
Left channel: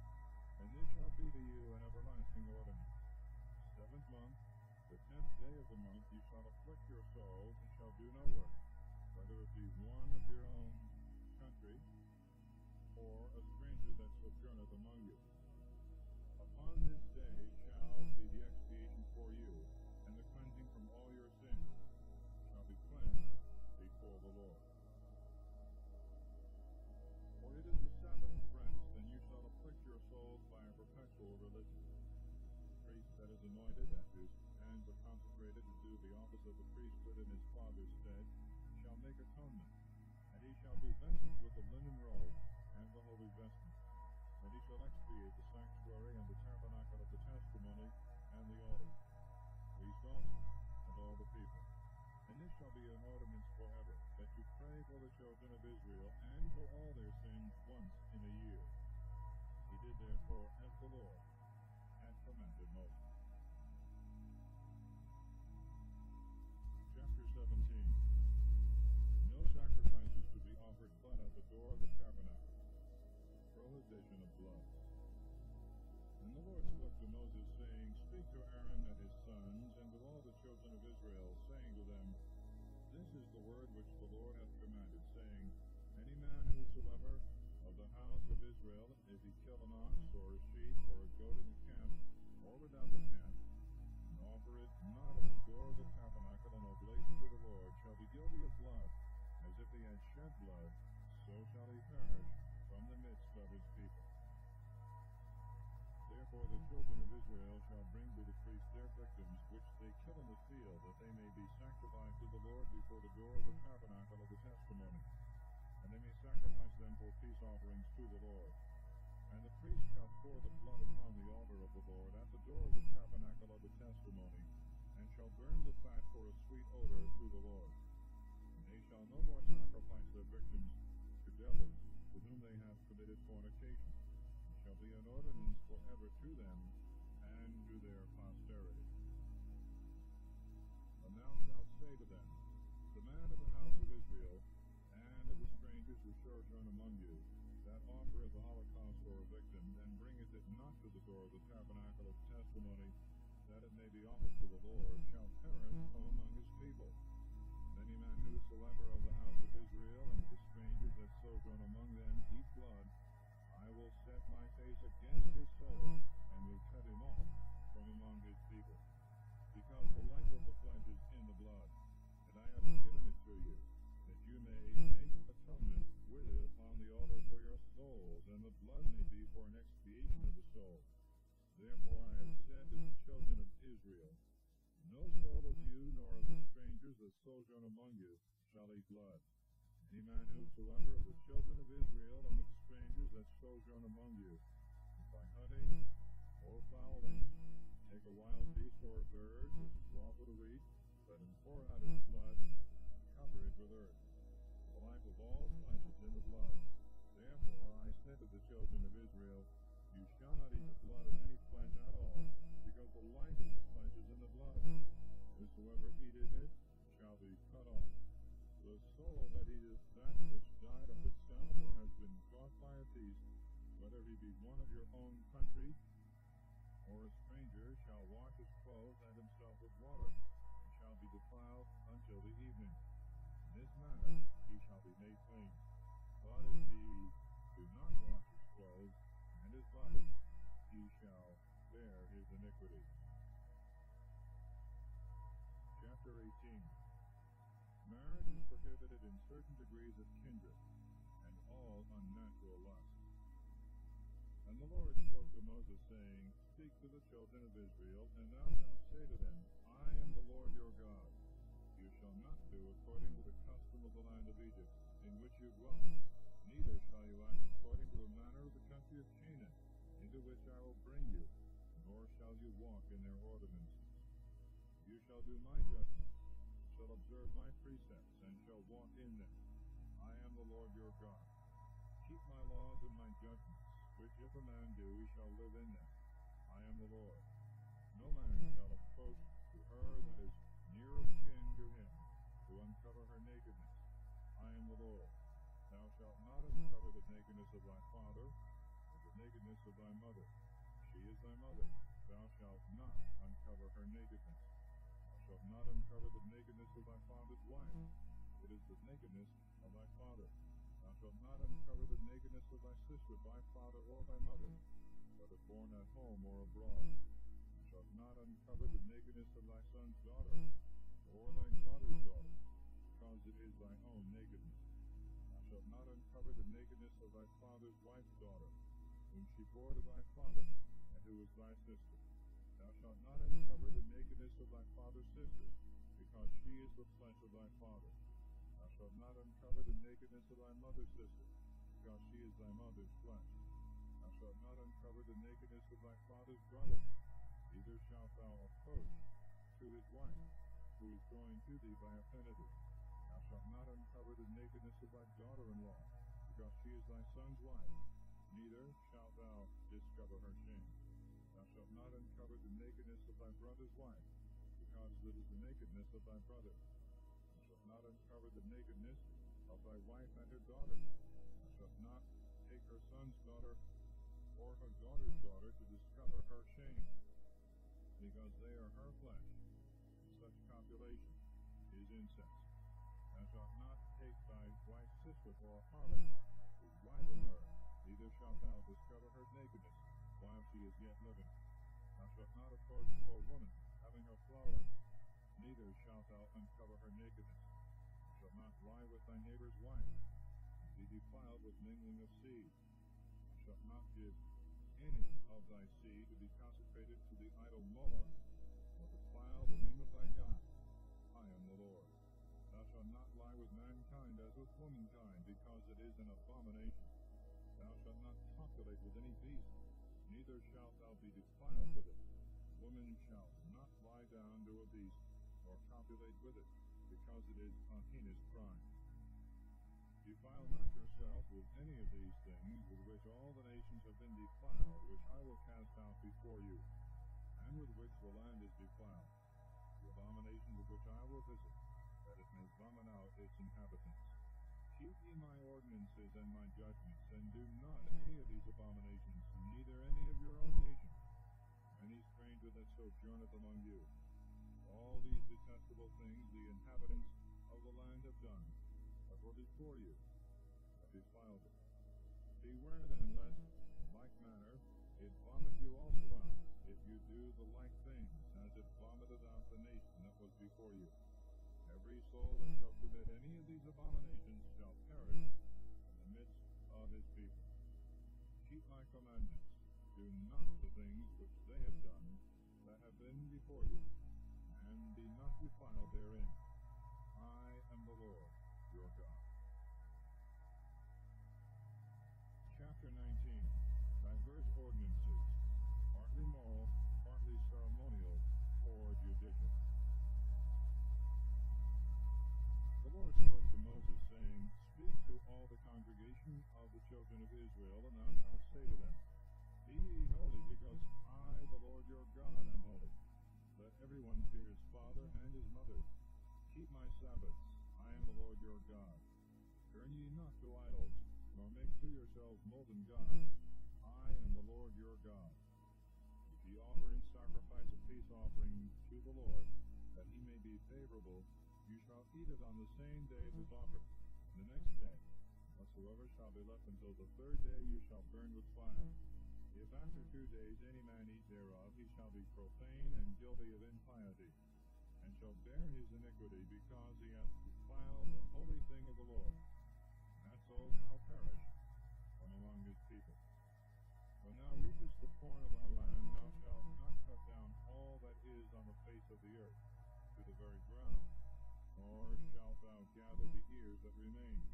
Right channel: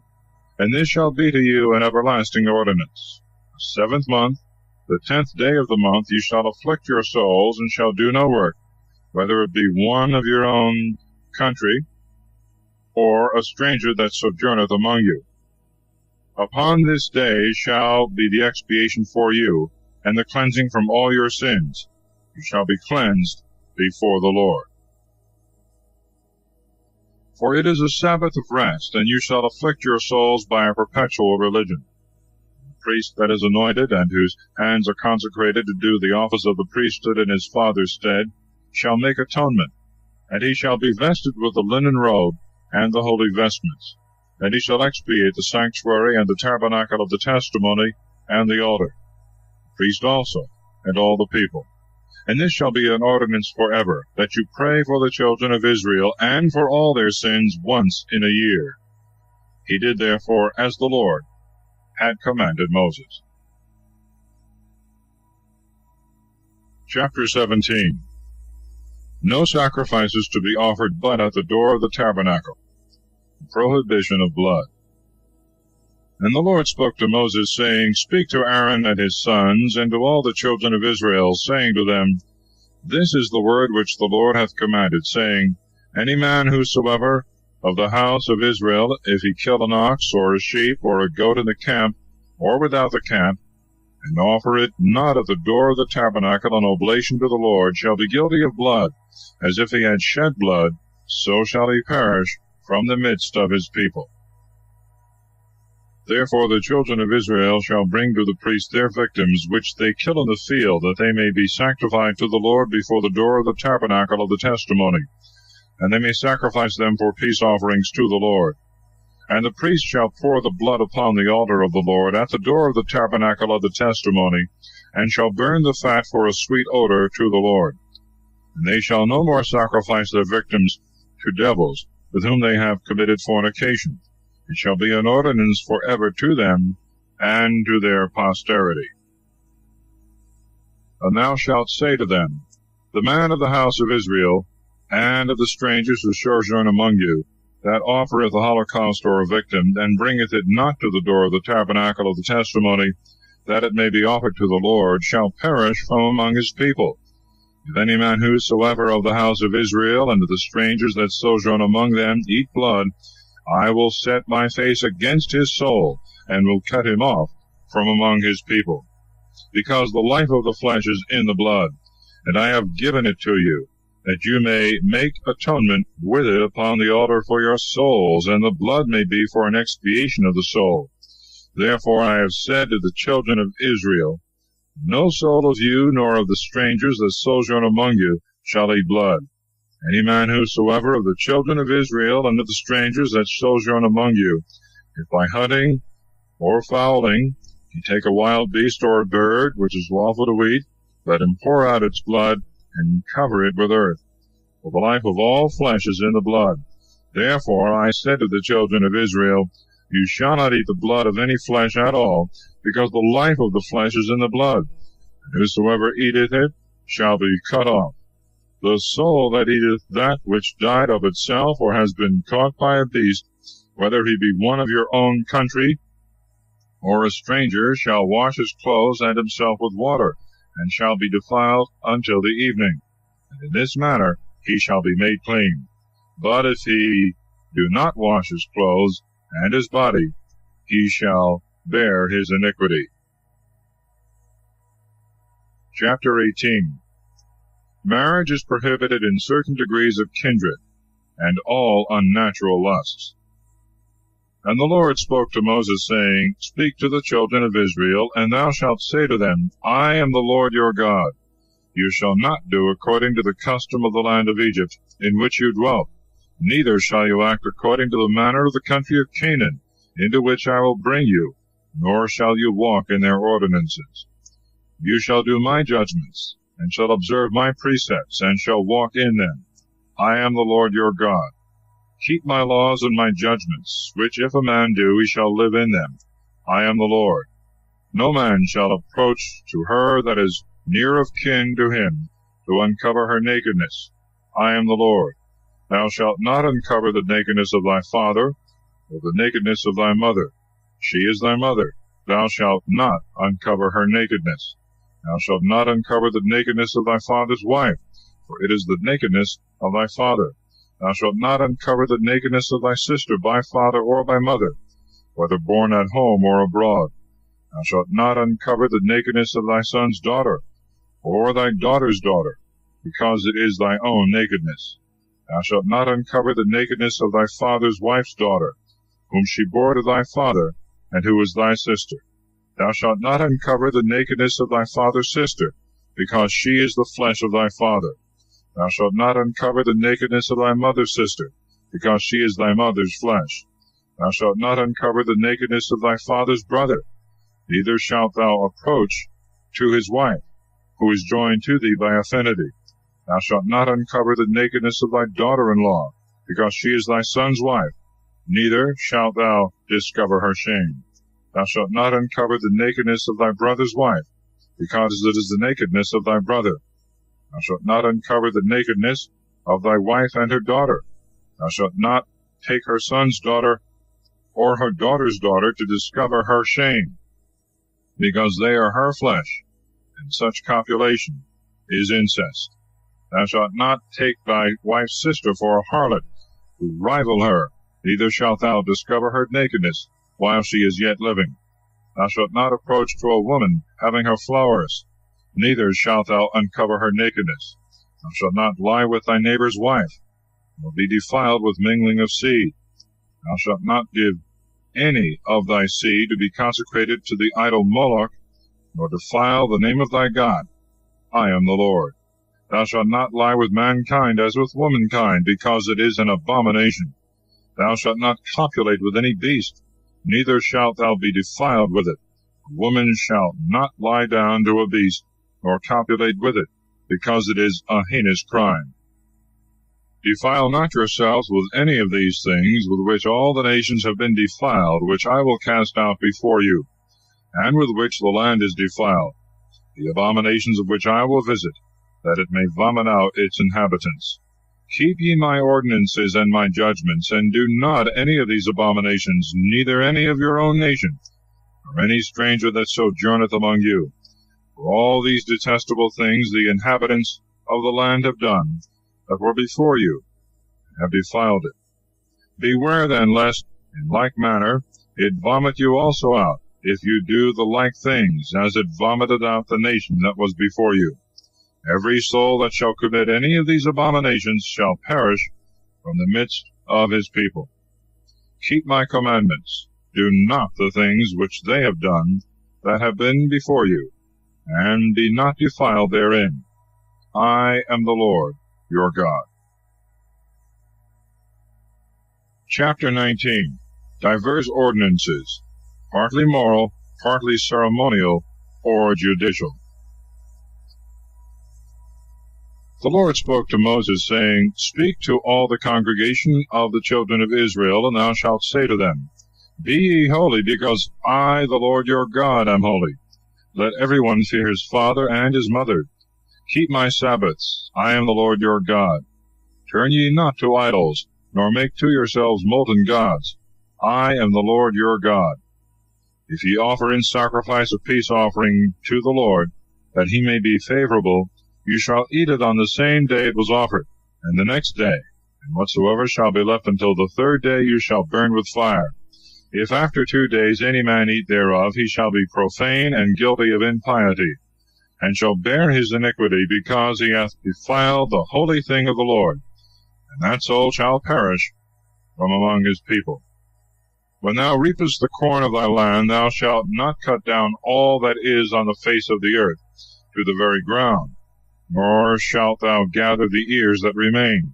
And this shall be to you an everlasting ordinance. The 7th month, the 10th day of the month, you shall afflict your souls, and shall do no work, whether it be one of your own country, or a stranger that sojourneth among you. Upon this day shall be the expiation for you, and the cleansing from all your sins. You shall be cleansed before the Lord. For it is a Sabbath of rest, and you shall afflict your souls by a perpetual religion. The priest that is anointed, and whose hands are consecrated to do the office of the priesthood in his father's stead, shall make atonement, and he shall be vested with the linen robe and the holy vestments. And he shall expiate the sanctuary and the tabernacle of the testimony and the altar, the priest also, and all the people. And this shall be an ordinance forever, that you pray for the children of Israel, and for all their sins once in a year. He did therefore as the Lord had commanded Moses. Chapter 17. No sacrifices to be offered but at the door of the tabernacle. Prohibition of blood. And the Lord spoke to Moses, saying, Speak to Aaron and his sons, and to all the children of Israel, saying to them, This is the word which the Lord hath commanded, saying, Any man whosoever of the house of Israel, if he kill an ox, or a sheep, or a goat in the camp, or without the camp, and offer it not at the door of the tabernacle an oblation to the Lord, shall be guilty of blood, as if he had shed blood, so shall he perish from the midst of his people. Therefore the children of Israel shall bring to the priest their victims, which they kill in the field, that they may be sanctified to the Lord before the door of the tabernacle of the testimony, and they may sacrifice them for peace offerings to the Lord. And the priest shall pour the blood upon the altar of the Lord at the door of the tabernacle of the testimony, and shall burn the fat for a sweet odor to the Lord. And they shall no more sacrifice their victims to devils, with whom they have committed fornication. It shall be an ordinance forever to them and to their posterity. And thou shalt say to them, The man of the house of Israel, and of the strangers who sojourn among you, that offereth a holocaust or a victim, and bringeth it not to the door of the tabernacle of the testimony, that it may be offered to the Lord, shall perish from among his people. If any man whosoever of the house of Israel, and of the strangers that sojourn among them, eat blood, I will set my face against his soul, and will cut him off from among his people. Because the life of the flesh is in the blood, and I have given it to you, that you may make atonement with it upon the altar for your souls, and the blood may be for an expiation of the soul. Therefore I have said to the children of Israel, No soul of you, nor of the strangers that sojourn among you, shall eat blood. Any man whosoever of the children of Israel, and of the strangers that sojourn among you, if by hunting or fowling he take a wild beast or a bird, which is lawful to eat, let him pour out its blood, and cover it with earth. For the life of all flesh is in the blood. Therefore I said to the children of Israel, You shall not eat the blood of any flesh at all, because the life of the flesh is in the blood. And whosoever eateth it shall be cut off. The soul that eateth that which died of itself, or has been caught by a beast, whether he be one of your own country, or a stranger, shall wash his clothes and himself with water, and shall be defiled until the evening. And in this manner he shall be made clean. But if he do not wash his clothes and his body, he shall bear his iniquity. Chapter 18. Marriage is prohibited in certain degrees of kindred, and all unnatural lusts. And the Lord spoke to Moses, saying, Speak to the children of Israel, and thou shalt say to them, I am the Lord your God. You shall not do according to the custom of the land of Egypt, in which you dwelt, neither shall you act according to the manner of the country of Canaan, into which I will bring you, nor shall you walk in their ordinances. You shall do my judgments, and shall observe my precepts, and shall walk in them. I am the Lord your God. Keep my laws and my judgments, which if a man do, he shall live in them. I am the Lord. No man shall approach to her that is near of kin to him, to uncover her nakedness. I am the Lord. Thou shalt not uncover the nakedness of thy father, or the nakedness of thy mother. She is thy mother. Thou shalt not uncover her nakedness. Thou shalt not uncover the nakedness of thy father's wife, for it is the nakedness of thy father. Thou shalt not uncover the nakedness of thy sister by father or by mother, whether born at home or abroad. Thou shalt not uncover the nakedness of thy son's daughter, or thy daughter's daughter, because it is thy own nakedness. Thou shalt not uncover the nakedness of thy father's wife's daughter, whom she bore to thy father, and who is thy sister. Thou shalt not uncover the nakedness of thy father's sister, because she is the flesh of thy father. Thou shalt not uncover the nakedness of thy mother's sister, because she is thy mother's flesh. Thou shalt not uncover the nakedness of thy father's brother, neither shalt thou approach to his wife, who is joined to thee by affinity. Thou shalt not uncover the nakedness of thy daughter-in-law, because she is thy son's wife, neither shalt thou discover her shame. Thou shalt not uncover the nakedness of thy brother's wife, because it is the nakedness of thy brother. Thou shalt not uncover the nakedness of thy wife and her daughter. Thou shalt not take her son's daughter or her daughter's daughter to discover her shame, because they are her flesh, and such copulation is incest. Thou shalt not take thy wife's sister for a harlot, to rival her, neither shalt thou discover her nakedness while she is yet living. Thou shalt not approach to a woman having her flowers, neither shalt thou uncover her nakedness. Thou shalt not lie with thy neighbor's wife, nor be defiled with mingling of seed. Thou shalt not give any of thy seed to be consecrated to the idol Moloch, nor defile the name of thy God. I am the Lord. Thou shalt not lie with mankind as with womankind, because it is an abomination. Thou shalt not copulate with any beast, neither shalt thou be defiled with it. A woman shall not lie down to a beast, nor copulate with it, because it is a heinous crime. Defile not yourselves with any of these things with which all the nations have been defiled, which I will cast out before you, and with which the land is defiled, the abominations of which I will visit, that it may vomit out its inhabitants. Keep ye my ordinances and my judgments, and do not any of these abominations, neither any of your own nation, nor any stranger that sojourneth among you. For all these detestable things the inhabitants of the land have done, that were before you, and have defiled it. Beware then, lest, in like manner, it vomit you also out, if you do the like things, as it vomited out the nation that was before you. Every soul that shall commit any of these abominations shall perish from the midst of his people. Keep my commandments. Do not the things which they have done that have been before you, and be not defiled therein. I am the Lord your God. Chapter 19. Diverse ordinances, partly moral, partly ceremonial or judicial. The Lord spoke to Moses, saying, Speak to all the congregation of the children of Israel, and thou shalt say to them, Be ye holy, because I, the Lord your God, am holy. Let every one fear his father and his mother. Keep my Sabbaths. I am the Lord your God. Turn ye not to idols, nor make to yourselves molten gods. I am the Lord your God. If ye offer in sacrifice a peace offering to the Lord, that he may be favorable, you shall eat it on the same day it was offered, and the next day, and whatsoever shall be left until the third day you shall burn with fire. If after 2 days any man eat thereof, he shall be profane and guilty of impiety, and shall bear his iniquity, because he hath defiled the holy thing of the Lord, and that soul shall perish from among his people. When thou reapest the corn of thy land, thou shalt not cut down all that is on the face of the earth to the very ground, nor shalt thou gather the ears that remain,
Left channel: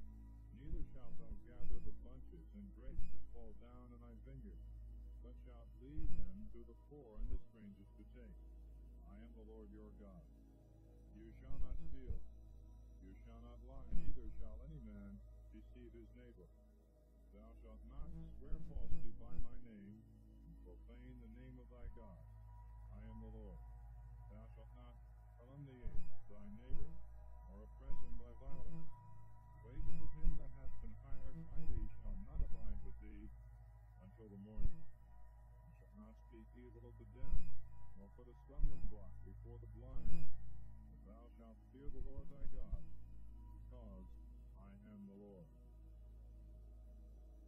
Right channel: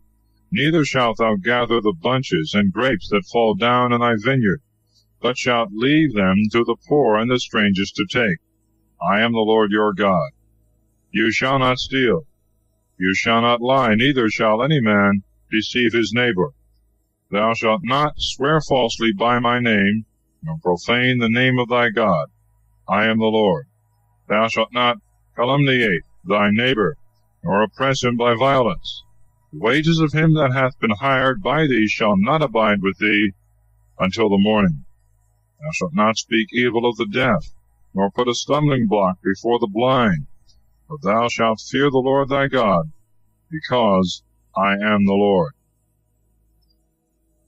neither shalt thou gather the bunches and grapes that fall down in thy vineyard, but shalt leave them to the poor and the strangers to take. I am the Lord your God. You shall not steal. You shall not lie, neither shall any man deceive his neighbor. Thou shalt not swear falsely by my name, nor profane the name of thy God. I am the Lord. Thou shalt not calumniate thy neighbor, nor oppress him by violence. The wages of him that hath been hired by thee shall not abide with thee until the morning. Thou shalt not speak evil of the deaf, nor put a stumbling block before the blind, for thou shalt fear the Lord thy God, because I am the Lord.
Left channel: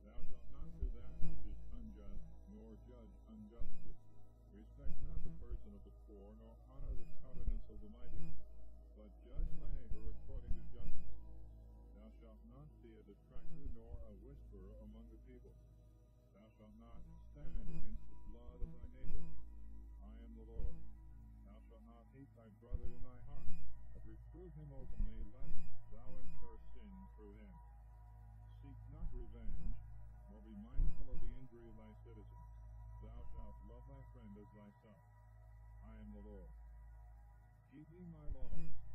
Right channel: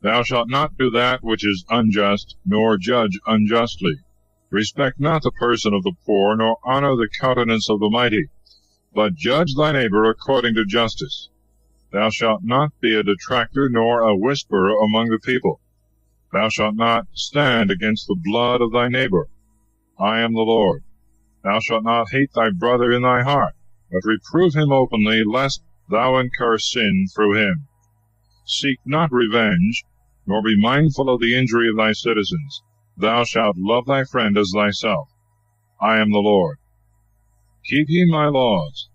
Thou shalt not do that which is unjust, nor judge unjustly. Respect not the person of the poor, nor honor the countenance of the mighty, but judge thy neighbor according to justice. Thou shalt not be a detractor, nor a whisperer among the people. Thou shalt not stand against the blood of thy neighbor. I am the Lord. Thou shalt not hate thy brother in thy heart, but reprove him openly, lest thou incur sin through him. Seek not revenge, nor be mindful of the injury of thy citizens. Thou shalt love thy friend as thyself. I am the Lord. Keep ye my laws.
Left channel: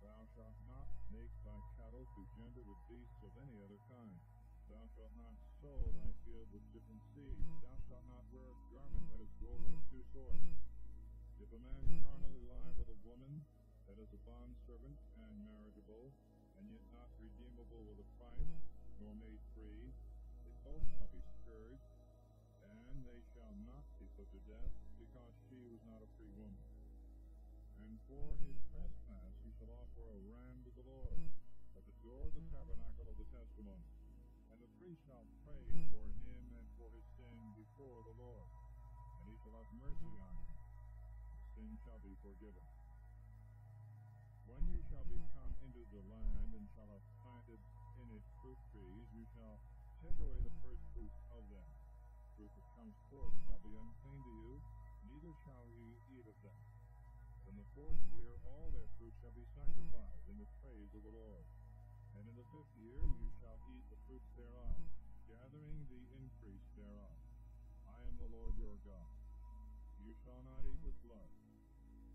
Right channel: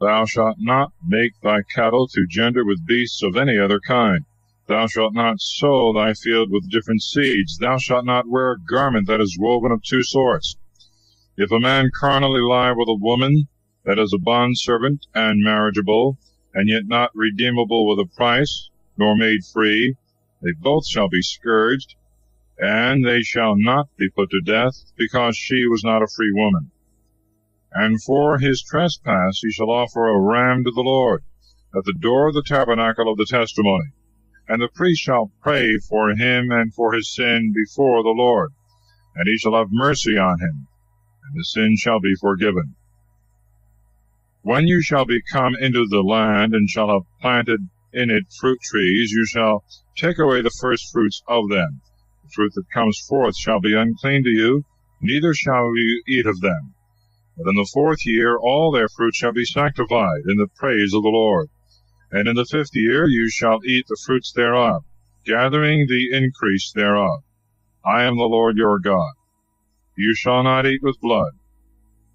Thou shalt not make thy cattle to gender with beasts of any other kind. Thou shalt not sow thy field with different seeds. Thou shalt not wear a garment that is woven of 2 sorts. If a man carnally lie with a woman that is a bondservant and marriageable, and yet not redeemable with a price, nor made free, they both shall be scourged, and they shall not be put to death, because she was not a free woman. And for his trespass he shall offer a ram to the Lord at the door of the tabernacle of the testimony, and the priest shall pray for him and for his sin before the Lord. and he shall have mercy on him, and the sin shall be forgiven. When you shall be come into the land, and shall have planted in it fruit trees, you shall take away the first fruits of them. The fruit that comes forth shall be unclean to you, neither shall you eat of them. But in the 4th year all their fruit shall be sanctified in the praise of the Lord. And in the 5th year you shall eat the fruits thereof, gathering the increase thereof. I am the Lord your God. You shall not eat with blood.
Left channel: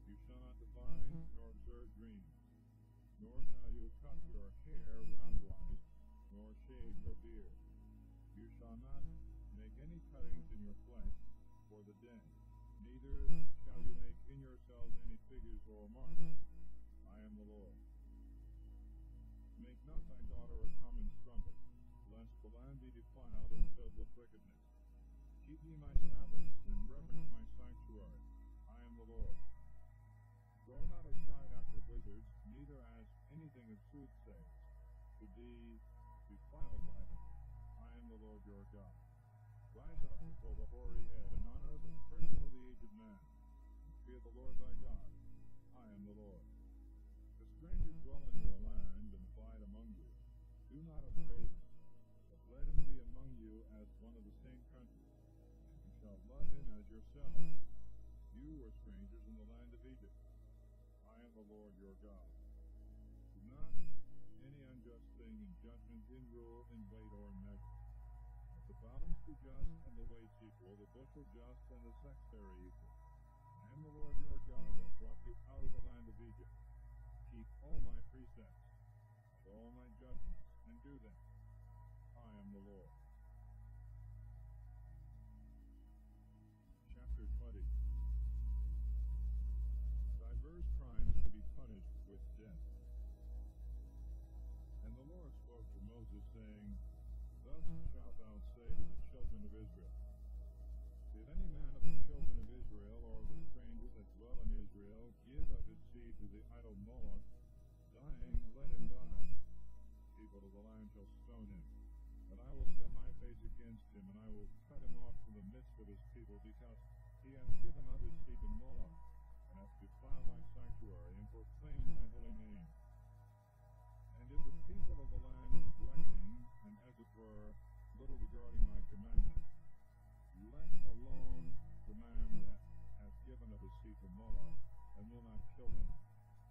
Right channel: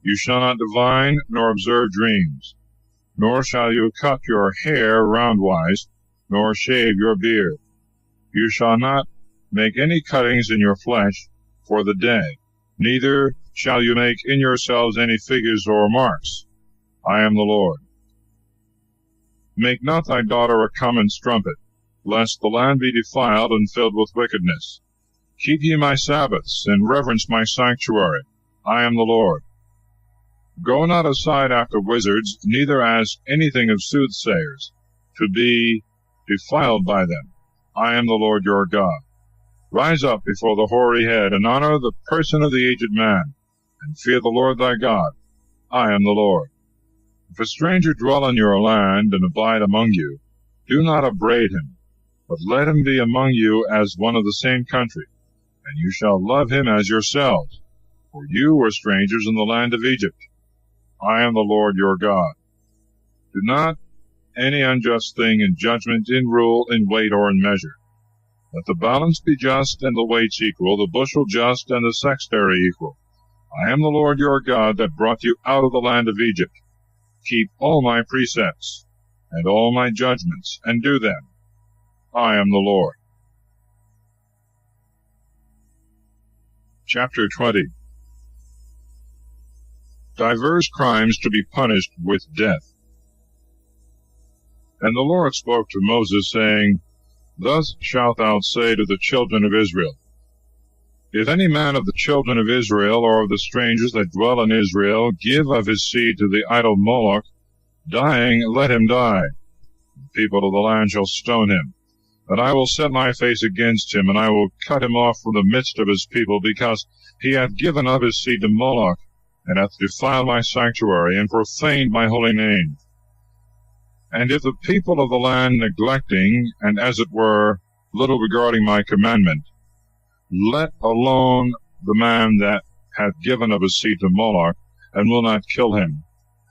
You shall not divine nor observe dreams. Nor shall you cut your hair roundwise, nor shave your beard. You shall not make any cuttings in your flesh for the day, neither shall you make in yourselves any figures or marks. I am the Lord. Make not thy daughter a common strumpet, lest the land be defiled and filled with wickedness. Keep ye my Sabbaths, and reverence my sanctuary. I am the Lord. Go not aside after wizards, neither ask anything of soothsayers, to be defiled by them. I am the Lord your God. Rise up before the hoary head, and honor the person of the aged man, and fear the Lord thy God. I am the Lord. If a stranger dwell in your land, and abide among you, do not upbraid him, but let him be among you as one of the same country, and you shall love him as yourselves, for you were strangers in the land of Egypt. I am the Lord your God. Do not any unjust thing in judgment, in rule, in weight, or in measure. Let the balance be just, and the weights equal, the bushel just, and the sextary equal. I am the Lord your God that brought you out of the land of Egypt. Keep all my precepts, and all my judgments, and do them. I am the Lord. Chapter 20. Divers crimes to be punished with death. And the Lord spoke to Moses, saying, Thus shalt thou say to the children of Israel, If any man of the children of Israel, or of the strangers that dwell in Israel, give of his seed to the idol Moloch, dying, let him die. The people of the land shall stone him. But I will set my face against him, and I will cut him off from the midst of his people, because he hath given of his seed to Moloch, and hath defiled my sanctuary, and profaned my holy name. And if the people of the land, neglecting, and as it were, little regarding my commandment, let alone the man that hath given of his seed to Moloch, and will not kill him,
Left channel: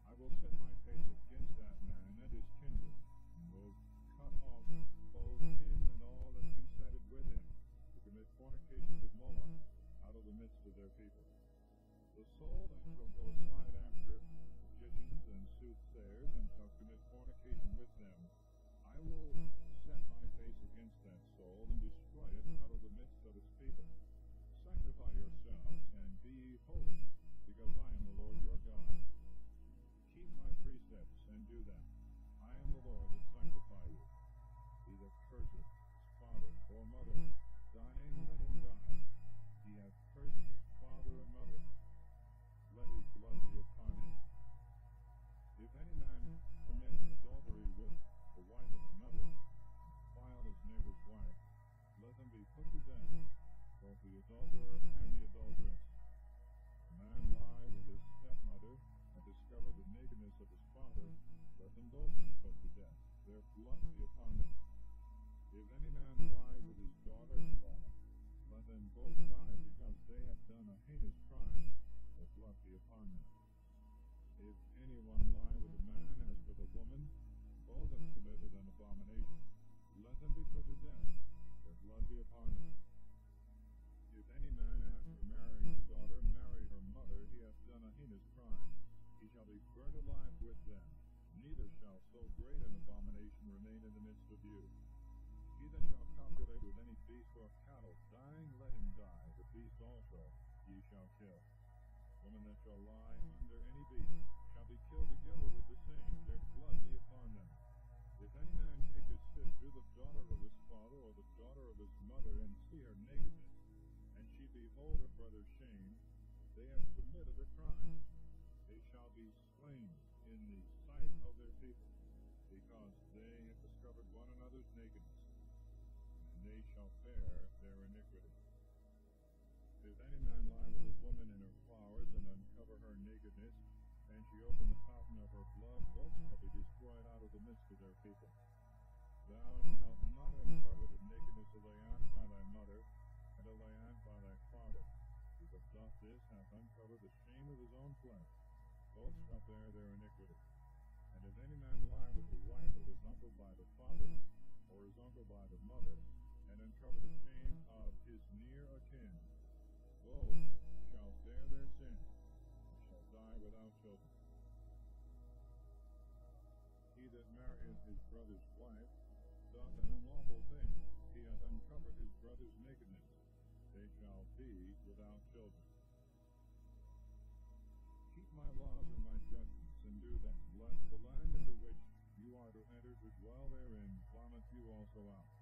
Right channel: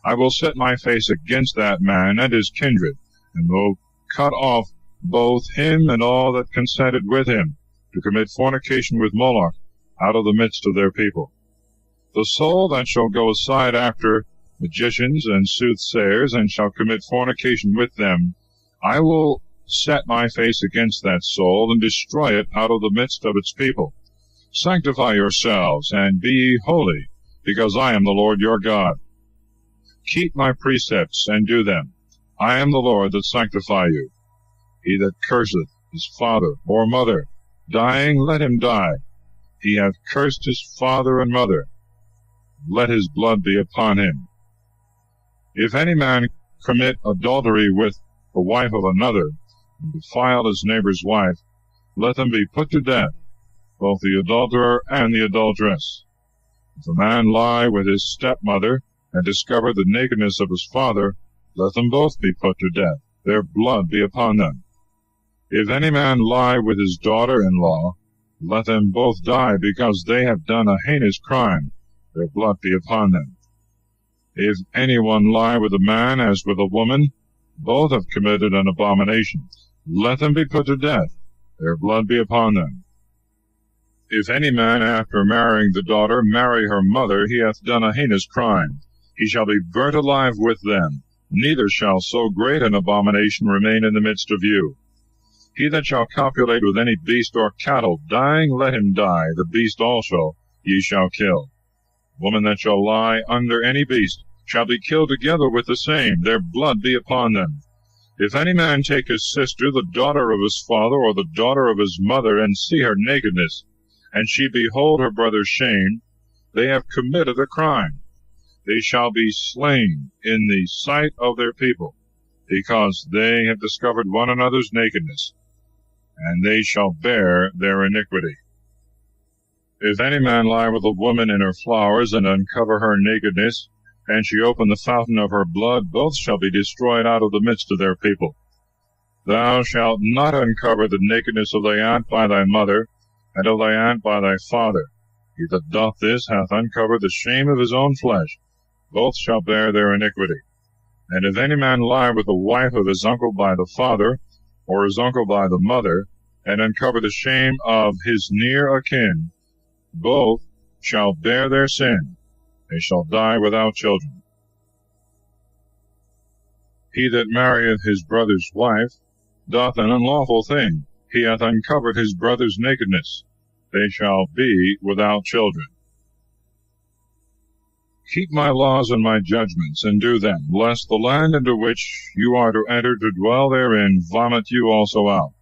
I will set my face against that man and his kindred, and will cut off both him and all that consented with him to commit fornication with Moloch out of the midst of their people. The soul that shall go aside after magicians and soothsayers, and shall commit fornication with them, I will set my face against that soul, and destroy it out of the midst of its people. Sanctify yourselves, and be ye holy, because I am the Lord your God. Keep my precepts, and do them. I am the Lord that sanctify you. He that curseth his father or mother, dying, let him die. He hath cursed his father and mother. Let his blood be upon him. If any man commit adultery with the wife of another, and defile his neighbor's wife, let them be put to death, both the adulterer and the adulteress. If a man lie with his stepmother, and discover the nakedness of his father, let them both be put to death, their blood be upon them. If any man lie with his daughter-in-law, let them both die, because they have done a heinous crime, their blood be upon them. If any one lie with a man as with a woman, both have committed an abomination. Let them be put to death, their blood be upon them. If any man, after marrying the daughter, marry her mother, he hath done a heinous crime. He shall be burnt alive with them, neither shall so great an abomination remain in the midst of you. He that shall copulate with any beast or cattle, dying, let him die, the beast also ye shall kill. Woman that shall lie under any beast shall be killed together with the same, their blood be upon them. If any man take his sister, the daughter of his father, or the daughter of his mother, and see her nakedness, and she behold her brother's shame, they have committed a crime. They shall be slain in the sight of their people, because they have discovered one another's nakedness, and they shall bear their iniquity. If any man lie with a woman in her flowers, and uncover her nakedness, and she open the fountain of her blood, both shall be destroyed out of the midst of their people. Thou shalt not uncover the nakedness of thy aunt by thy mother, and of thy aunt by thy father. He that doth this hath uncovered the shame of his own flesh. Both shall bear their iniquity. And if any man lie with the wife of his uncle by the father, or his uncle by the mother, and uncover the shame of his near akin, both shall bear their sin. They shall die without children. He that marrieth his brother's wife doth an unlawful thing. He hath uncovered his brother's nakedness. They shall be without children. Keep my laws and my judgments, and do them, lest the land into which you are to enter to dwell therein vomit you also out.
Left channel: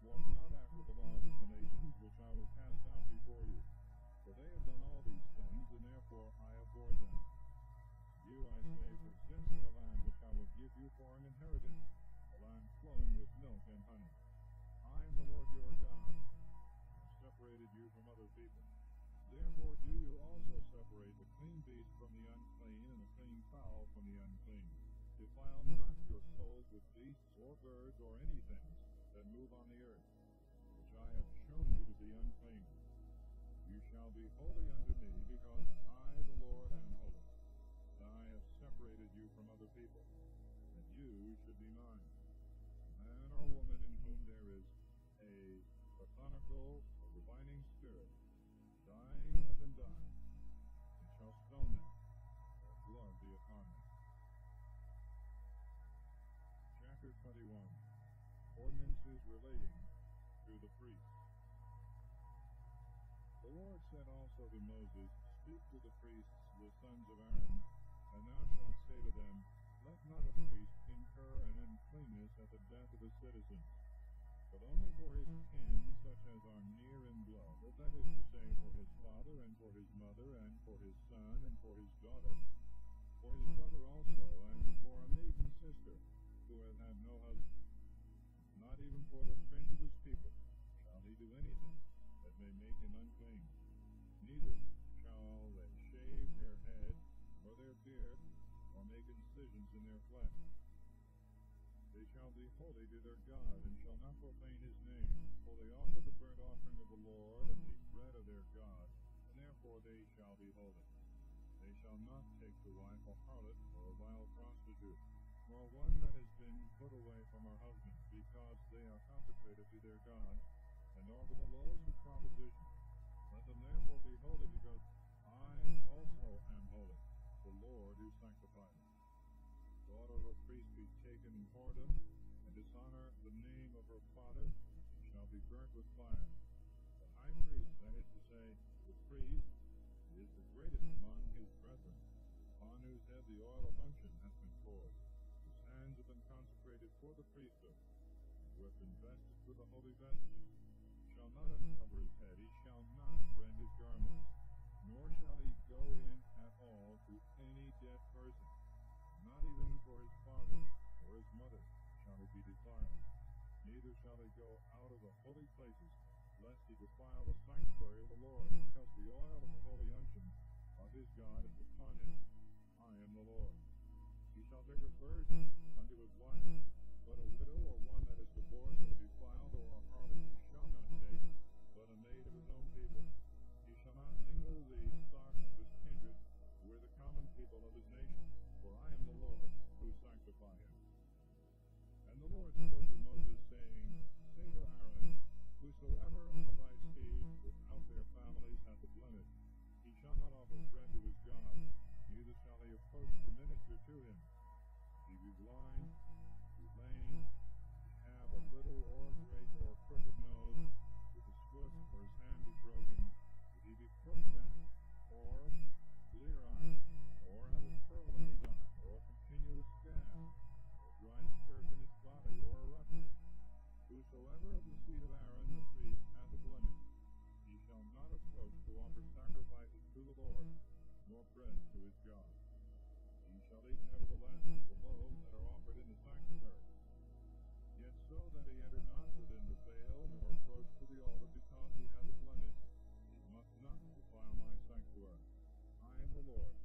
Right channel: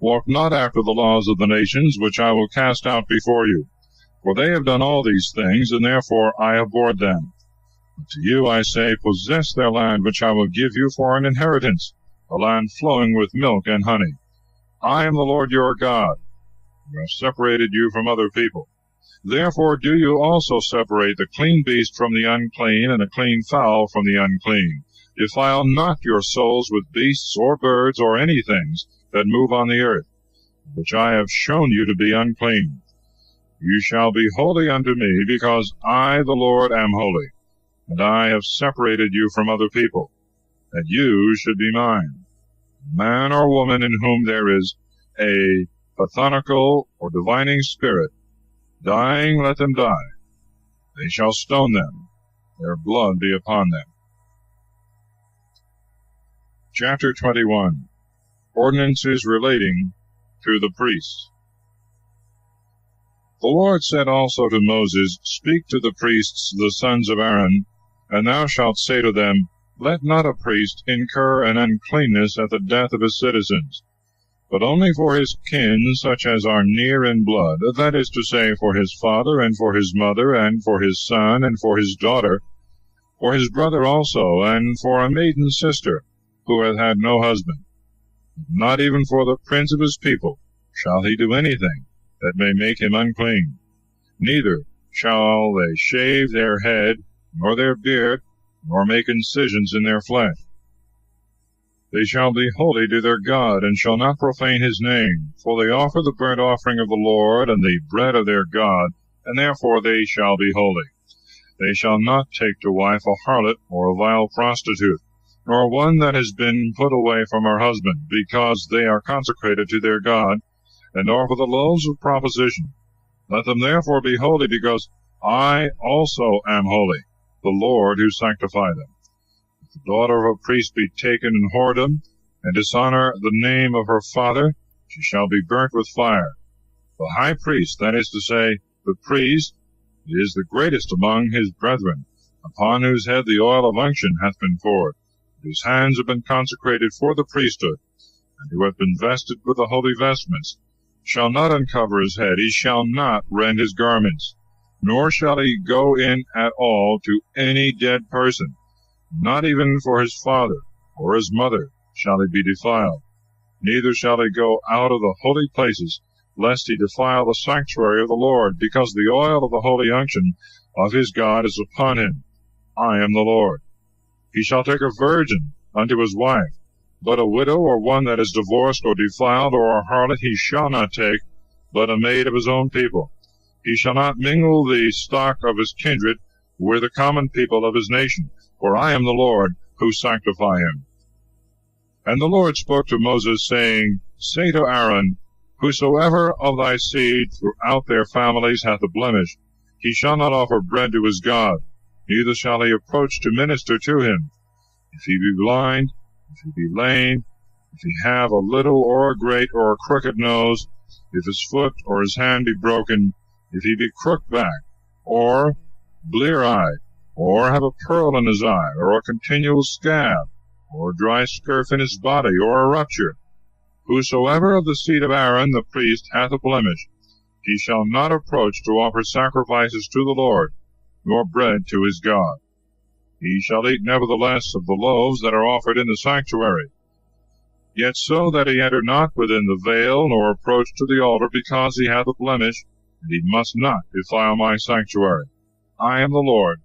Walk not after the laws of the nations, which I will cast out before you. For they have done all these things, and therefore I abhorred them. But to you I say, possess their land, which I will give you for an inheritance, a land flowing with milk and honey. I am the Lord your God, who have separated you from other people. Therefore do you also separate the clean beast from the unclean, and the clean fowl from the unclean. Defile not your souls with beasts or birds or any things that move on the earth, which I have shown you to be unclean. You shall be holy unto me, because I, the Lord, am holy, and I have separated you from other people, that you should be mine. Man or woman in whom there is a pathonical or divining spirit, dying, let them die. They shall stone them, their blood be upon them. Chapter 21. Ordinances relating to the priests. The Lord said also to Moses, Speak to the priests, the sons of Aaron, and thou shalt say to them, Let not a priest incur an uncleanness at the death of his citizens, but only for his kin, such as are near in blood, that is to say, for his father, and for his mother, and for his son, and for his daughter, for his brother also, and for a maiden sister, who hath had no husband. Not even for the prince of his people shall he do anything that may make him unclean. Neither shall they shave their head, nor their beard, nor make incisions in their flesh. They shall be holy to their God, and shall not profane his name, for they offer the burnt offering of the Lord, and the bread of their God, and therefore they shall be holy. They shall not take to wife a harlot, or a vile prostitute, nor one that has been put away from her husband, because they are consecrated to their God, and offer the loaves of proposition. Let them therefore be holy, because I also am holy, the Lord who sanctify them. If the daughter of a priest be taken in whoredom, and dishonor the name of her father, she shall be burnt with fire. The high priest, that is to say, the priest, is the greatest among his brethren, upon whose head the oil of unction hath been poured, whose hands have been consecrated for the priesthood, and who hath been vested with the holy vestments, shall not uncover his head, he shall not rend his garments, nor shall he go in at all to any dead person, not even for his father or his mother shall he be defiled. Neither shall he go out of the holy places, lest he defile the sanctuary of the Lord, because the oil of the holy unction of his God is upon him. I am the Lord. He shall take a virgin unto his wife, but a widow, or one that is divorced or defiled, or a harlot, he shall not take, but a maid of his own people. He shall not mingle the stock of his kindred with the common people of his nation, for I am the Lord who sanctify him. And the Lord spoke to Moses, saying, Say to Aaron, Whosoever of thy seed throughout their families hath a blemish, he shall not offer bread to his God, neither shall he approach to minister to him. If he be blind, if he be lame, if he have a little or a great or a crooked nose, if his foot or his hand be broken, if he be crook-backed, or blear-eyed, or have a pearl in his eye, or a continual scab, or a dry scurf in his body, or a rupture, whosoever of the seed of Aaron the priest hath a blemish, he shall not approach to offer sacrifices to the Lord, nor bread to his God. He shall eat nevertheless of the loaves that are offered in the sanctuary, yet so that he enter not within the veil, nor approach to the altar, because he hath a blemish, and he must not defile my sanctuary. I am the Lord,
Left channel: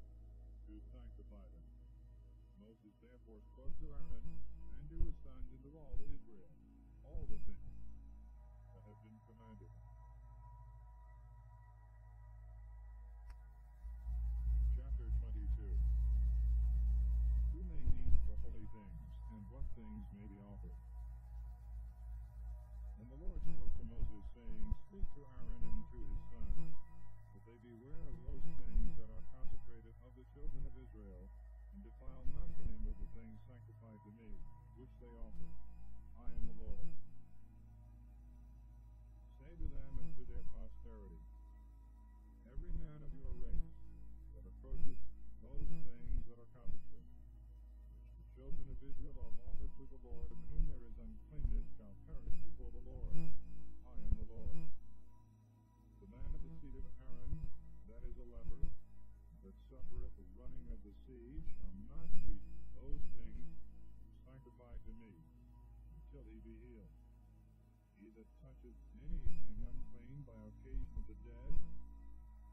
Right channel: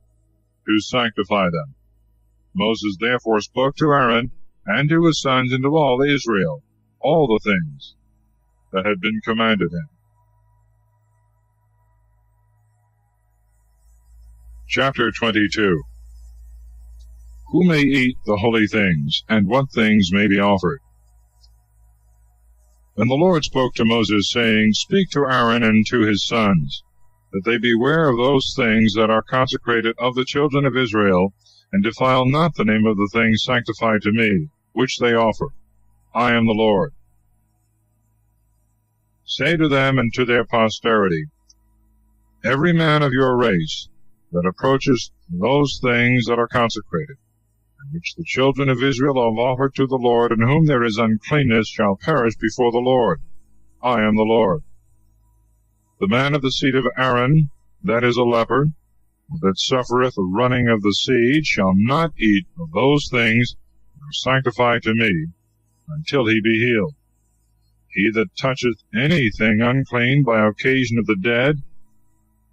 who sanctify them. Moses therefore spoke to Aaron and to his sons and to all Israel all the things that had been commanded him. Chapter 22. Who may eat the holy things, and what things may be offered? And the Lord spoke to Moses, saying, Speak to Aaron and to his sons, that they beware of those things that are consecrated of the children of Israel, and defile not the name of the things sanctified to me, which they offer. I am the Lord. Say to them and to their posterity, Every man of your race that approaches those things that are consecrated, and which the children of Israel have offered to the Lord, in whom there is uncleanness, shall perish before the Lord. I am the Lord. The man of the seed of Aaron, that is a leper, that suffereth a running of the seed, shall not eat of those things that are sanctified to me, until he be healed. He that toucheth anything unclean by occasion of the dead,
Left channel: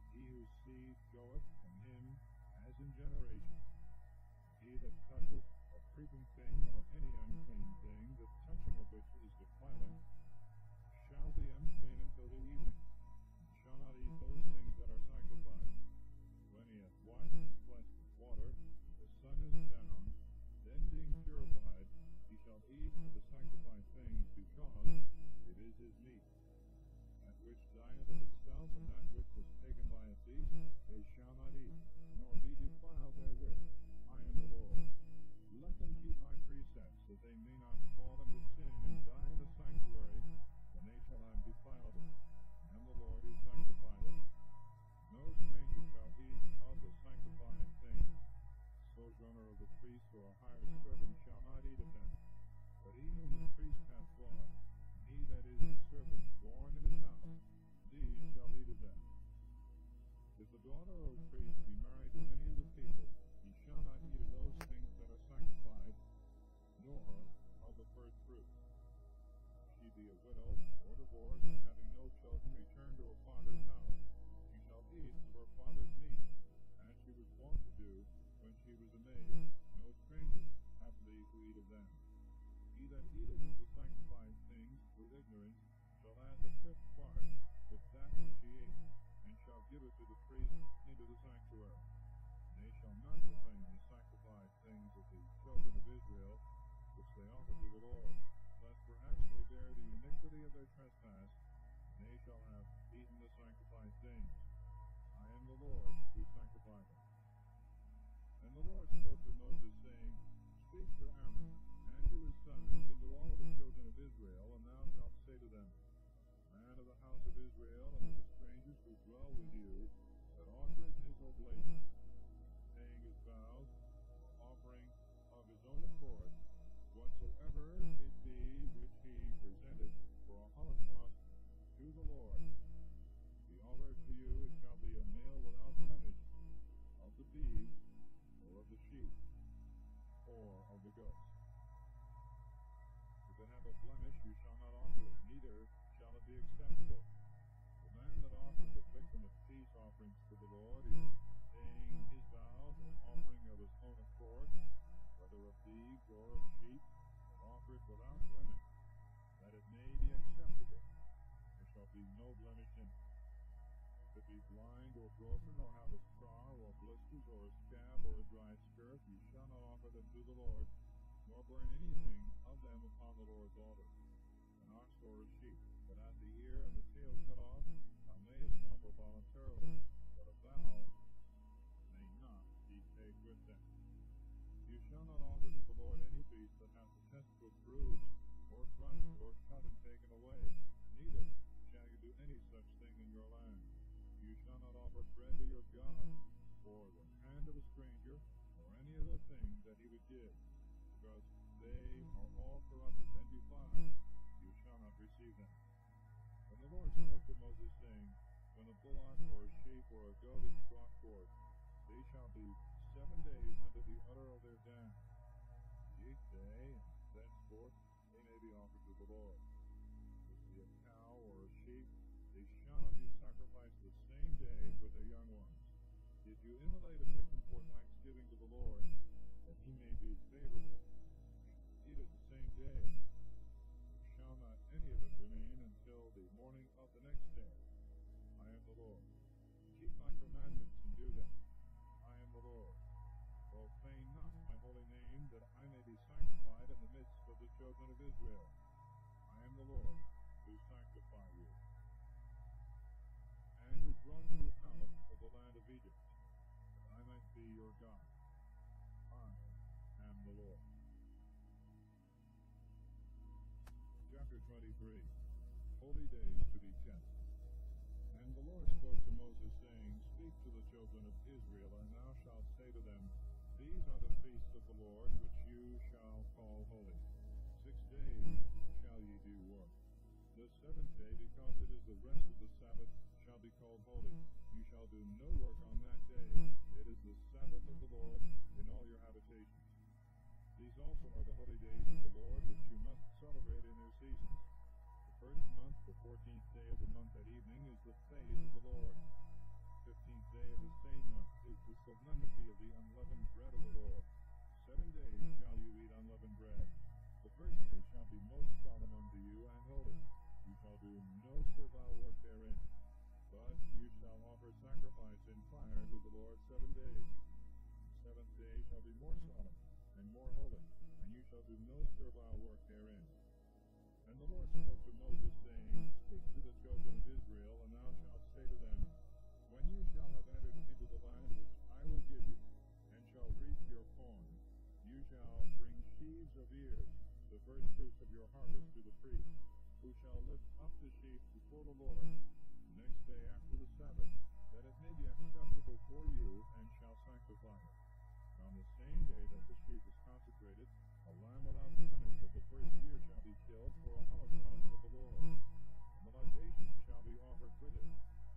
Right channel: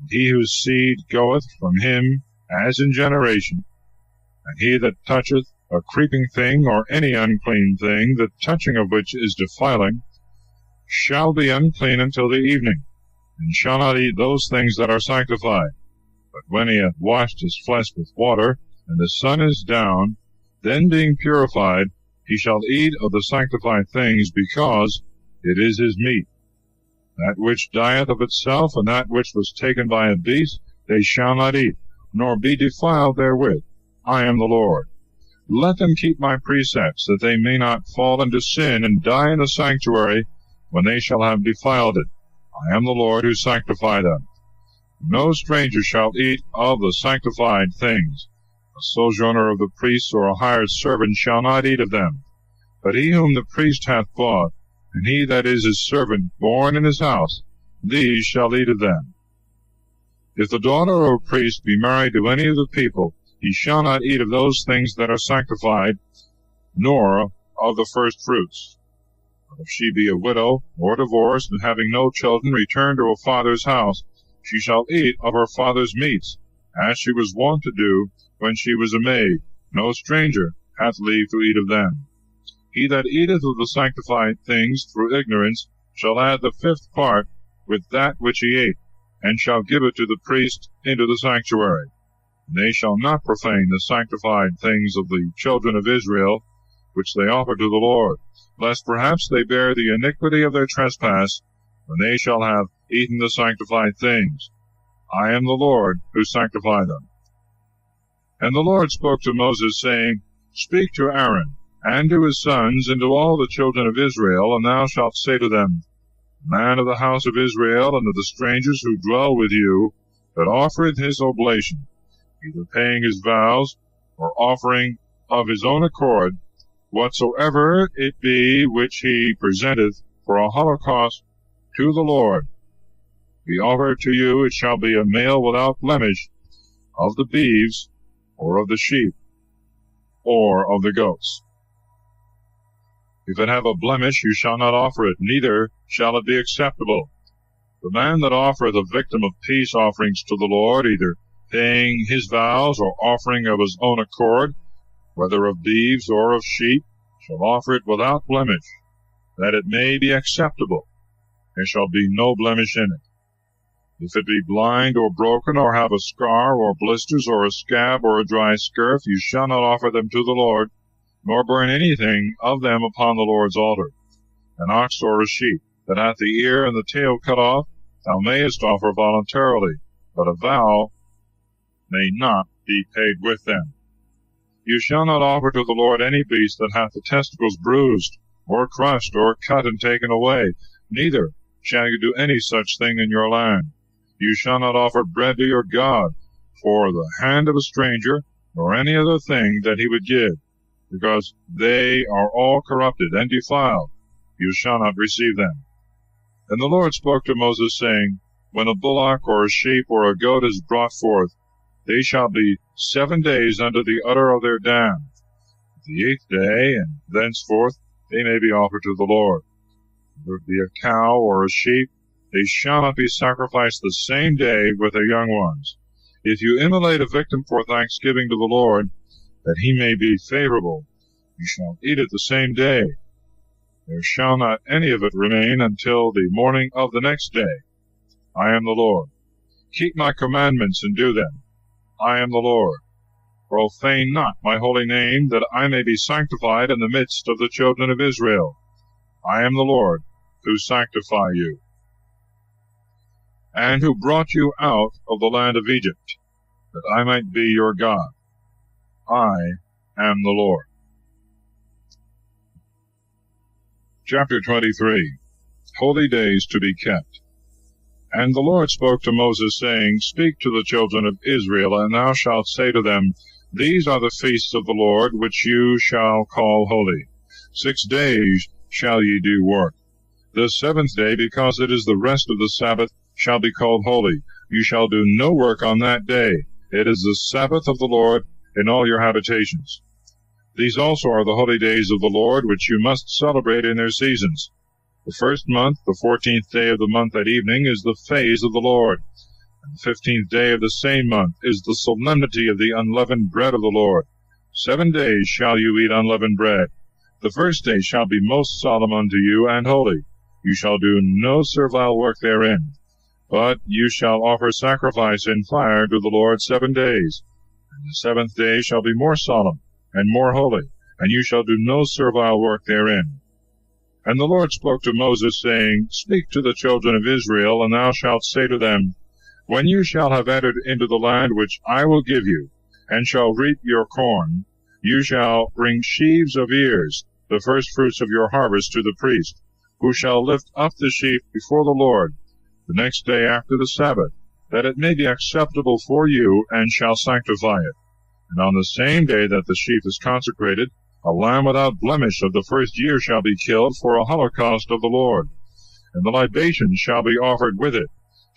and he whose seed goeth from him as in generation, and he that toucheth a creeping thing or any unclean thing, the touching of which is defiling, shall be unclean until the evening, and shall not eat those things that are sanctified. But when he hath washed his flesh with water, and the sun is down, then being purified, he shall eat of the sanctified things, because it is his meat. That which dieth of itself, and that which was taken by a beast, they shall not eat, nor be defiled therewith. I am the Lord. Let them keep my precepts, that they may not fall into sin, and die in the sanctuary, when they shall have defiled it. I am the Lord who sanctify them. No stranger shall eat of the sanctified things. A sojourner of the priests or a hired servant shall not eat of them. But he whom the priest hath bought, and he that is his servant born in his house, these shall eat of them. If the daughter of a priest be married to any of the people, he shall not eat of those things that are sanctified, nor of the first fruits. But if she be a widow, or divorced, and having no children, returned to her father's house, she shall eat of her father's meats, as she was wont to do when she was a maid. No stranger hath leave to eat of them. He that eateth of the sanctified things through ignorance shall add the fifth part with that which he ate, and shall give it to the priest into the sanctuary. And they shall not profane the sanctified things of the children of Israel, which they offer to the Lord, lest perhaps they bear the iniquity of their trespass, when they shall have eaten the sanctified things. I am the Lord who sanctify them. And the Lord spoke to Moses, saying, Speak to Aaron, and to his sons, and to all the children of Israel, and thou shalt say to them, Man of the house of Israel, and of the strangers who dwell with you, that offereth his oblation, either paying his vows, or offering of his own accord, whatsoever it be which he presenteth for a holocaust to the Lord, be offered to you, it shall be a male without blemish, of the beeves, or of the sheep, or of the goats. If it have a blemish, you shall not offer it, neither shall it be acceptable. The man that offereth a victim of peace offerings to the Lord, either paying his vows, or offering of his own accord, whether of beeves or of sheep, shall offer it without blemish, that it may be acceptable. There shall be no blemish in it. If it be blind or broken, or have a scar, or blisters, or a scab, or a dry scurf, you shall not offer them to the Lord, nor burn anything of them upon the Lord's altar. An ox or a sheep that hath the ear and the tail cut off, thou mayest offer voluntarily, but a vow may not be paid with them. You shall not offer to the Lord any beast that hath the testicles bruised, or crushed, or cut and taken away, neither shall you do any such thing in your land. You shall not offer bread to your God for the hand of a stranger, nor any other thing that he would give, because they are all corrupted and defiled. You shall not receive them. And the Lord spoke to Moses, saying, When a bullock or a sheep or a goat is brought forth, they shall be 7 days under the udder of their dam. The 8th day, and thenceforth, they may be offered to the Lord. Whether it be a cow or a sheep, They shall not be sacrificed the same day with their young ones. If you immolate a victim for thanksgiving to the Lord, that he may be favorable, you shall eat it the same day. There shall not any of it remain until the morning of the next day. I am the Lord. Keep my commandments and do them. I am the Lord. Profane not my holy name, that I may be sanctified in the midst of the children of Israel. I am the Lord, who sanctify you, and who brought you out of the land of Egypt, that I might be your God. I am the Lord. Chapter 23. Holy Days to be kept. And the Lord spoke to Moses, saying, Speak to the children of Israel, and thou shalt say to them, These are the feasts of the Lord, which you shall call holy. 6 days shall ye do work. The seventh day, because it is the rest of the Sabbath, shall be called holy. You shall do no work on that day. It is the Sabbath of the Lord in all your habitations. These also are the holy days of the Lord, which you must celebrate in their seasons. The first month, the 14th day of the month at evening, is the phase of the Lord. And the 15th day of the same month is the solemnity of the unleavened bread of the Lord. 7 days shall you eat unleavened bread. The first day shall be most solemn unto you and holy. You shall do no servile work therein. But you shall offer sacrifice in fire to the Lord 7 days. And the 7th day shall be more solemn and more holy, and you shall do no servile work therein. And the Lord spoke to Moses, saying, Speak to the children of Israel, and thou shalt say to them, When you shall have entered into the land which I will give you, and shall reap your corn, you shall bring sheaves of ears, the firstfruits of your harvest, to the priest, who shall lift up the sheaf before the Lord the next day after the Sabbath, that it may be acceptable for you, and shall sanctify it. And on the same day that the sheaf is consecrated, a lamb without blemish of the first year shall be killed for a holocaust of the Lord. And the libation shall be offered with it,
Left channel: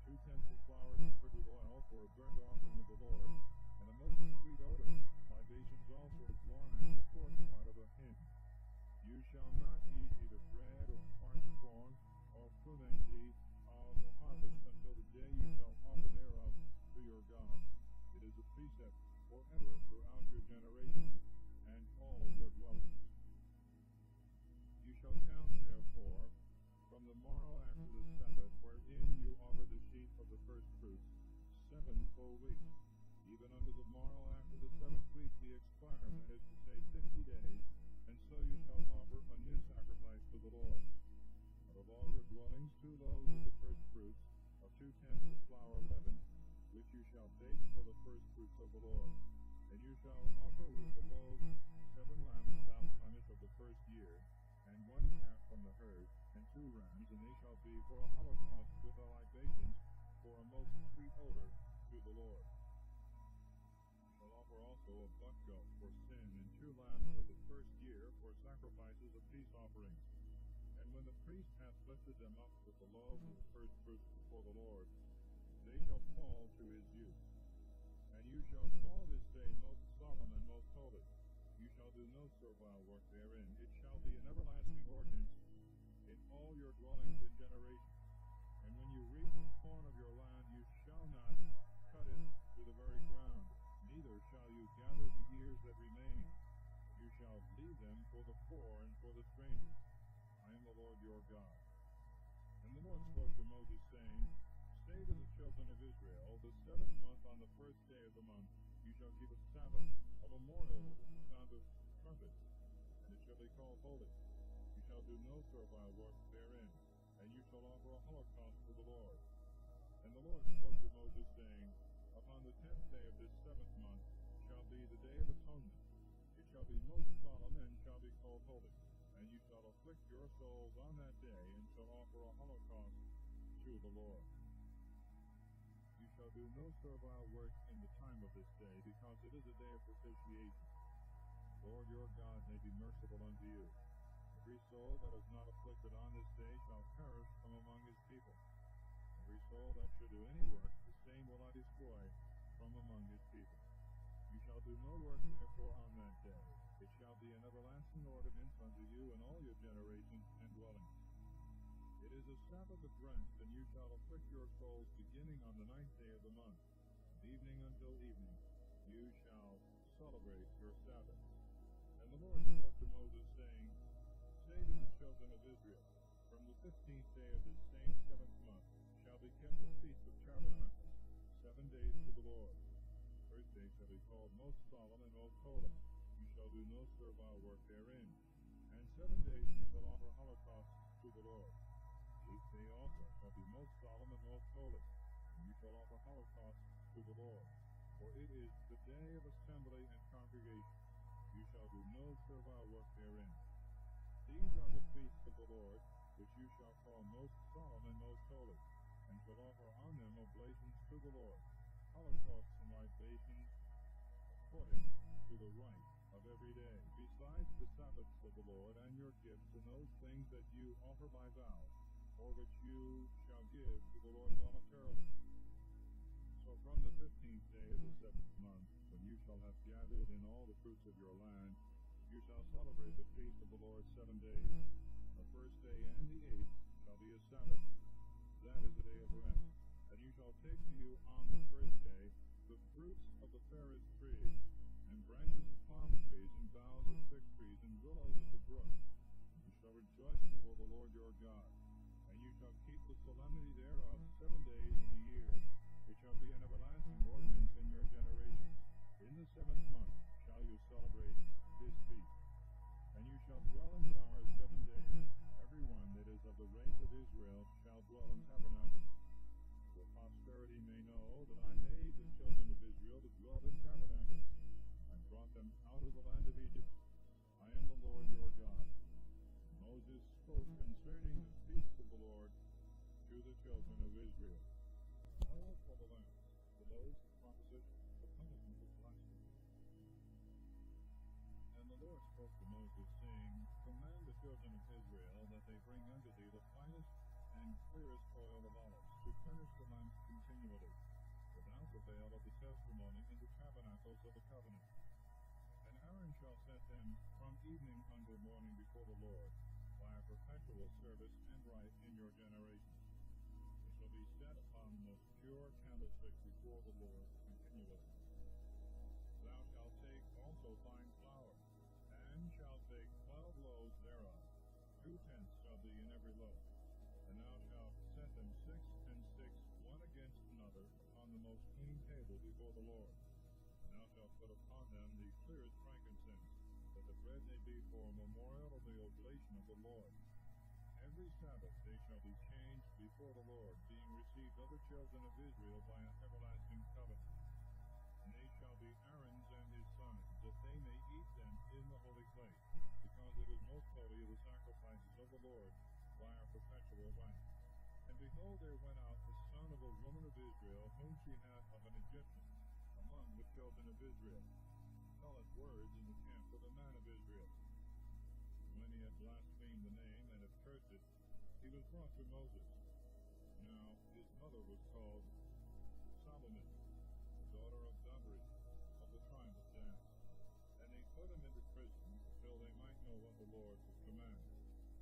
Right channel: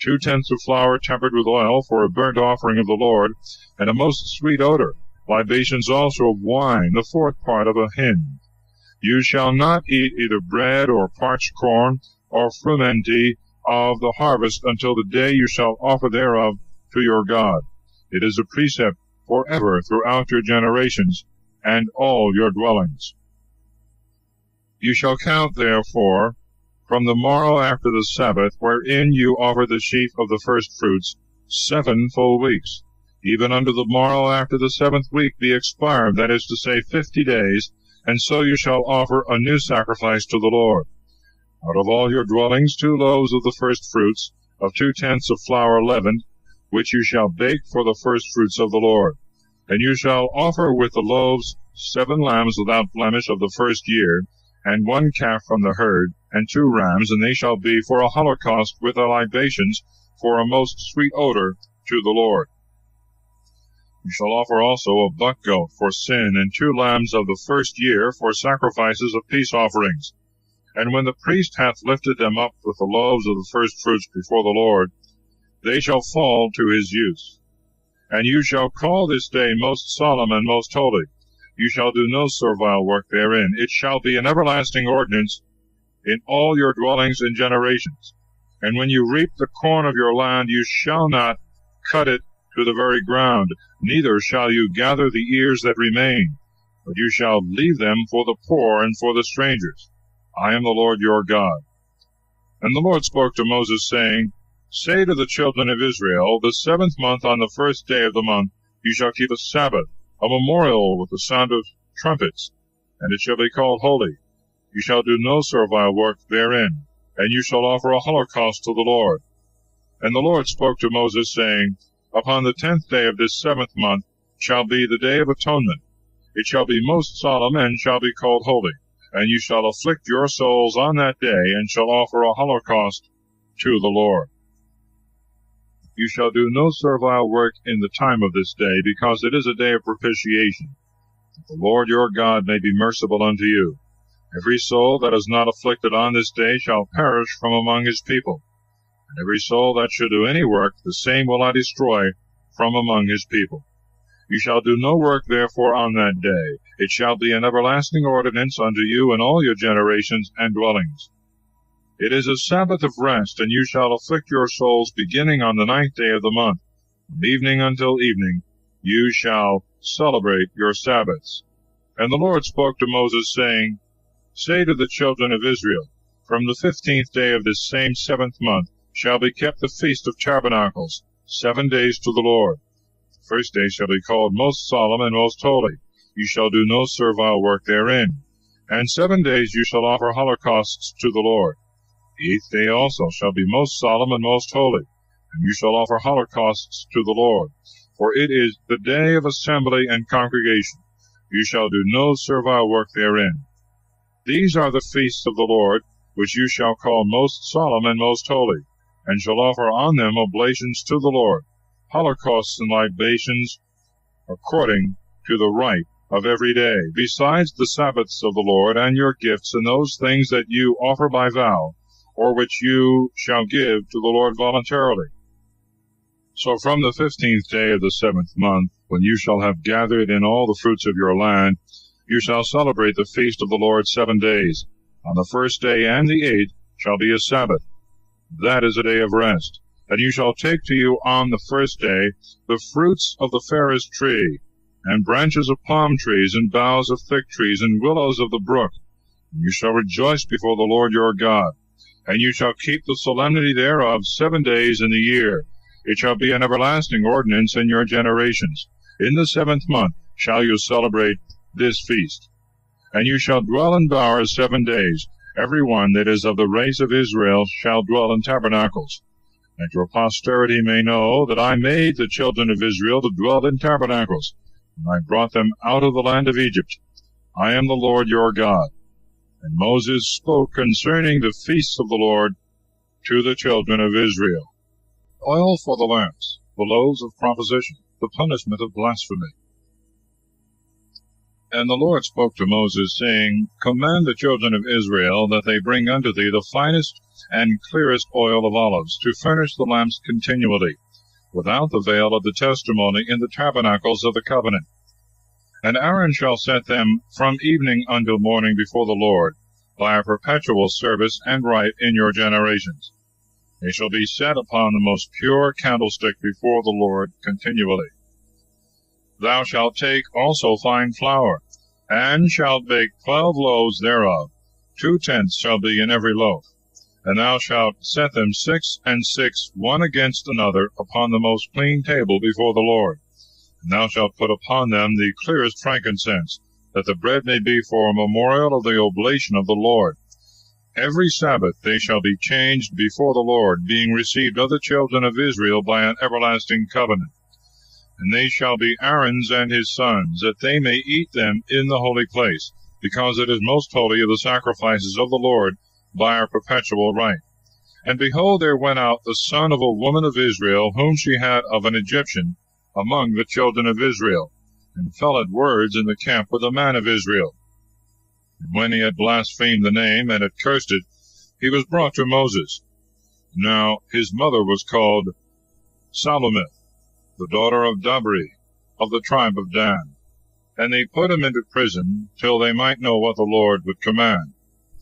2 tenths of flour tempered with oil for a burnt offering of the Lord, and a most sweet odor, libations also of wine, the 4th part of a hin. You shall not eat either bread or parched corn or frumenty of the harvest until the day you shall offer thereof to your God. It is a precept forever throughout your generations and all your dwellings. You shall count, therefore, from the morrow after the Sabbath, wherein you offer the sheaf of the firstfruits, 7 full weeks. Even unto the morrow after the 7th week be expired, that is to say, 50 days, and so you shall offer a new sacrifice to the Lord. Out of all your dwellings 2 loaves of the firstfruits, of 2 tenths of flour leavened, which you shall bake for the firstfruits of the Lord. And you shall offer with the loaves 7 lambs without blemish of the first year, and 1 calf from the herd, and 2 rams, and they shall be for a holocaust with the libations, for a most sweet odor to the Lord. You shall offer also a buck goat for sin, and 2 lambs of the first year for sacrifices of peace offerings. And when the priest hath lifted them up with the loaves of the firstfruits before the Lord, they shall fall to his use. And you shall call this day most solemn and most holy. You shall do no servile work therein. It shall be an everlasting ordinance in all your dwellings and generations. And when you reap the corn of your land, you shall not cut it to the very ground, neither shall you gather the ears that remain, but you shall leave them for the poor and for the strangers. I am the Lord your God. And the Lord spoke to Moses, saying, Say to the children of Israel, the 7th month on the 1st day of the month you shall keep a Sabbath, a memorial with the sound of trumpets, and it shall be called holy. You shall do no servile work therein, and you shall offer a holocaust to the Lord. And the Lord spoke to Moses, saying, Upon the 10th day of this 7th month shall be the day of atonement. It shall be most solemn, and shall be called holy. And you shall afflict your souls on that day, and shall offer a holocaust to the Lord. You shall do no servile work in the time of this day, because it is a day of propitiation, that the Lord your God may be merciful unto you. Every soul that is not afflicted on this day shall perish from among his people. And every soul that should do any work, the same will I destroy from among his people. You shall do no work therefore on that day. It shall be an everlasting ordinance unto you in all your generations and dwellings. It is a Sabbath of rest, and you shall afflict your souls beginning on the 9th day of the month. From evening until evening you shall celebrate your Sabbaths. And the Lord spoke to Moses, saying, Say to the children of Israel, From the 15th day of this same 7th month shall be kept the Feast of Tabernacles, 7 days to the Lord. The first day shall be called most solemn and most holy. You shall do no servile work therein. And 7 days you shall offer holocausts to the Lord. The 8th day also shall be most solemn and most holy, and you shall offer holocausts to the Lord. For it is the day of assembly and congregation. You shall do no servile work therein. These are the feasts of the Lord, which you shall call most solemn and most holy, and shall offer on them oblations to the Lord, holocausts and libations, according to the rite of every day, besides the Sabbaths of the Lord, and your gifts, and those things that you offer by vow, or which you shall give to the Lord voluntarily. So from the 15th day of the 7th month, when you shall have gathered in all the fruits of your land, you shall celebrate the feast of the Lord 7 days. On the 1st day and the 8th shall be a Sabbath. That is a day of rest. And you shall take to you on the 1st day the fruits of the fairest tree, and branches of palm trees, and boughs of thick trees, and willows of the brook. And you shall rejoice before the Lord your God. And you shall keep the solemnity thereof 7 days in the year. It shall be an everlasting ordinance in your generations. In the 7th month shall you celebrate this feast. And you shall dwell in bowers 7 days. Every one that is of the race of Israel shall dwell in tabernacles. That your posterity may know that I made the children of Israel to dwell in tabernacles, and I brought them out of the land of Egypt. I am the Lord your God. And Moses spoke concerning the feasts of the Lord to the children of Israel. Oil for the lamps, the loaves of proposition, the punishment of blasphemy. And the Lord spoke to Moses, saying, Command the children of Israel that they bring unto thee the finest and clearest oil of olives, to furnish the lamps continually, without the veil of the testimony, in the tabernacles of the covenant. And Aaron shall set them from evening until morning before the Lord, by a perpetual service and rite in your generations. They shall be set upon the most pure candlestick before the Lord continually. Thou shalt take also fine flour, and shalt bake 12 loaves thereof. 2 tenths shall be in every loaf. And thou shalt set them 6 and 6, one against another, upon the most clean table before the Lord. And thou shalt put upon them the clearest frankincense, that the bread may be for a memorial of the oblation of the Lord. Every Sabbath they shall be changed before the Lord, being received of the children of Israel by an everlasting covenant. And they shall be Aaron's and his sons, that they may eat them in the holy place, because it is most holy of the sacrifices of the Lord by our perpetual rite. And behold, there went out the son of a woman of Israel, whom she had of an Egyptian, among the children of Israel, and fell at words in the camp with a man of Israel. And when he had blasphemed the name, and had cursed it, he was brought to Moses. Now his mother was called Salomith, the daughter of Dabri, of the tribe of Dan. And they put him into prison, till they might know what the Lord would command.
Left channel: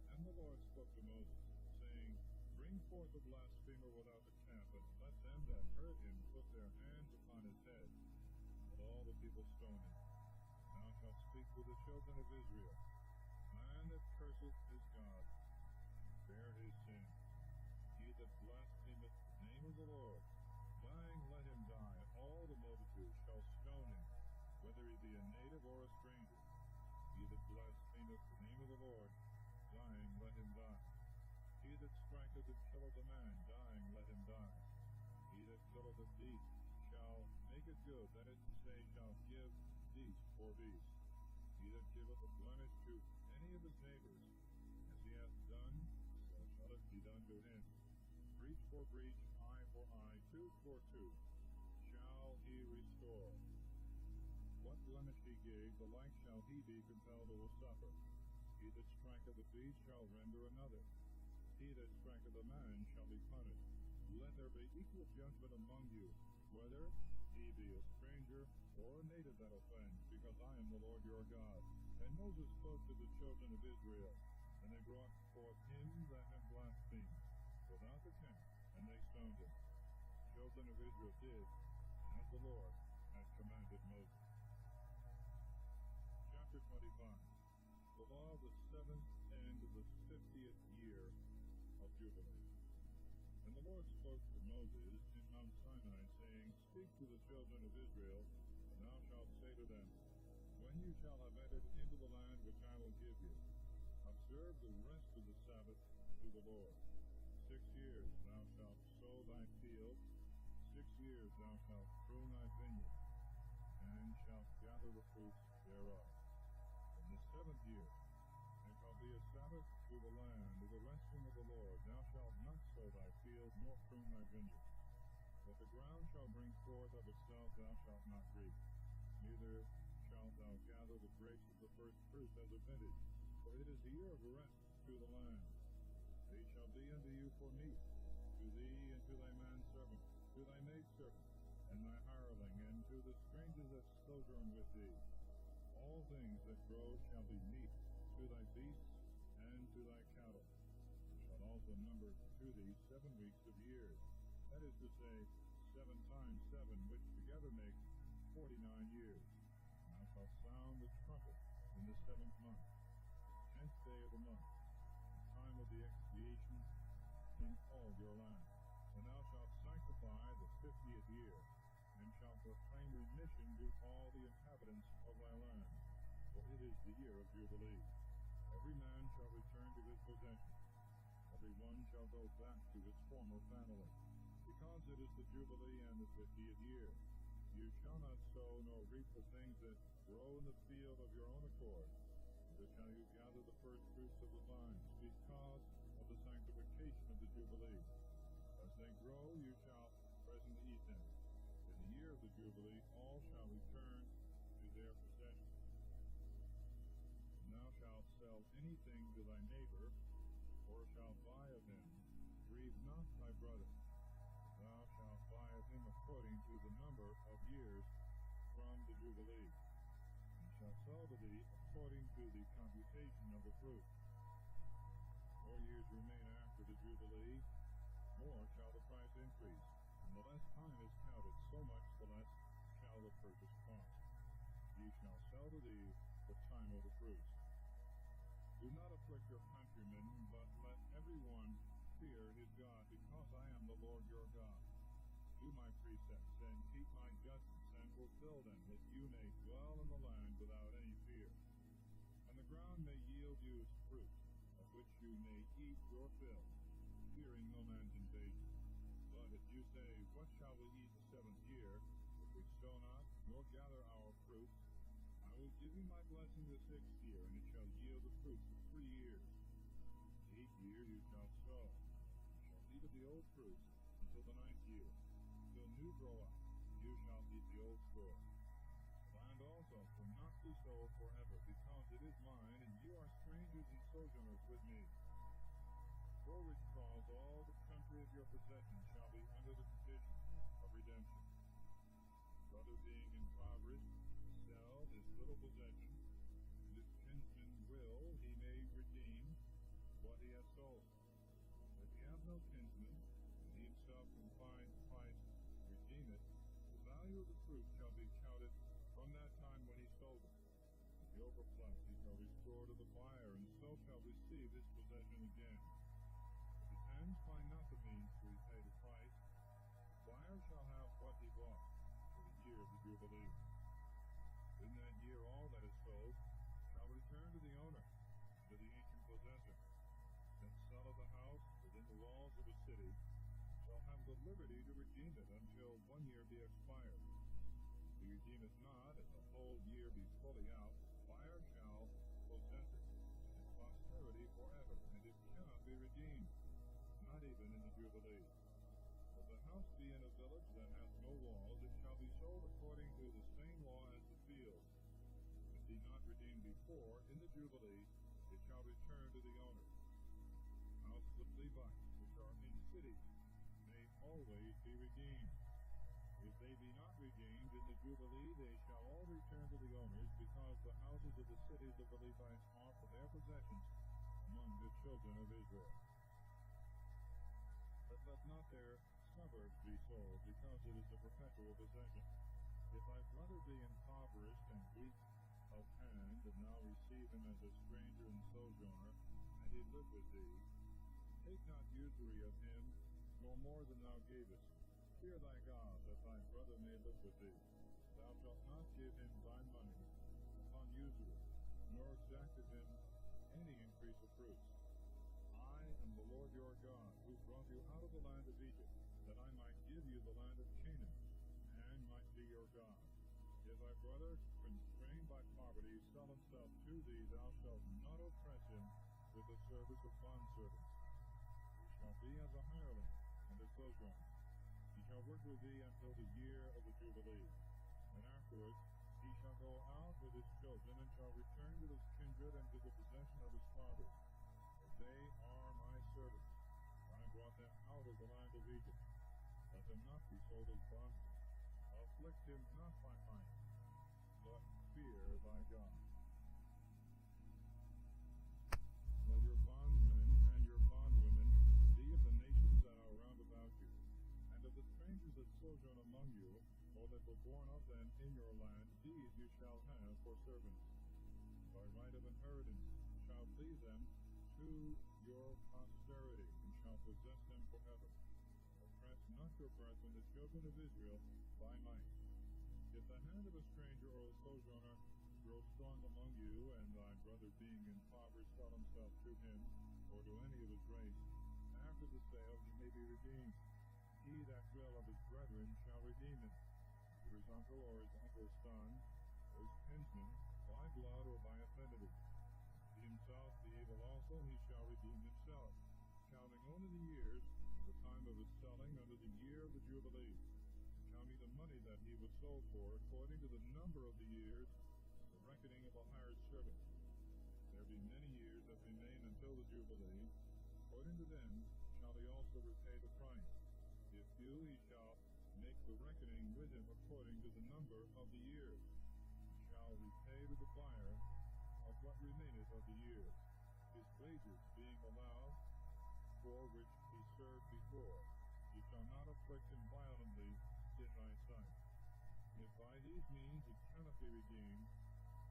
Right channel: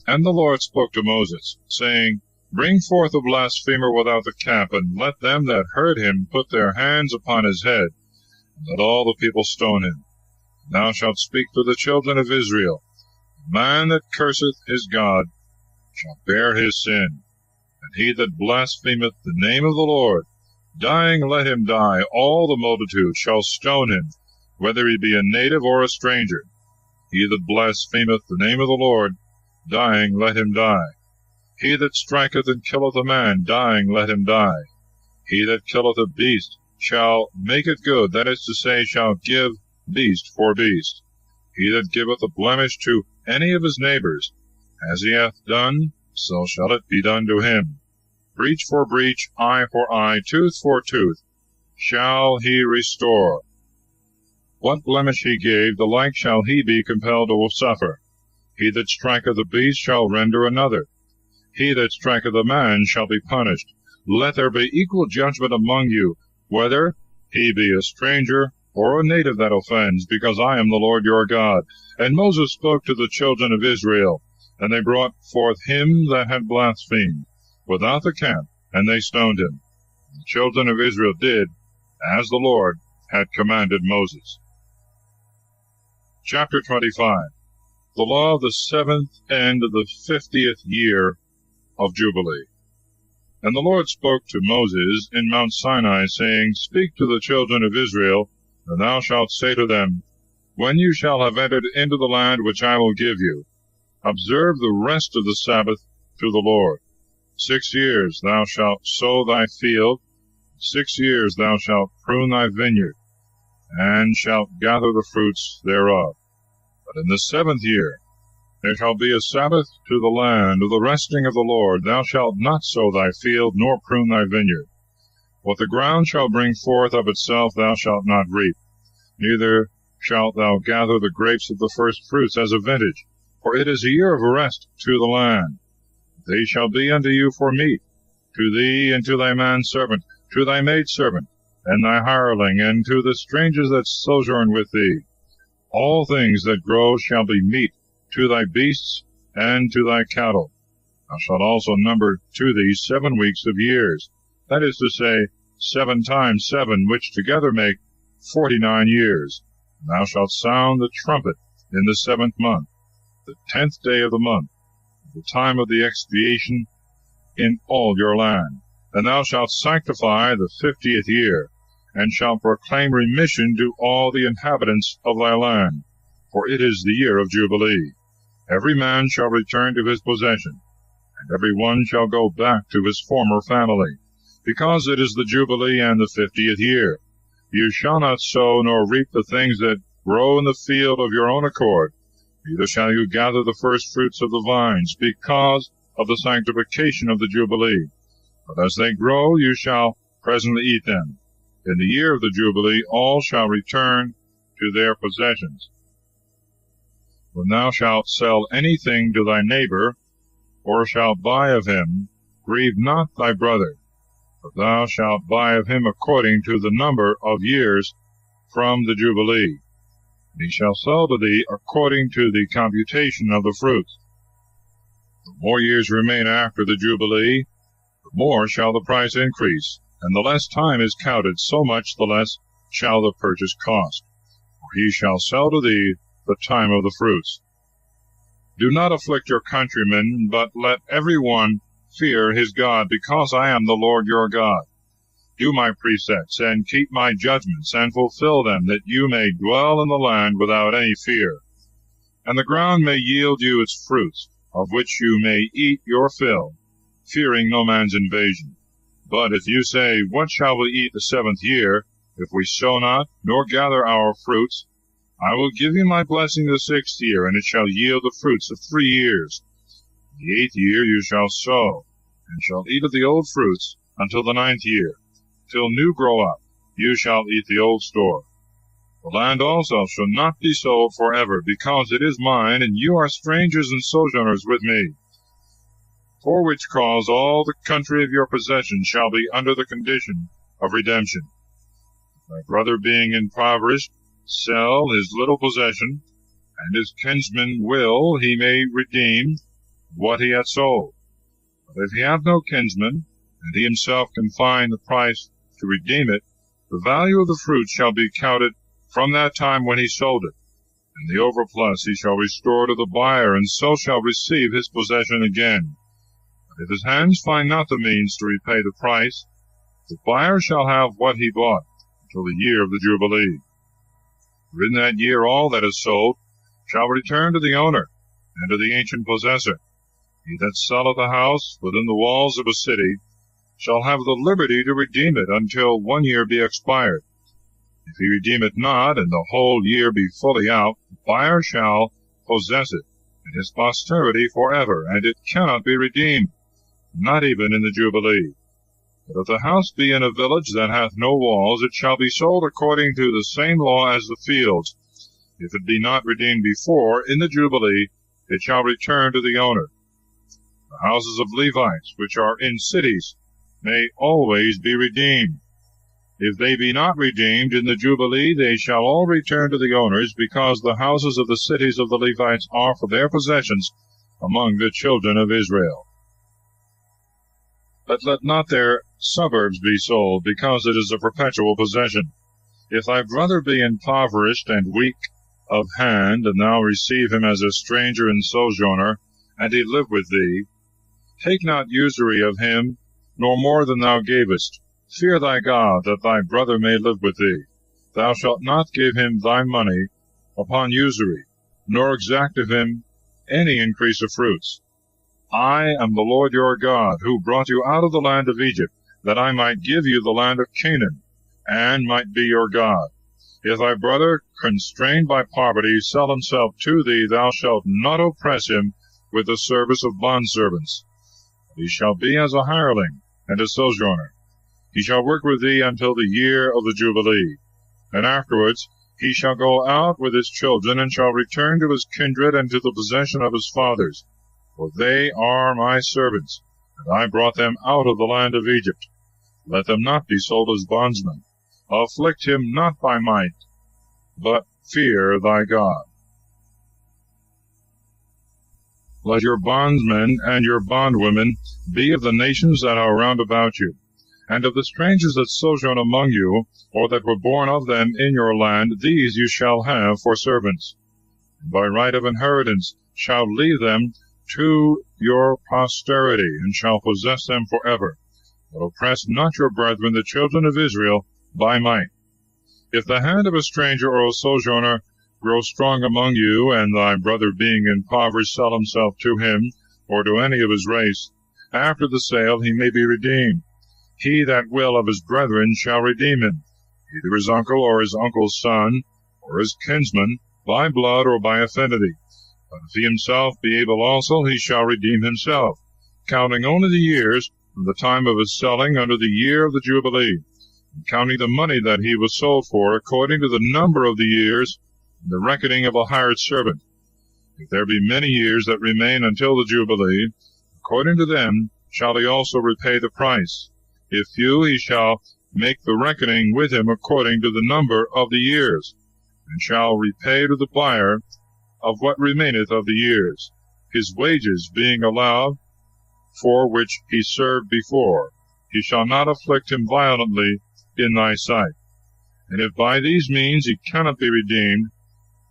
And the Lord spoke to Moses, saying, Bring forth the blasphemer without the camp, and let them that heard him put their hands upon his head, and let all the people stone him. And thou shalt speak to the children of Israel, The man that curseth his God shall bear his sin, and he that blasphemeth the name of the Lord, dying let him die. All the multitude shall stone him, whether he be a native or a stranger. He that blasphemeth the name of the Lord, dying let him die. He that striketh and killeth a man, dying let him die. He that killeth a beast shall make it good, that is to say, shall give beast for beast. He that giveth a blemish to any of his neighbors, as he hath done, so shall it be done to him. Breach for breach, eye for eye, tooth for tooth, shall he restore. What blemish he gave, the like shall he be compelled to suffer. He that striketh a beast shall render another. He that striketh a man shall be punished. Let there be equal judgment among you, whether he be a stranger or a native that offends, because I am the Lord your God. And Moses spoke to the children of Israel, And they brought forth him that had blasphemed without the camp, and they stoned him. The children of Israel did as the Lord had commanded Moses. Chapter 25. The law of the 7th and of the 50th year of Jubilee. And the Lord spoke to Moses in Mount Sinai, saying, Speak to the children of Israel, and thou shalt say to them, When you shall have entered into the land which I will give you, observe the rest of the Sabbath to the Lord. 6 years thou shalt sow thy field, 6 years thou shalt prune thy vineyard, and shalt gather the fruits thereof. But in the 7th year there shall be a Sabbath to the land of the resting of the Lord. Thou shalt not sow thy field, nor prune thy vineyard. What the ground shall bring forth of itself thou shalt not reap, neither shalt thou gather the grapes of the first fruits as a vintage, for it is a year of rest to the land. They shall be unto you for meat, to thee and to thy manservant, to thy maidservant, and thy hireling, and to the strangers that sojourn with thee. All things that grow shall be meat to thy beasts and to thy cattle. Thou shalt also number to thee 7 weeks of years, that is to say, 7 times 7, which together make 49 years. And thou shalt sound the trumpet in the 7th month, the 10th day of the month, the time of the expiation in all your land. And thou shalt sanctify the 50th year, and shalt proclaim remission to all the inhabitants of thy land, for it is the year of Jubilee. Every man shall return to his possession, and every one shall go back to his former family, because it is the Jubilee and the 50th year. You shall not sow nor reap the things that grow in the field of your own accord, neither shall you gather the first fruits of the vines, because of the sanctification of the Jubilee. But as they grow, you shall presently eat them. In the year of the Jubilee all shall return to their possessions. When thou shalt sell anything to thy neighbor, or shalt buy of him, grieve not thy brother, but thou shalt buy of him according to the number of years from the Jubilee. And he shall sell to thee according to the computation of the fruits. The more years remain after the Jubilee, the more shall the price increase, and the less time is counted, so much the less shall the purchase cost. For he shall sell to thee the time of the fruits. Do not afflict your countrymen, but let every one fear his God, because I am the Lord your God. Do my precepts, and keep my judgments, and fulfill them, that you may dwell in the land without any fear. And the ground may yield you its fruits, of which you may eat your fill, fearing no man's invasion. But if you say, What shall we eat the 7th year, if we sow not, nor gather our fruits? I will give you my blessing the 6th year, and it shall yield the fruits of 3 years. The 8th year you shall sow, and shall eat of the old fruits until the 9th year. Till new grow up, you shall eat the old store. The land also shall not be sold forever, because it is mine, and you are strangers and sojourners with me. For which cause all the country of your possession shall be under the condition of redemption. Thy brother being impoverished, sell his little possession, and his kinsman will he may redeem what he hath sold. But if he have no kinsman, and he himself can find the price to redeem it, the value of the fruit shall be counted from that time when he sold it, and the overplus he shall restore to the buyer, and so shall receive his possession again. But if his hands find not the means to repay the price, the buyer shall have what he bought until the year of the Jubilee. For in that year all that is sold shall return to the owner, and to the ancient possessor. He that selleth a house within the walls of a city shall have the liberty to redeem it until 1 year be expired. If he redeem it not, and the whole year be fully out, the buyer shall possess it, and his posterity forever, and it cannot be redeemed, not even in the Jubilee. But if the house be in a village that hath no walls, it shall be sold according to the same law as the fields. If it be not redeemed before, in the Jubilee, it shall return to the owner. The houses of Levites, which are in cities, may always be redeemed. If they be not redeemed in the Jubilee, they shall all return to the owners, because the houses of the cities of the Levites are for their possessions, among the children of Israel. But let not their suburbs be sold, because it is a perpetual possession. If thy brother be impoverished and weak of hand, and thou receive him as a stranger and sojourner, and he live with thee, take not usury of him, nor more than thou gavest. Fear thy God, that thy brother may live with thee. Thou shalt not give him thy money upon usury, nor exact of him any increase of fruits. I am the Lord your God, who brought you out of the land of Egypt, that I might give you the land of Canaan, and might be your God. If thy brother, constrained by poverty, sell himself to thee, thou shalt not oppress him with the service of bondservants. He shall be as a hireling and a sojourner. He shall work with thee until the year of the Jubilee, and afterwards he shall go out with his children, and shall return to his kindred and to the possession of his fathers. For they are my servants, and I brought them out of the land of Egypt. Let them not be sold as bondsmen. Afflict him not by might, but fear thy God. Let your bondsmen and your bondwomen be of the nations that are round about you, and of the strangers that sojourn among you, or that were born of them in your land, these you shall have for servants. And by right of inheritance shall leave them to your posterity, and shall possess them forever. But oppress not your brethren, the children of Israel, by might. If the hand of a stranger or a sojourner grow strong among you, and thy brother being impoverished sell himself to him, or to any of his race, after the sale he may be redeemed. He that will of his brethren shall redeem him, either his uncle or his uncle's son, or his kinsman, by blood or by affinity. But if he himself be able also, he shall redeem himself, counting only the years from the time of his selling unto the year of the Jubilee, and counting the money that he was sold for, according to the number of the years, and the reckoning of a hired servant. If there be many years that remain until the Jubilee, according to them shall he also repay the price. If few, he shall make the reckoning with him according to the number of the years, and shall repay to the buyer of what remaineth of the years, his wages being allowed, for which he served before. He shall not afflict him violently in thy sight. And if by these means he cannot be redeemed,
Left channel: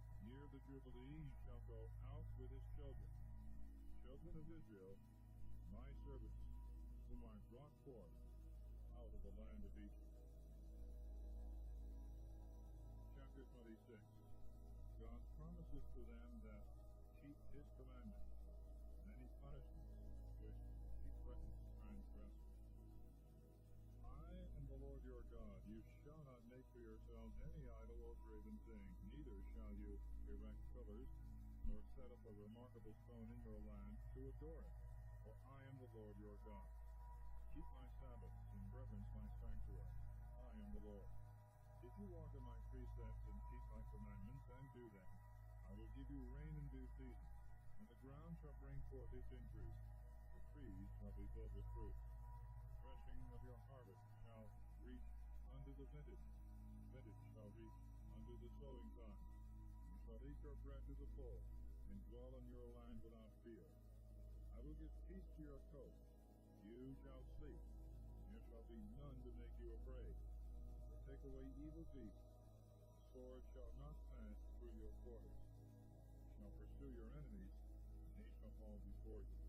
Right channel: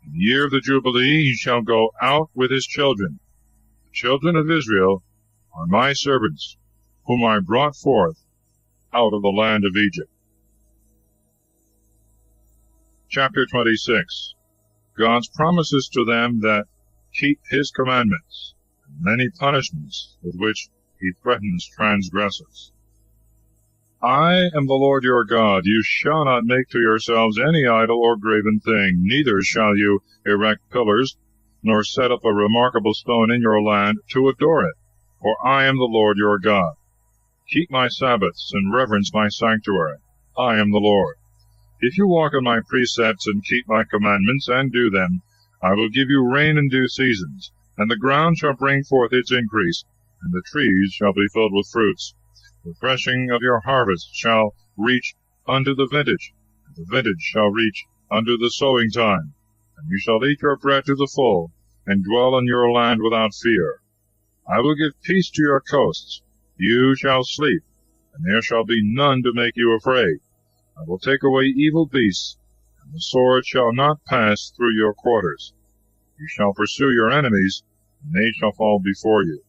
in the year of the Jubilee he shall go out with his children. The children of Israel are my servants, whom I brought forth out of the land of Egypt. Chapter 26. God's promises to them that keep his commandments, and many punishments with which he threatens transgressors. I am the Lord your God. You shall not make to yourselves any idol or graven thing, neither shall you erect pillars, nor set up a remarkable stone in your land to adore it, for I am the Lord your God. Keep my Sabbaths, and reverence my sanctuary. I am the Lord. If you walk in my precepts, and keep my commandments, and do them, I will give you rain in due seasons, and the ground shall bring forth its increase, and the trees shall be filled with fruits. The threshing of your harvest shall reach unto the vintage, and the vintage shall reach unto the sowing time. And you shall eat your bread to the full, and dwell in your land without fear. I will give peace to your coasts. You shall sleep, and there shall be none to make you afraid. I will take away evil beasts, and the sword shall not pass through your quarters. You shall pursue your enemies, and they shall fall before you.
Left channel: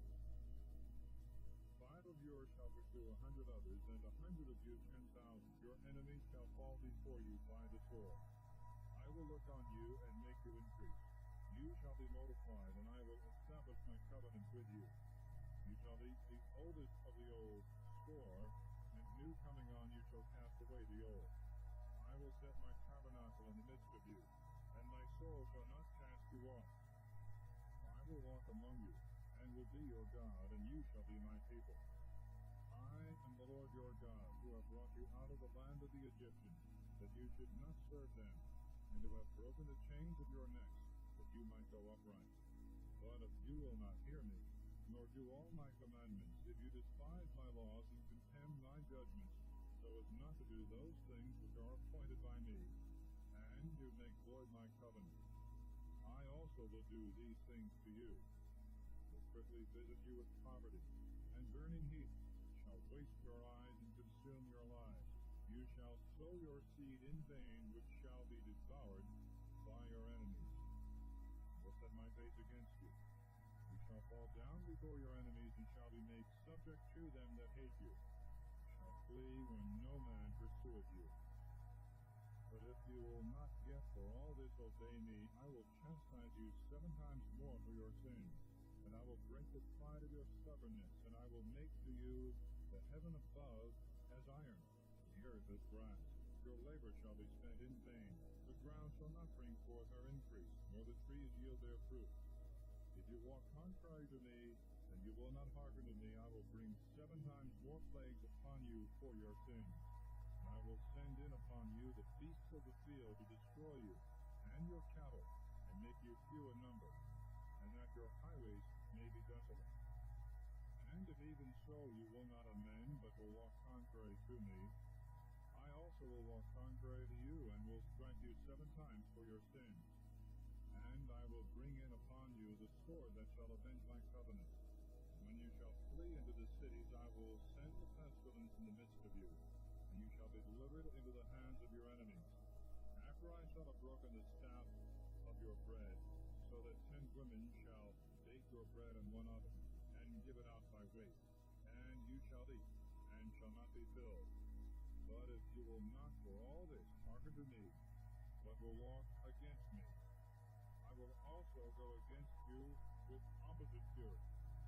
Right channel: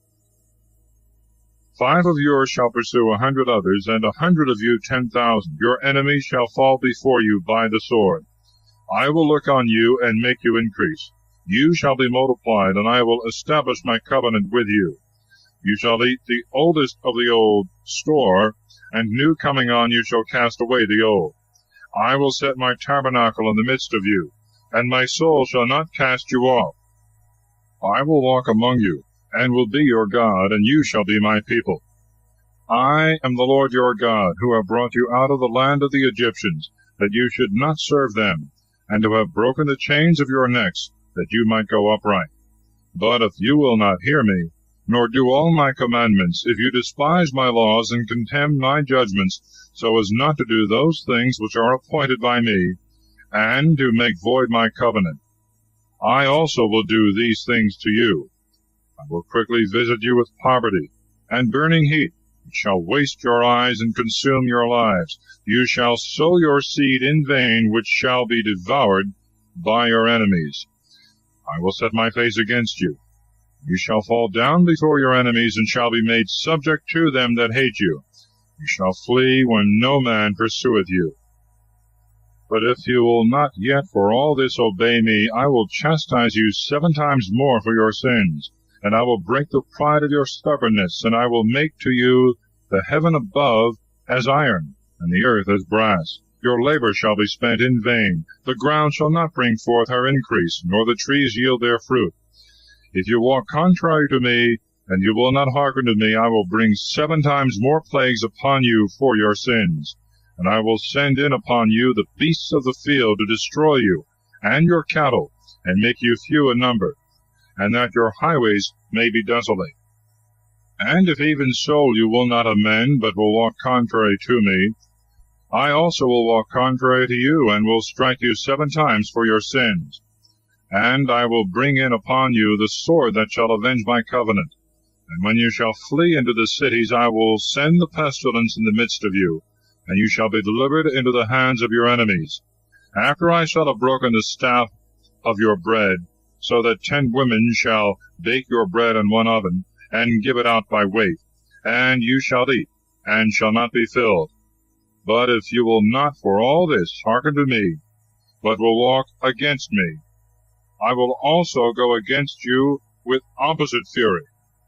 5 of yours shall pursue 100 others, and 100 of you 10,000. Your enemies shall fall before you by the sword. I will look on you and make you increase. You shall be multiplied, and I will establish my covenant with you. You shall eat the oldest of the old store, and new coming on you shall cast away the old. I will set my tabernacle in the midst of you, and my soul shall not cast you off. I will walk among you, and will be your God, and you shall be my people. I am the Lord your God, who have brought you out of the land of the Egyptians, that you should not serve them, and to have broken the chains of your necks, that you might go upright. But if you will not hear me, nor do all my commandments, if you despise my laws and contemn my judgments, so as not to do those things which are appointed by me, and to make void my covenant, I also will do these things to you. I will quickly visit you with poverty and burning heat, which shall waste your eyes and consume your lives. You shall sow your seed in vain, which shall be devoured by your enemies. I will set my face against you. You shall fall down before your enemies, and shall be made subject to them that hate you. You shall flee when no man pursueth you. But if you will not yet for all this obey me, I will chastise you 7 times more for your sins, and I will break the pride of your stubbornness, and I will make to you the heaven above as iron, and the earth as brass. Your labor shall be spent in vain. The ground shall not bring forth her increase, nor the trees yield their fruit. If you walk contrary to me, and you will not hearken to me, I will bring 7 times more plagues upon you for your sins. And I will send in upon you the beasts of the field to destroy you, and your cattle, and make you few in number, and that your highways may be desolate. And if even so you will not amend, but will walk contrary to me, I also will walk contrary to you, and will strike you 7 times for your sins. And I will bring in upon you the sword that shall avenge my covenant. And when you shall flee into the cities, I will send the pestilence in the midst of you, and you shall be delivered into the hands of your enemies. After I shall have broken the staff of your bread, so that 10 women shall bake your bread in one oven, and give it out by weight, and you shall eat, and shall not be filled. But if you will not for all this hearken to me, but will walk against me, I will also go against you with opposite fury,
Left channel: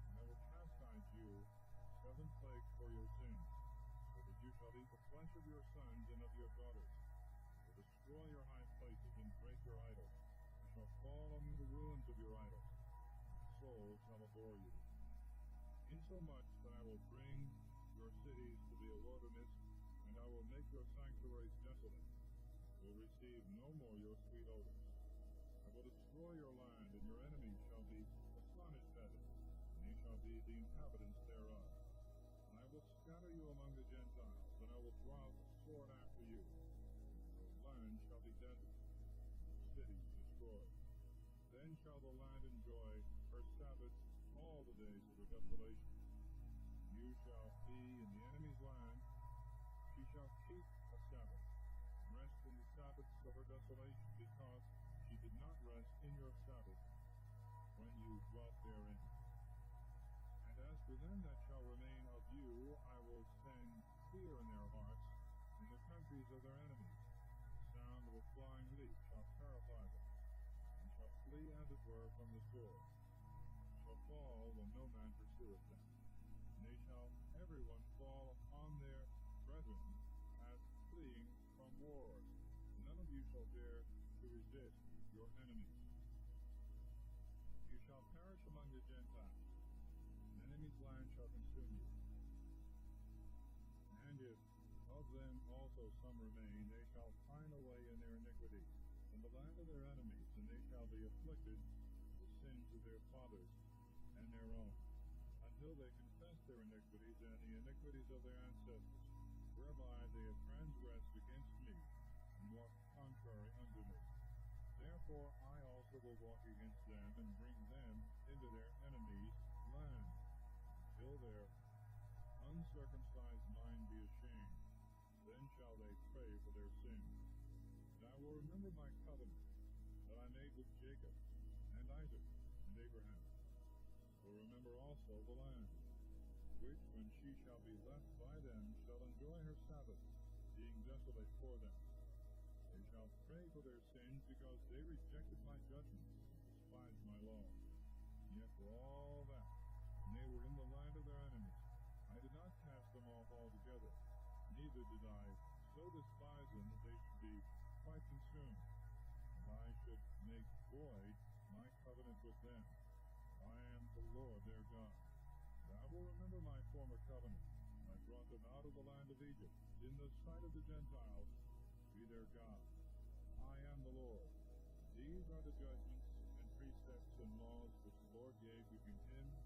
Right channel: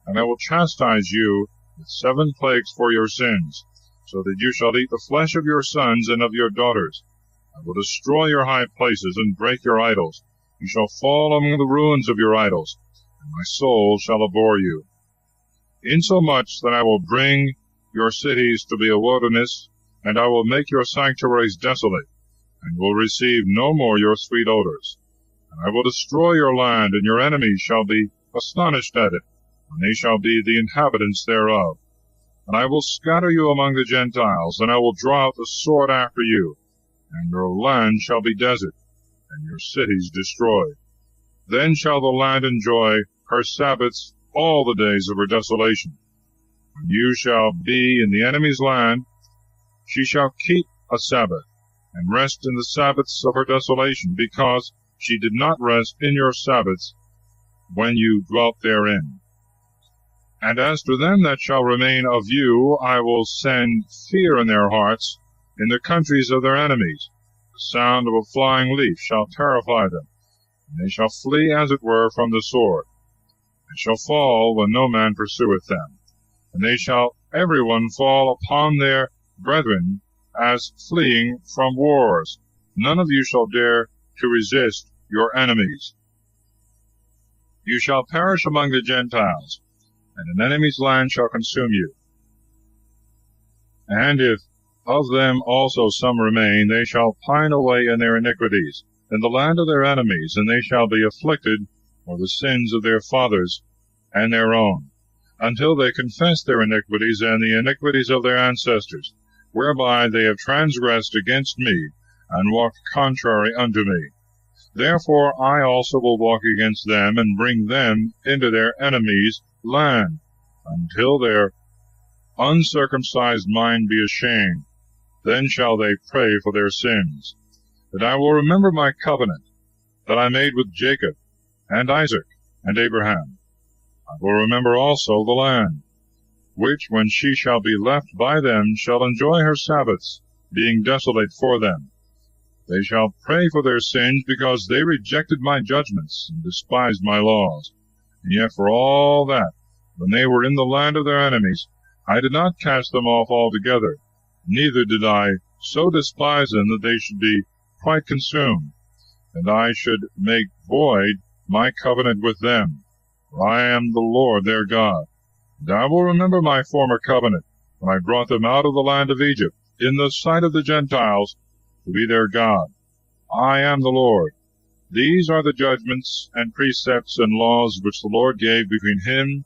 and I will chastise you with 7 plagues for your sins, so that you shall eat the flesh of your sons and of your daughters. I will destroy your high places and break your idols. You shall fall among the ruins of your idols, and my soul shall abhor you. Insomuch that I will bring your cities to be a wilderness, and I will make your sanctuaries desolate, and will receive no more your sweet odors. And I will destroy your land, and your enemies shall be astonished at it, and they shall be the inhabitants thereof. And I will scatter you among the Gentiles, and I will draw out the sword after you, and your land shall be desert, and your cities destroyed. Then shall the land enjoy her Sabbaths all the days of her desolation. When you shall be in the enemy's land, she shall keep a Sabbath, and rest in the Sabbaths of her desolation, because she did not rest in your Sabbaths when you dwelt therein. And as to them that shall remain of you, I will send fear in their hearts in the countries of their enemies. The sound of a flying leaf shall terrify them, and they shall flee as it were from the sword. They shall fall when no man pursueth them, and they shall every one fall upon their brethren as fleeing from wars. None of you shall dare to resist your enemies. You shall perish among the Gentiles, and an enemy's land shall consume you. And if of them also some remain, they shall pine away in their iniquities, in the land of their enemies, and they shall be afflicted for the sins of their fathers and their own, until they confess their iniquities and the iniquities of their ancestors, whereby they have transgressed against me, and walked contrary unto me. Therefore I also will walk against them, and bring them into their enemies' land, until their uncircumcised mind be ashamed. Then shall they pray for their sins. That I will remember my covenant that I made with Jacob, and Isaac, and Abraham. I will remember also the land, which, when she shall be left by them, shall enjoy her Sabbaths, being desolate for them. They shall pray for their sins, because they rejected my judgments, and despised my laws. And yet for all that, when they were in the land of their enemies, I did not cast them off altogether, neither did I so despise them that they should be quite consumed, and I should make void my covenant with them. For I am the Lord their God. And I will remember my former covenant, when I brought them out of the land of Egypt, in the sight of the Gentiles, to be their God. I am the Lord. These are the judgments and precepts and laws which the Lord gave between him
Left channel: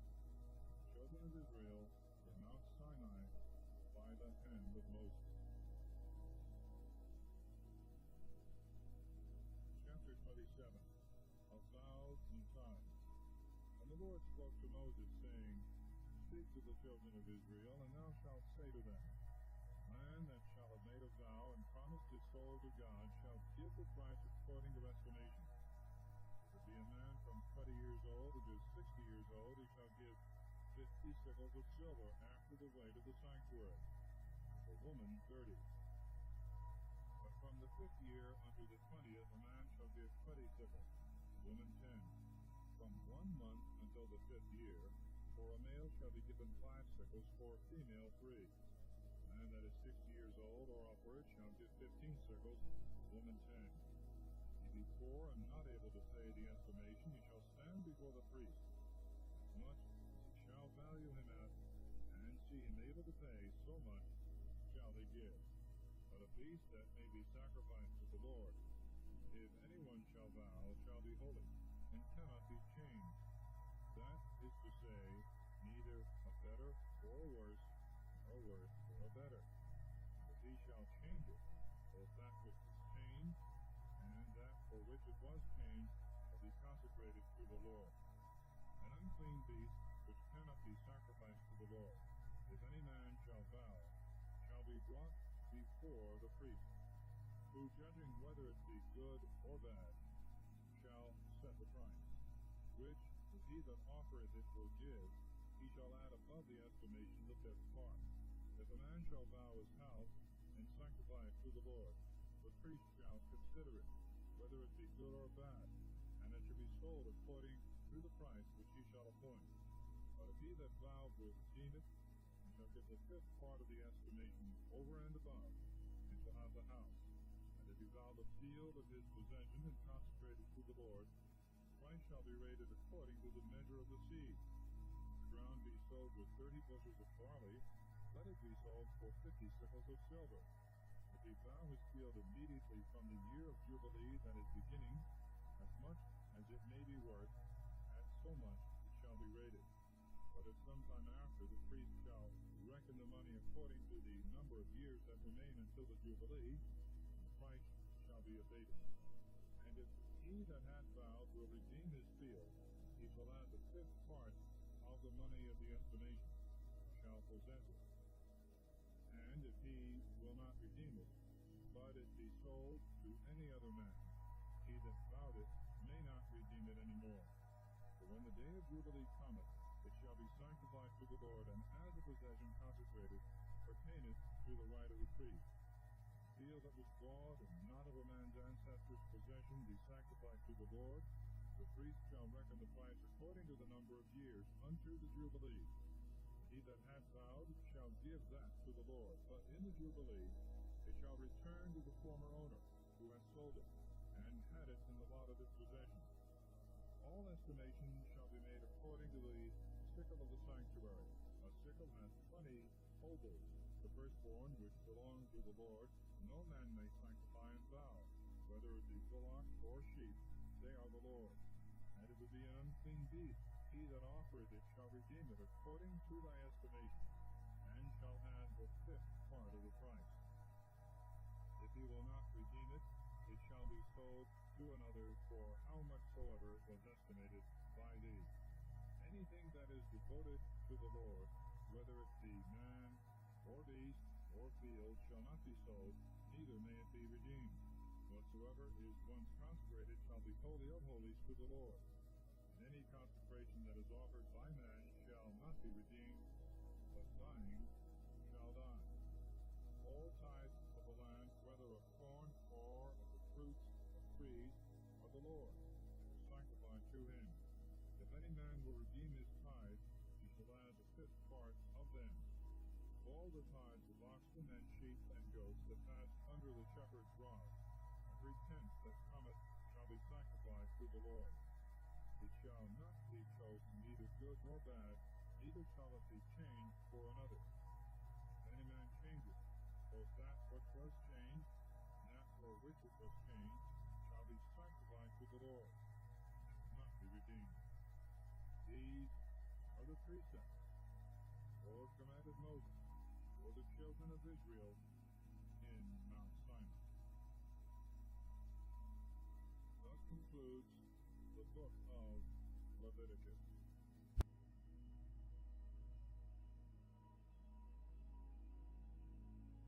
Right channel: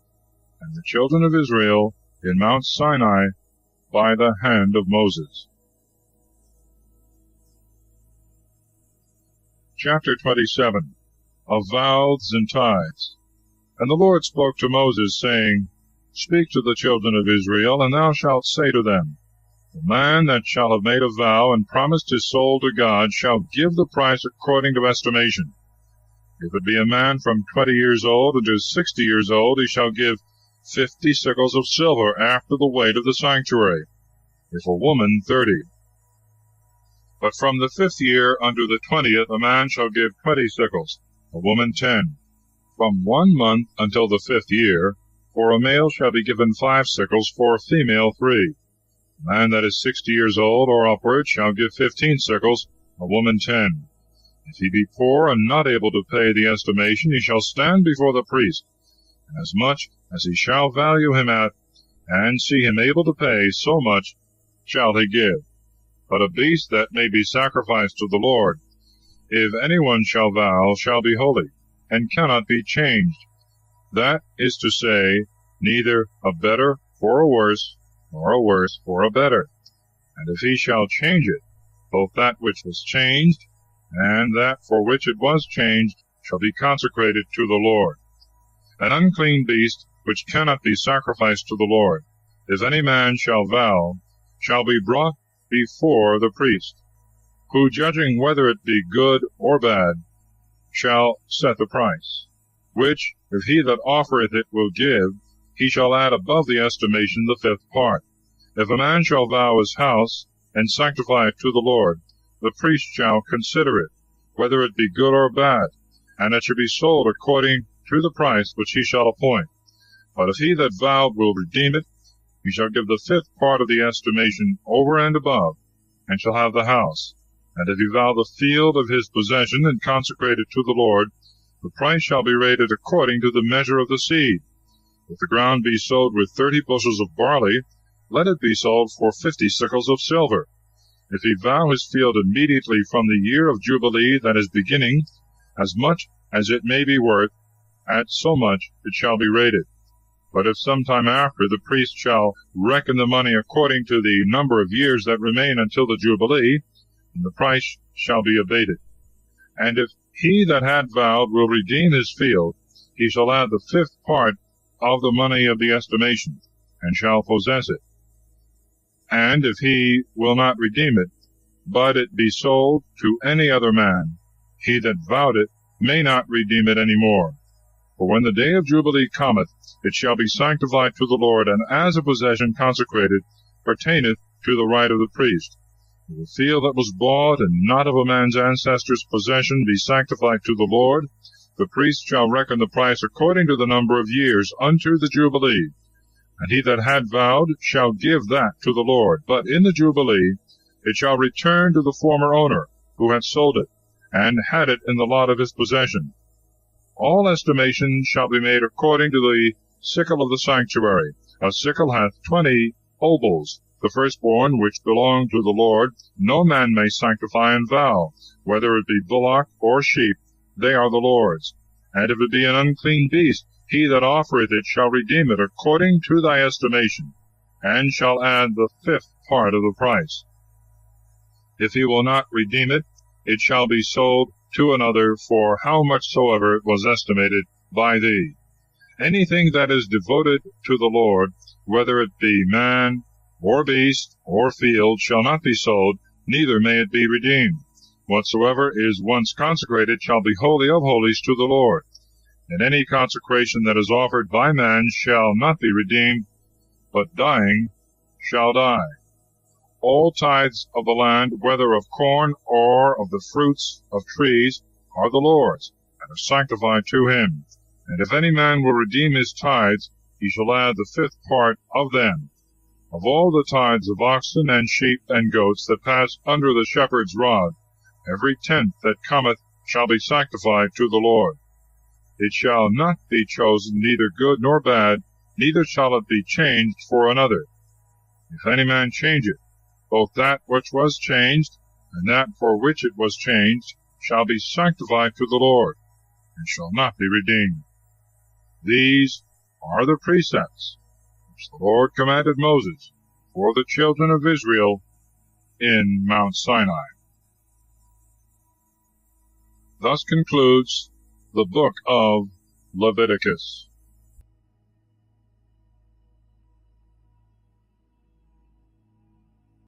and the children of Israel in Mount Sinai by the hand of Moses. Chapter 27 of Vows and Tithes. And the Lord spoke to Moses, saying, Speak to the children of Israel, and thou shalt say to them, The man that shall have made a vow and promised his soul to God shall give the price according to estimation. If it be a man from 20 years old unto 60 years old, he shall give 50 sickles of silver after the weight of the sanctuary, if a woman 30. But from the 5th year unto the 20th a man shall give 20 sickles, a woman 10. From 1 month until the 5th year, for a male shall be given 5 sickles, for a female 3. A man that is 60 years old or upward shall give 15 sickles, a woman 10. If he be poor and not able to pay the estimation, he shall stand before the priest, and as much as he shall value him at, and see him able to pay, so much shall he give. But a beast that may be sacrificed to the Lord, if any one shall vow, shall be holy, and cannot be changed. That is to say, neither a better for a worse, nor a worse for a better. And if he shall change it, both that which was changed, and that for which it was changed, shall be consecrated to the Lord. An unclean beast, which cannot be sacrificed to the Lord, if any man shall vow, shall be brought before the priest, who, judging whether it be good or bad, shall set the price, which, if he that offereth it will give, he shall add above the estimation the 5th part. If a man shall vow his house, and sanctify it to the Lord, the priest shall consider it, whether it be good or bad, and it shall be sold according to the price which he shall appoint. But if he that vowed will redeem it, he shall give the 5th part of the estimation over and above, and shall have the house. And if he vow the field of his possession, and consecrate it to the Lord, the price shall be rated according to the measure of the seed. If the ground be sowed with 30 bushels of barley, let it be sold for 50 sickles of silver. If he vow his field immediately from the year of Jubilee that is beginning, as much as it may be worth, at so much it shall be rated. But if some time after, the priest shall reckon the money according to the number of years that remain until the Jubilee, and the price shall be abated. And if he that had vowed will redeem his field, he shall add the 5th part of the money of the estimation, and shall possess it. And if he will not redeem it, but it be sold to any other man, he that vowed it may not redeem it any more. For when the day of Jubilee cometh, it shall be sanctified to the Lord, and as a possession consecrated, pertaineth to the right of the priest. If the field that was bought, and not of a man's ancestor's possession, be sanctified to the Lord, the priest shall reckon the price according to the number of years unto the Jubilee. And he that had vowed shall give that to the Lord. But in the Jubilee it shall return to the former owner, who had sold it, and had it in the lot of his possession. All estimation shall be made according to the sickle of the sanctuary. A sickle hath 20 obols. The firstborn which belong to the Lord no man may sanctify and vow, whether it be bullock or sheep, they are the Lord's. And if it be an unclean beast, he that offereth it shall redeem it according to thy estimation, and shall add the 5th part of the price. If he will not redeem it, it shall be sold to another for how much soever it was estimated by thee. Anything that is devoted to the Lord, whether it be man, or beast, or field, shall not be sold, neither may it be redeemed. Whatsoever is once consecrated shall be holy of holies to the Lord. And any consecration that is offered by man shall not be redeemed, but dying shall die. All tithes of the land, whether of corn or of the fruits of trees, are the Lord's, and are sanctified to him. And if any man will redeem his tithes, he shall add the 5th part of them. Of all the tithes of oxen and sheep and goats that pass under the shepherd's rod, every 10th that cometh shall be sanctified to the Lord. It shall not be chosen neither good nor bad, neither shall it be changed for another. If any man change it, both that which was changed, and that for which it was changed, shall be sanctified to the Lord, and shall not be redeemed. These are the precepts which the Lord commanded Moses for the children of Israel in Mount Sinai. Thus concludes the book of Leviticus